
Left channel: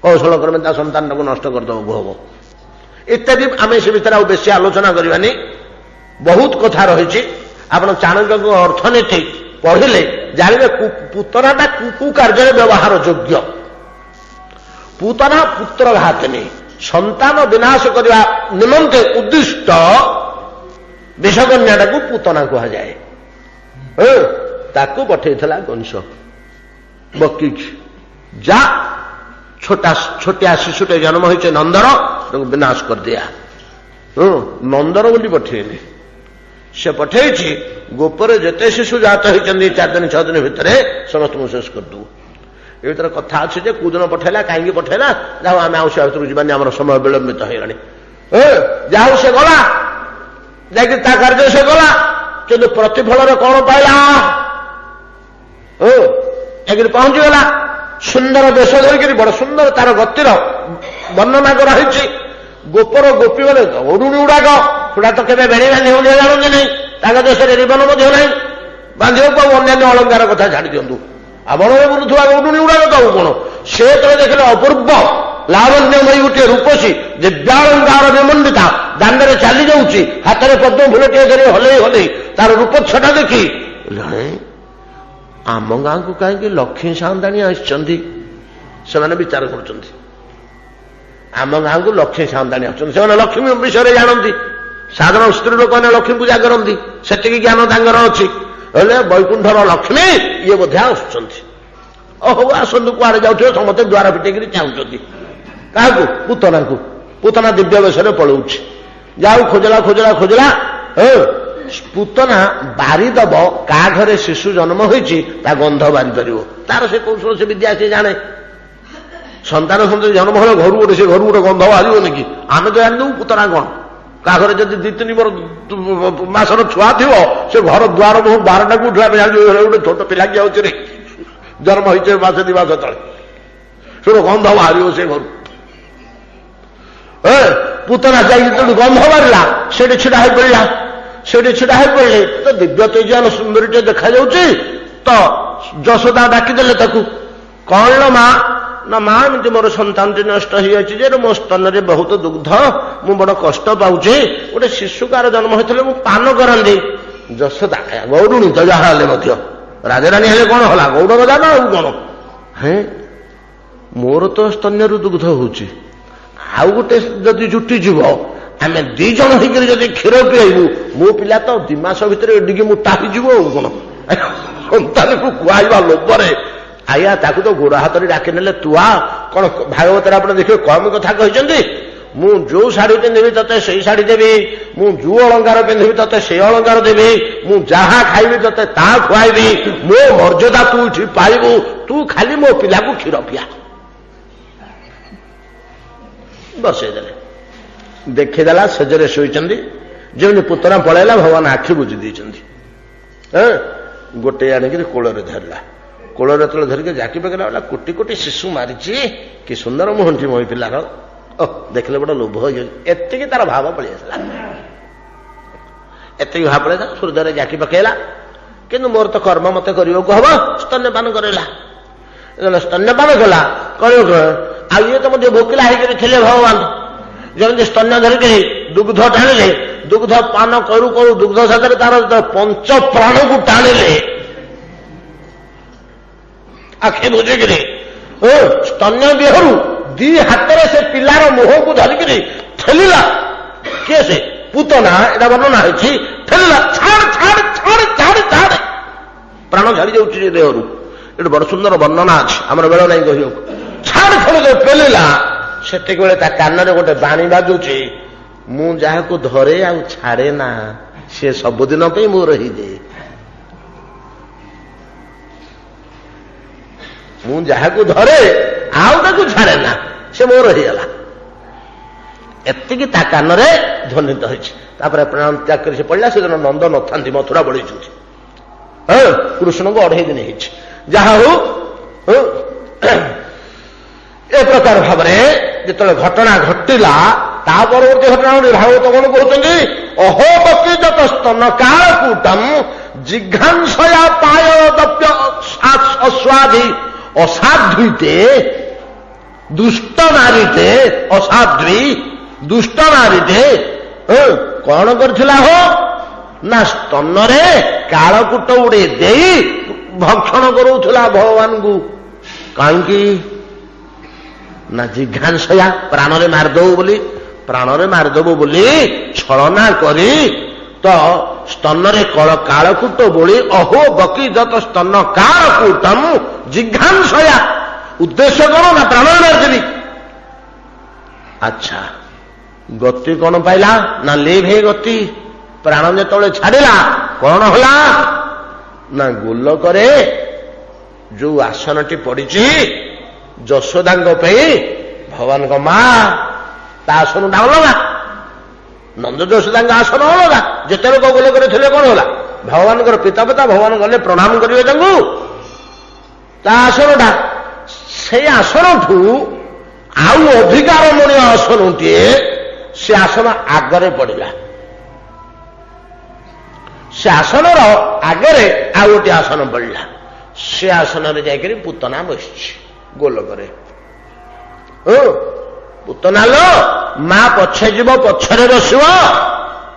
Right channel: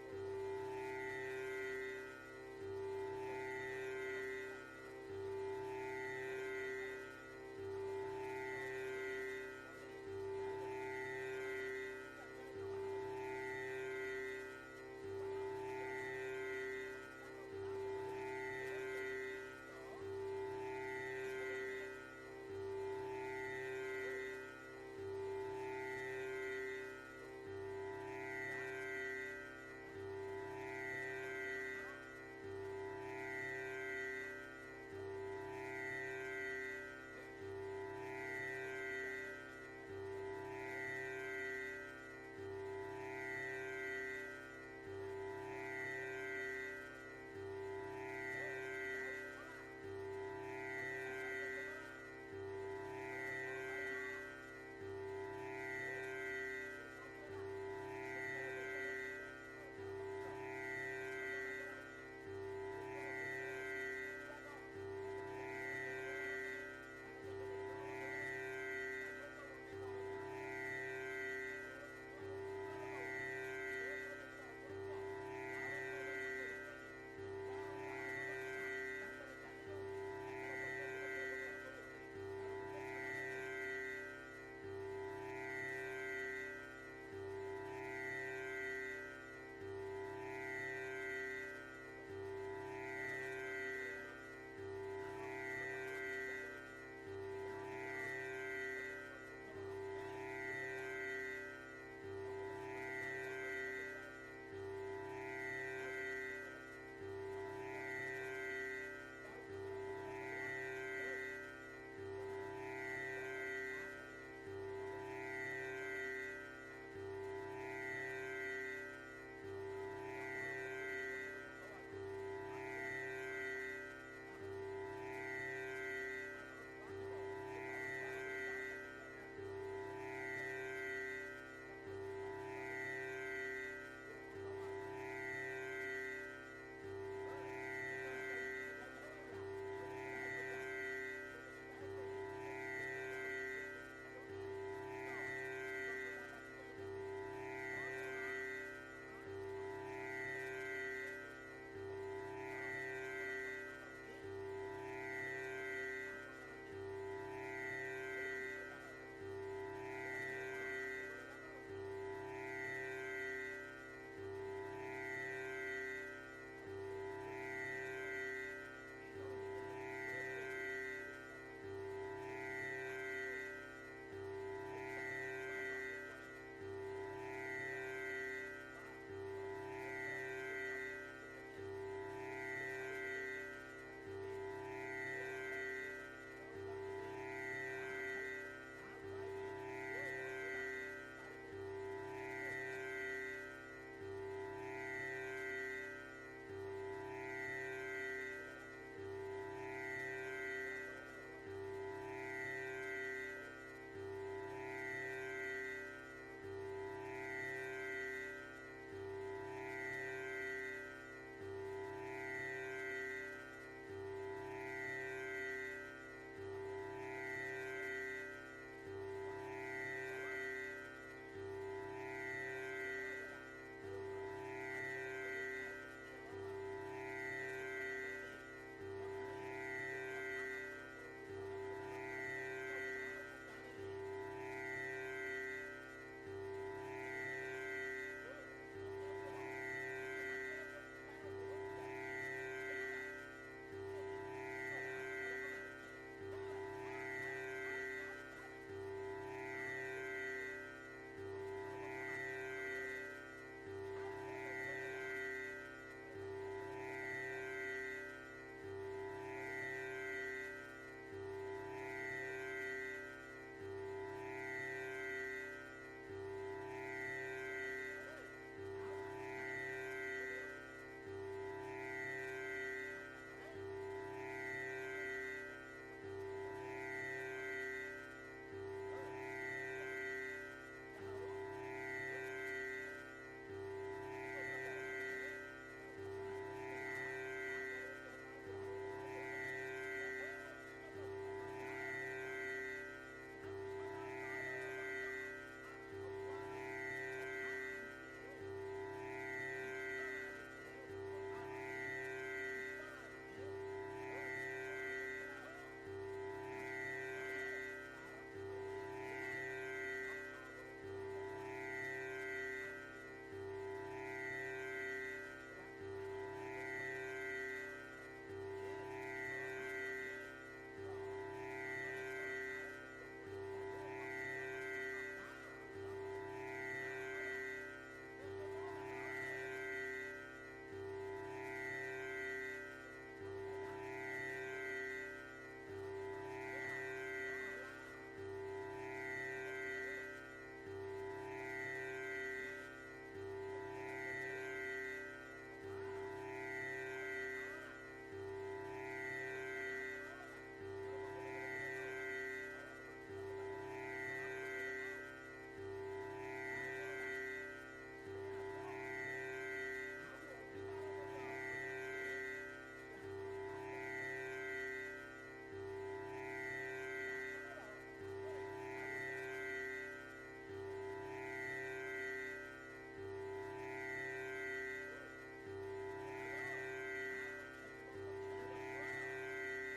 କୌଶଳ କ୍ରମେ ତା ସନ୍ତାନଟାକୁ ନଷ୍ଟ କରିଦେବାକୁ ହବ ଇତ୍ୟାଦି। ଆମେ ସେ ଭିତରେ ଆଉ ବେଶୀ ଆଲୋଚନା କରିବାନି, ବହୁତ କଥା ରହିଛି। ଆପଣ ଚାଣକ୍ୟଙ୍କ ଅର୍ଥନୀତି ପଢିଲେ ଜାଣିବେ ପୁତନାଟା କୁ କାର୍ଯ୍ୟରେ ବ୍ୟବହାର ଯୋଗ୍ୟ। ପୁତନା ପୁତ୍ର ଘାତିନୀ, ସନ୍ତାନ ବିନାଶ କରିବା ନିମନ୍ତେ ଉଦ୍ଦିଷ୍ଟ ବିଷକନ୍ୟାଟାକୁ ପୁତନା କୁହାଯାଏ। ତାକୁ ପଠେଇଥିଲା କଂସ ବକିକି, ଯା ଛୋଟିଆ ଶିଶୁଟେ ଜନ୍ମ ହେଇছে ନନ୍ଦର, ତାକୁ ବିନାଶ କରିଦିଆ। ନନ୍ଦର ବୋଲି ପଠେଇଲେ। ସେ ପଠେଇଛି ଗୋପରେ ଯେତେ ଶିଶୁ ଜାତ ହେଇଛନ୍ତି 4 ଦିନ 6 ଦିନ ଭିତରେ ସମସ୍ତଙ୍କୁ ଶେଷ କରିଦେବୁ। ଏ ଭିତରେ କଥା ଅଛି ଯେ କୋଉଦିନ ପଠେଇଲା, କାହିଁକି ପଠେଇଲା, ଯାହା ଆମେ ଆଉ ସେ ଭିତରକୁ ଯିବାନି, ଆମର ସମୟ ବିଳମ୍ବିତ ହେଇଗଲାଣି। ଯାହା ହଉ ସେ ଗଲା, ଯାଇକି ତା କାର୍ଯ୍ୟ ସେ ଗଲା, କିନ୍ତୁ ପ୍ରତିଫଳରେ କଣ ପାଇଲା? ଯାଇକିରି ପହଞ୍ଚିଗଲା, ସୁନ୍ଦର ବେଶ ଧରିକିରି, ବଡ ସୁନ୍ଦର ତାର ଗତିର ବର୍ଣ୍ଣନା କରାହେଇଛି। ଗୋପର ଗୋପୀ ମାନେ ଓଡୁଣୀ ଗୁଡାକ, ସେଟା ତ କେବେ ବେଣୀ ବାନ୍ଧି ହଉନି, ଜାଣନ୍ତି ନାହିଁ, ତାଙ୍କ ଦେଶରେ ରିବନ ମଧ୍ୟ ନାହିଁ ବାନ୍ଧିବାକୁ। ଆଉ ଅନ୍ୟାନ୍ୟ ଅଳଙ୍କାର କଥା ଛାଡି ଦିଅନ୍ତୁ, ବଣରେ ବୁଲୁଥିବା ଓଡୁଣୀ ଗୁଡାକ ତ ଆଉ କଣ। ସେ ଯେତେବେଳେ ଦେଖିଲେ ଅପୂର୍ବ ଲାବଣ୍ୟମୟୀ ଗୋଟିଏ ରୂପସୀ ଦିବ୍ୟାଳଙ୍କାର ବିମଣ୍ଡିତା ଦାଣ୍ଡରେ ଚାଲି ଯାଉଛି, ହାତରେ ପଦ୍ମ ଫୁଲଟିଏ ଧରି ହଲେଇ ତାର ରୂପଚ୍ଛଟା ଦେଖି, ଆମ ଗାଁକୁ କାହିଁକି ଲକ୍ଷ୍ମୀ ସାନ୍ତାଣୀ ଆସିଛନ୍ତି? ସେମାନେ ବିଚାର କରୁଛନ୍ତି, ଆମ ଗାଁକୁ ଲକ୍ଷ୍ମୀ ସାନ୍ତାଣୀ ଆସୁଛନ୍ତି। ସେମାନେ ଲକ୍ଷ୍ମୀ ବିଷୟରେ ଜାଣନ୍ତି, ସାଧାରଣ ସ୍ତ୍ରୀ ଲୋକମାନେ ଲକ୍ଷ୍ମୀ ପୂଜା କରନ୍ତି, ସେତିକି ଜ୍ଞାନ ତାଙ୍କର ଅଛି। ହେଲେ ବୈକୁଣ୍ଠର ଲକ୍ଷ୍ମୀ ଇଏ ବୋଧେ ଆସୁଛନ୍ତି। ହଉ ଆସନ୍ତୁ, କୁଆଡେ ଯାଉଥିବେ, ସମସ୍ତେ ଦ୍ୱାର ପିଟେଇକିରି ଚାହୁଁଛନ୍ତି। କାହାକୁ? ପୁତନାକୁ। ପୁତନା ଦିବ୍ୟ ବେଶରେ ପଳଉଛି। ଯାଉ ଖୋଜିଲା ପୁତନା ବାରିଦବ, କାହା ଘରେ ଶିଶୁ ଜନ୍ମ ହୋଇଛି ତା ଗନ୍ଧ ବାରି ପାରିବ। ତାର ସେ କୌଶଳ, ସେ ବିଦ୍ୟା ସେ ଜାଣେ। ସନ୍ତାନ ସନ୍ତତି ଜନ୍ମ ହେଲେ ଘରୁ ଗୋଟେ ଗନ୍ଧ ବାହାରିବନି କି? ଆମେ ତ ଜାଣିଦେବୁ ପୁତନା କଣ। କାହା ଘରେ ଯଦି 2-3 ମାସର ଛୁଆ ଥିବ, ସେ ଘର ଦ୍ୱାର ମୁହଁ 12ଟାକୁ ଉଠିଲା ଗୋଟେ ଛୋଟ ପିଲା କି ଆଉଛି ରେ, ଜନ୍ମ ହେଇছে 1-2 ମାସ ତଳେ, ସେ ଗନ୍ଧ ବାହାରିବ ସେ ଘରୁ। ପୁତନା ଯାଇକି ତେଣୁ ଗନ୍ଧ ବାହାରିଲା, ସେଠି ଛିଡା ହେଇପଡିଲା। ତ ଦିବ୍ୟ ତେଜାନ ସୁନ୍ଦରୀଟେ ଦେଖାଯାଉଛି। ତ ଯଶୋଦା ଡାକିଦେଲେ ତାକୁ, କଣ ଲୋ ମା? ନା ମା, ଏମିତି ମୋର ସନ୍ତାନଟି ନଷ୍ଟ ହେଇଯାଇଛି ଯେ ମୋ ସ୍ତନରେ ବହୁତ ଦୁଗ୍ଧ, ମୁଁ ବଡ କଷ୍ଟ ପାଉଛି। ଗୋଟେ ଶିଶୁକାର ଜନ୍ମ ହେଇଥିଲେ ମୁଁ ପାନ କରନ୍ତି। ଯଶୋଦା ଗୌରୁଣୀ ତ ଯାହା ହେଲେ ମଧ୍ୟ, ରାଜାରାଣୀ ହେଲେ କଣ ହେଲା, ଗୌଡ଼ ରାଜା ନା ଆଉ କଣ? ମୋର ତ ସ୍ତନ୍ୟରୁ ଦୁଗ୍ଧ ହଉଛି, ଆଉ ଗୋଟେ ଯଦି ଜୁଟିଯିବ, ଆମେ 2 ଜଣ ହେଇକରି ଯଦି କ୍ଷୀର ପିଆଇବୁ, ମୋ ପିଲା ତ 2 ମାସ ଭିତରେ ଏଡ଼ିକି ମୋଟା ହେଇଯିବ ଆଉ କଣ। ସନ୍ତାନକୁ କୁହାଇବା ଲୋଭରେ ଆଜ୍ଞା ତାକୁ ତ ଗୋଡ ହାତରେ ଡାକି ନେଲେ, ତୁ ଆ କଣ ଭାଗବତରେ ଆପଣ ଦେଖିବେ କମ କଥା କହିଛନ୍ତି। ମୁଁ ଯୋଉ ଶାଢୀ ପିନ୍ଧିବି ତତେ ସେଇ ଶାଢୀ ଦେବି, ମୁଁ ଯୋଉ ଅଳଙ୍କାର ପିନ୍ଧିବି ତତେ ସେଇ ଅଳଙ୍କାର ଦେବି, ମୁଁ ଯାହା ଖାଇବି ତତେ ତାହା ଖୁଆଇବି, ମୋ ମର୍ଯ୍ୟାଦା ତୁ ଏଠି ପାଇବୁ, ତୁ ଖାଲି ମୋ ପିଲାକୁ କ୍ଷୀର ପିଆ। ବସେଇଦେଲେ, ଦେଖିଦେଲା ସେଜରେ ଶୋଇଛନ୍ତି। ଯେମିତି ପୁତନା ପଳେଇଲା, ଭଗବାନ ଆଖି ବୁଝି ଦେଇଛନ୍ତି। ଗୋଟେ ଆଣିକିରି କୋଳରେ ଧରିଲା। କୋଳରେ ଯେତେବେଳେ ଧରିକି ଜାକି ପକେଇଲା, କୋଟି କୋଟି ଶିଶୁ ମାରିଛି, କି ସୁନ୍ଦର ମୁହଁଟି ମୋ ପିଲାର, ଦେଖିଲେ ବଡ ଲୋଭ ହେଇଯାଉଛି। ଏତିକି ତାର ଭାବ ପଳେଇ ଆସିଲା। ଏତିକି ଭାବ ପଳେଇଲା, ହୃଦୟରେ ଜାକି ପକେଇଲା। କିନ୍ତୁ ମୋର ତ କର୍ମ ମତେ କରିବାକୁ ହବ, ସ୍ତନ୍ୟପାନ କରେଇଲା। ସ୍ତନ୍ୟପାନ କଲା, ଆଉ ଇଏ ତ ମଧ୍ୟ ଭୋକିଲା ହେଇକରି ଥିଲେ ଭଗବାନ। ଯେମିତି ସ୍ତନ୍ୟ ଧରିକି ଦୁଗ୍ଧ ଟାଣିଲେ, ଦୁଗ୍ଧ ପାନ କରୁ କରୁ ଦୁଗ୍ଧ ସାଥିରେ ତାର ପଞ୍ଚ ପ୍ରାଣକୁ ଟାଣିଲେ ଆଖି ବୁଝିକିରି, ସ୍ତନ୍ୟ ଦେହରୁ ଦି ହାତରେ ସେ ପିଲାର ମୁହଁକୁ ଧରିକିରି ଠେଲିଲା। କିଏ ସେ? ପୁତନା। ଏଟା ବର୍ଣ୍ଣନା ହେଇଛି। ଠେଲିଲା, ଛାଡ ଛାଡ ଛାଡ ଛାଡ ଛାଡ, ପ୍ରାଣ ଛାଡି ଯାଉଛି ସେ ଦେହରୁ। ଏଠି ବଡ ସୁନ୍ଦର ବର୍ଣ୍ଣନା ଅଛି, ଆମର ବେଳ ନାହିଁ କହିବାକୁ। ଛାଡ ଛାଡ ପେଲିଲା, ସେତିକିବେଳେ ତା କାନରେ ଗୋଟେ ବାଣୀ ବାଜୁଛି, ମୁଁ ଯାହାକୁ ଧରେ ଆଉ ଛାଡେ ନା, ସେ ସବୁଦିନ ପାଇଁ ମୋର ହେଇଯାଏ। ମୁଁ ଯାହାକୁ ଧରେ ଆଉ ତାକୁ ଛାଡେ ନା, ସେ ମୋର ହେଇଗଲା। ଏତିକି ତା କାନରେ ଧ୍ୱନିତ ହେଇଛି। ତାପରେ ପ୍ରାଣ ତ୍ୟାଗ କରି ସେ ପଡ଼ିଲା। ସେଦିନ ନନ୍ଦ ନଥାନ୍ତି, ମଥୁରା ବଳିଛନ୍ତି। କୃଷ୍ଣଙ୍କୁ 2.5 ଦିନ ହେଇଛି। ଯାହା ହଉ ଏ ପ୍ରକାର ଭାବରେ ଯେତେବେଳେ ଘଟଣା ଘଟିଲା, ତା ପରବର୍ତ୍ତୀ ଘଟଣା ଭାଗବତ କଣ କହୁଛନ୍ତି? ଅହୋପତି ଯତ ସ୍ତନ କାଳକୂଟମ୍ ଜିଘାଂସୟା ପାୟଦପ୍ୟ ଅସ୍ୱାଧି ଅସାଧ୍ୱିତେ ଦୁଷ୍ଟ ନାରୀଟେ, ଅସାଧ୍ୱୀ ଦୁଷ୍ଟ ନାରୀଟେ କଣ କରିଥିଲା? ହୋ ନା ସ୍ତନରେ କାଳକୂଟ ଉଡେ ଦେଇ ଭକ୍ଷଣ କରୁଥିଲା ଭଗବାନଙ୍କୁ। କାହିଁକି ନା ଜିଘାଂସୟା, ପ୍ରାଣରେ ମାରିଦବ ବୋଲି, ପ୍ରାଣରେ ମାରିଦବ ବୋଲି ଛଳନା କରି ତ ସ୍ତନରେ କାଳକୂଟ ବୋଳି ଅହୋ ବକି ଯତ ସ୍ତନ କାଳକୂଟମ୍ ଜିଘାଂସୟା, ଉଦ୍ଦେଶ୍ୟ କଣ? ନା ପ୍ରାଣରେ ମାରିଦେବି। ଆଚ୍ଛା, ଗତି କଣ ପାଇଲା? ନା ଲିଭ୍ ହେଇ ଗତି। ପ୍ରାଣ ଯେତେବେଳେ ଛାଡିଲା କଣ ହେଲା? ନା ଗୋଲକରେ ଯୋଉ ଆସନଟି ପଡିଛି ଯଶୋଦାଙ୍କ ପାଇଁ, ଭଗବାନଙ୍କ ମା, ତା ଆସନଟା ଅଲଗା, ନନ୍ଦ ଯଶୋଦାଙ୍କ ଆସନ ଅଲଗା। ଯେତେ ଲୋକ ଗୋଲକରେ ଥିଲେ କଣ ହେଲା? ଭଗବାନଙ୍କର ପିତା ଭଗବାନ ଗଲେ ପ୍ରଣାମ କରିବେ ତାଙ୍କୁ, ତା ଆସନଟା। ସେଇ ଆସନଠୁ ଆଉ ଅଧିକାରମଣୀୟ ଆସନଟିଏ, ସେ ଆସନ ଆଗରେ ପଡ଼ିଲା। ସେ ଆସନର ଆଗରେ ଆଉ ଗୋଟିଏ ଆସନ ପଡ଼ିଲା। ସେ ଆସନରେ ଯାଇକରି ପୁତନା ବସିଛି ଗୋଲକରେ। ପୁତନା ଲ, ମା ପଛେ ଯିବ, ପଛରେ ବସିବ,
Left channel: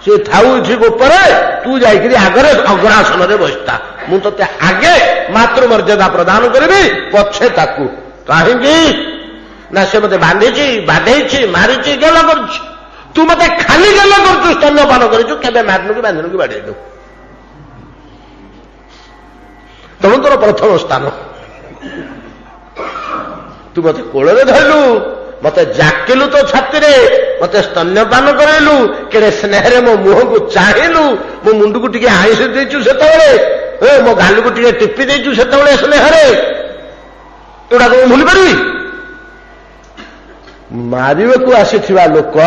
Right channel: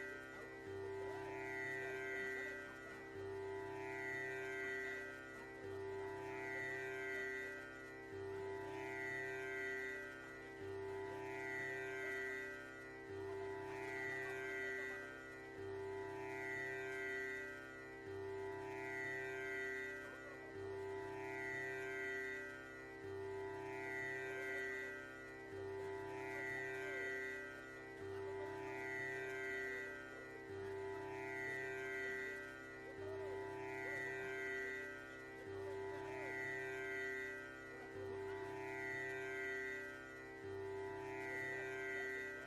ସେ ଥାଉ ଏଠି ଉପରେ, ତୁ ଯାଇକରି ଆଗରେ ଅଗ୍ରାସନରେ ବସିଥା। ମୁଁ ତତେ ଆଗେ ମାତୃମର୍ଯ୍ୟାଦା ପ୍ରଦାନ କରିବି, ପଛେ ତାକୁ। କାହିଁକି ନା ସେ ମତେ ବାନ୍ଧିଛି, ବାଧେଇଛି, ମାରିଛି, ଗେଲ କରୁଛି। ତୁ ମତେ ଖାଲି ଗେଲ କରୁଛୁ, ସ୍ତନ୍ୟପାନ କରିଛୁ, କେବେ ମାରିନୁ କି ବାନ୍ଧିନୁ କି ବାଡେଇନୁ। ତମେ ତୋର ପ୍ରଥମ ସ୍ଥାନ। ତୁ ମତେ କୋଳରେ ଧରିଲୁ, ମତେ ଜାକିଲୁ ତୋ ଛାତିରେ, ମତେ ସ୍ତନ୍ୟପାନ କରାଇଲୁ, କେଡ଼େ ସ୍ନେହରେ ମୋ ମୁହଁକୁ ଚାହିଁଲୁ, ମୋ ମୁଣ୍ଡକୁ ଟିକେ ଆଇଁଷ ଦେଇଛୁ ସେତେବେଳେ, ମୋ ଗାଲକୁ ଟିକେ ଟିପି ଦେଇଛୁ ସେତେବେଳେ ସ୍ନେହରେ। ଏଗୁଡାକ ମୁଁ ଭୁଲି ପାରିବି? ମାରିବାକୁ ଆସିଥିବା ଲୋକ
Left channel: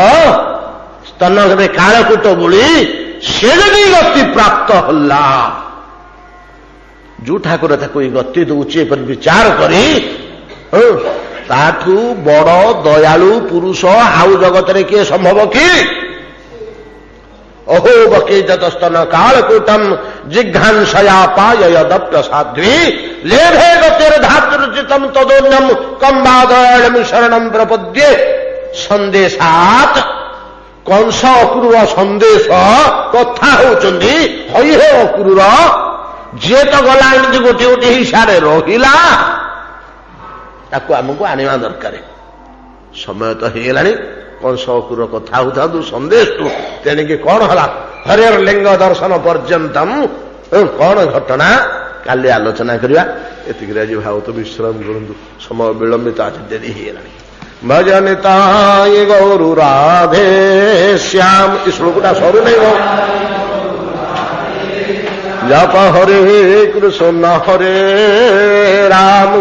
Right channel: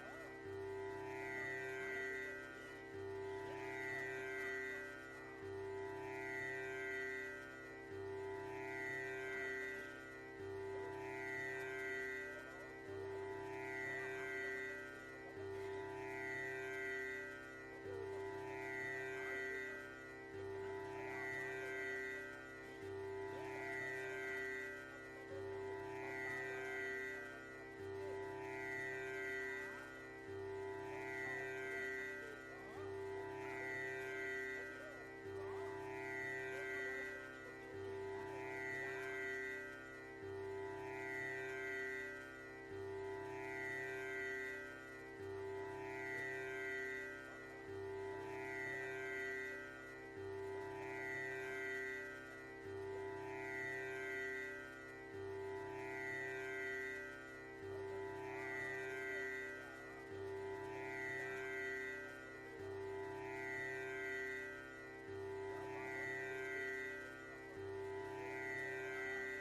ସ୍ତନରେ କାଳକୂଟ ବୋଳି ସେ ଯଦି ଗତି ପ୍ରାପ୍ତ ହେଲା, ଯୋଉ ଠାକୁର ତାକୁ ଏଇ ଗତି ଦଉଛି ଏପରି ବିଚାର କରି, ତାଠୁ ବଡ ଦୟାଳୁ ପୁରୁଷ ଆଉ ଜଗତରେ କିଏ ସମ୍ଭବ କି? ଅହୋ ବକି ଯତ ସ୍ତନ କାଳକୂଟମ୍ ଜିଘାଂସୟା ପାୟଦପ୍ୟ ସାଧ୍ୱୀ ଲେଭେ ଗତିର ଧାତୃଚିତମ୍ ତଦୋନ୍ୟମ୍ କମ୍ବାଦୟମ୍ ଶରଣମ୍ ପ୍ରପଦ୍ୟେ। ସନ୍ଦେଶାତ୍, କଂସ ଅକ୍ରୂର ସନ୍ଦେଶ କଥା ହଉଛନ୍ତି। ହଇ ହେ ଅକ୍ରୂର, ଯିଏ ତ ଗଲା ଏମିତି ଗୋଟିଏ ଗୋଟିଏ ହିସାବରେ ରହିଲା, ତାକୁ ଆମକୁ ଆଣିବା ଦରକାର। ସମୟ ତ ହେଇଗଲାଣି। କଂସ ଅକ୍ରୂର କଥା ହଉଥାନ୍ତୁ ସନ୍ଦେଶଠୁ। ତେଣିକି କଣ ହେଲା? ହରିହର ଲିଙ୍ଗ ଦର୍ଶନ ପର୍ଯ୍ୟନ୍ତମ୍ କଣ ଘଟଣା କାଲି ଆଲୋଚନା କରିବା। ଏତିକିରେ ଆଜି ଭାଗବତ ବିଶ୍ରାମ କରନ୍ତୁ, ସମୟ ବିଳମ୍ବିତ, ଆଜି ଡେରି ହେଇଗଲାଣି। ଭଜନିତାୟ ଗୌରୁ ରାଧେ ଶ୍ୟାମ। ଏ ଶ୍ଲୋକଟା ସରୁ ନାହିଁ ଗୌ। ଜପ ହରେ କୃଷ୍ଣ ହରେ ରାମ,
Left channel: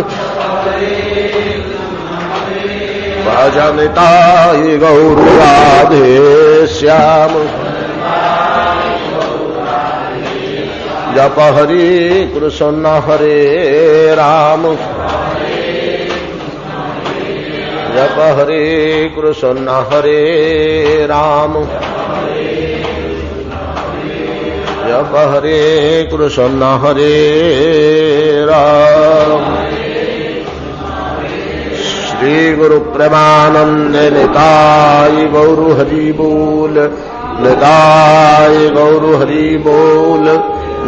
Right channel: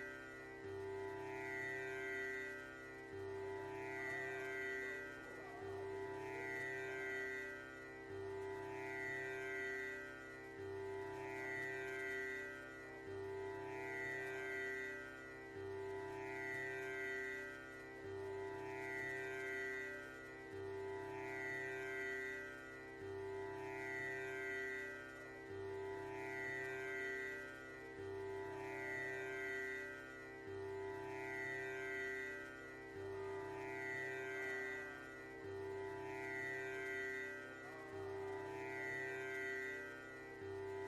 ভজনিতায় গৌর রাধে শ্যাম। জপ হরি কৃষ্ণ হরে রাম, জপ হরে কৃষ্ণ হরে রাম, জপ হরে কৃষ্ণ হরে রাম। श्री गुरु प्रेमानंद निताय गौर हरि बोल, निताय गौर हरि बोल,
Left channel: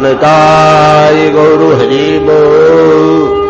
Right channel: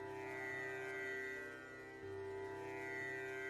निताय गौर हरि बोल।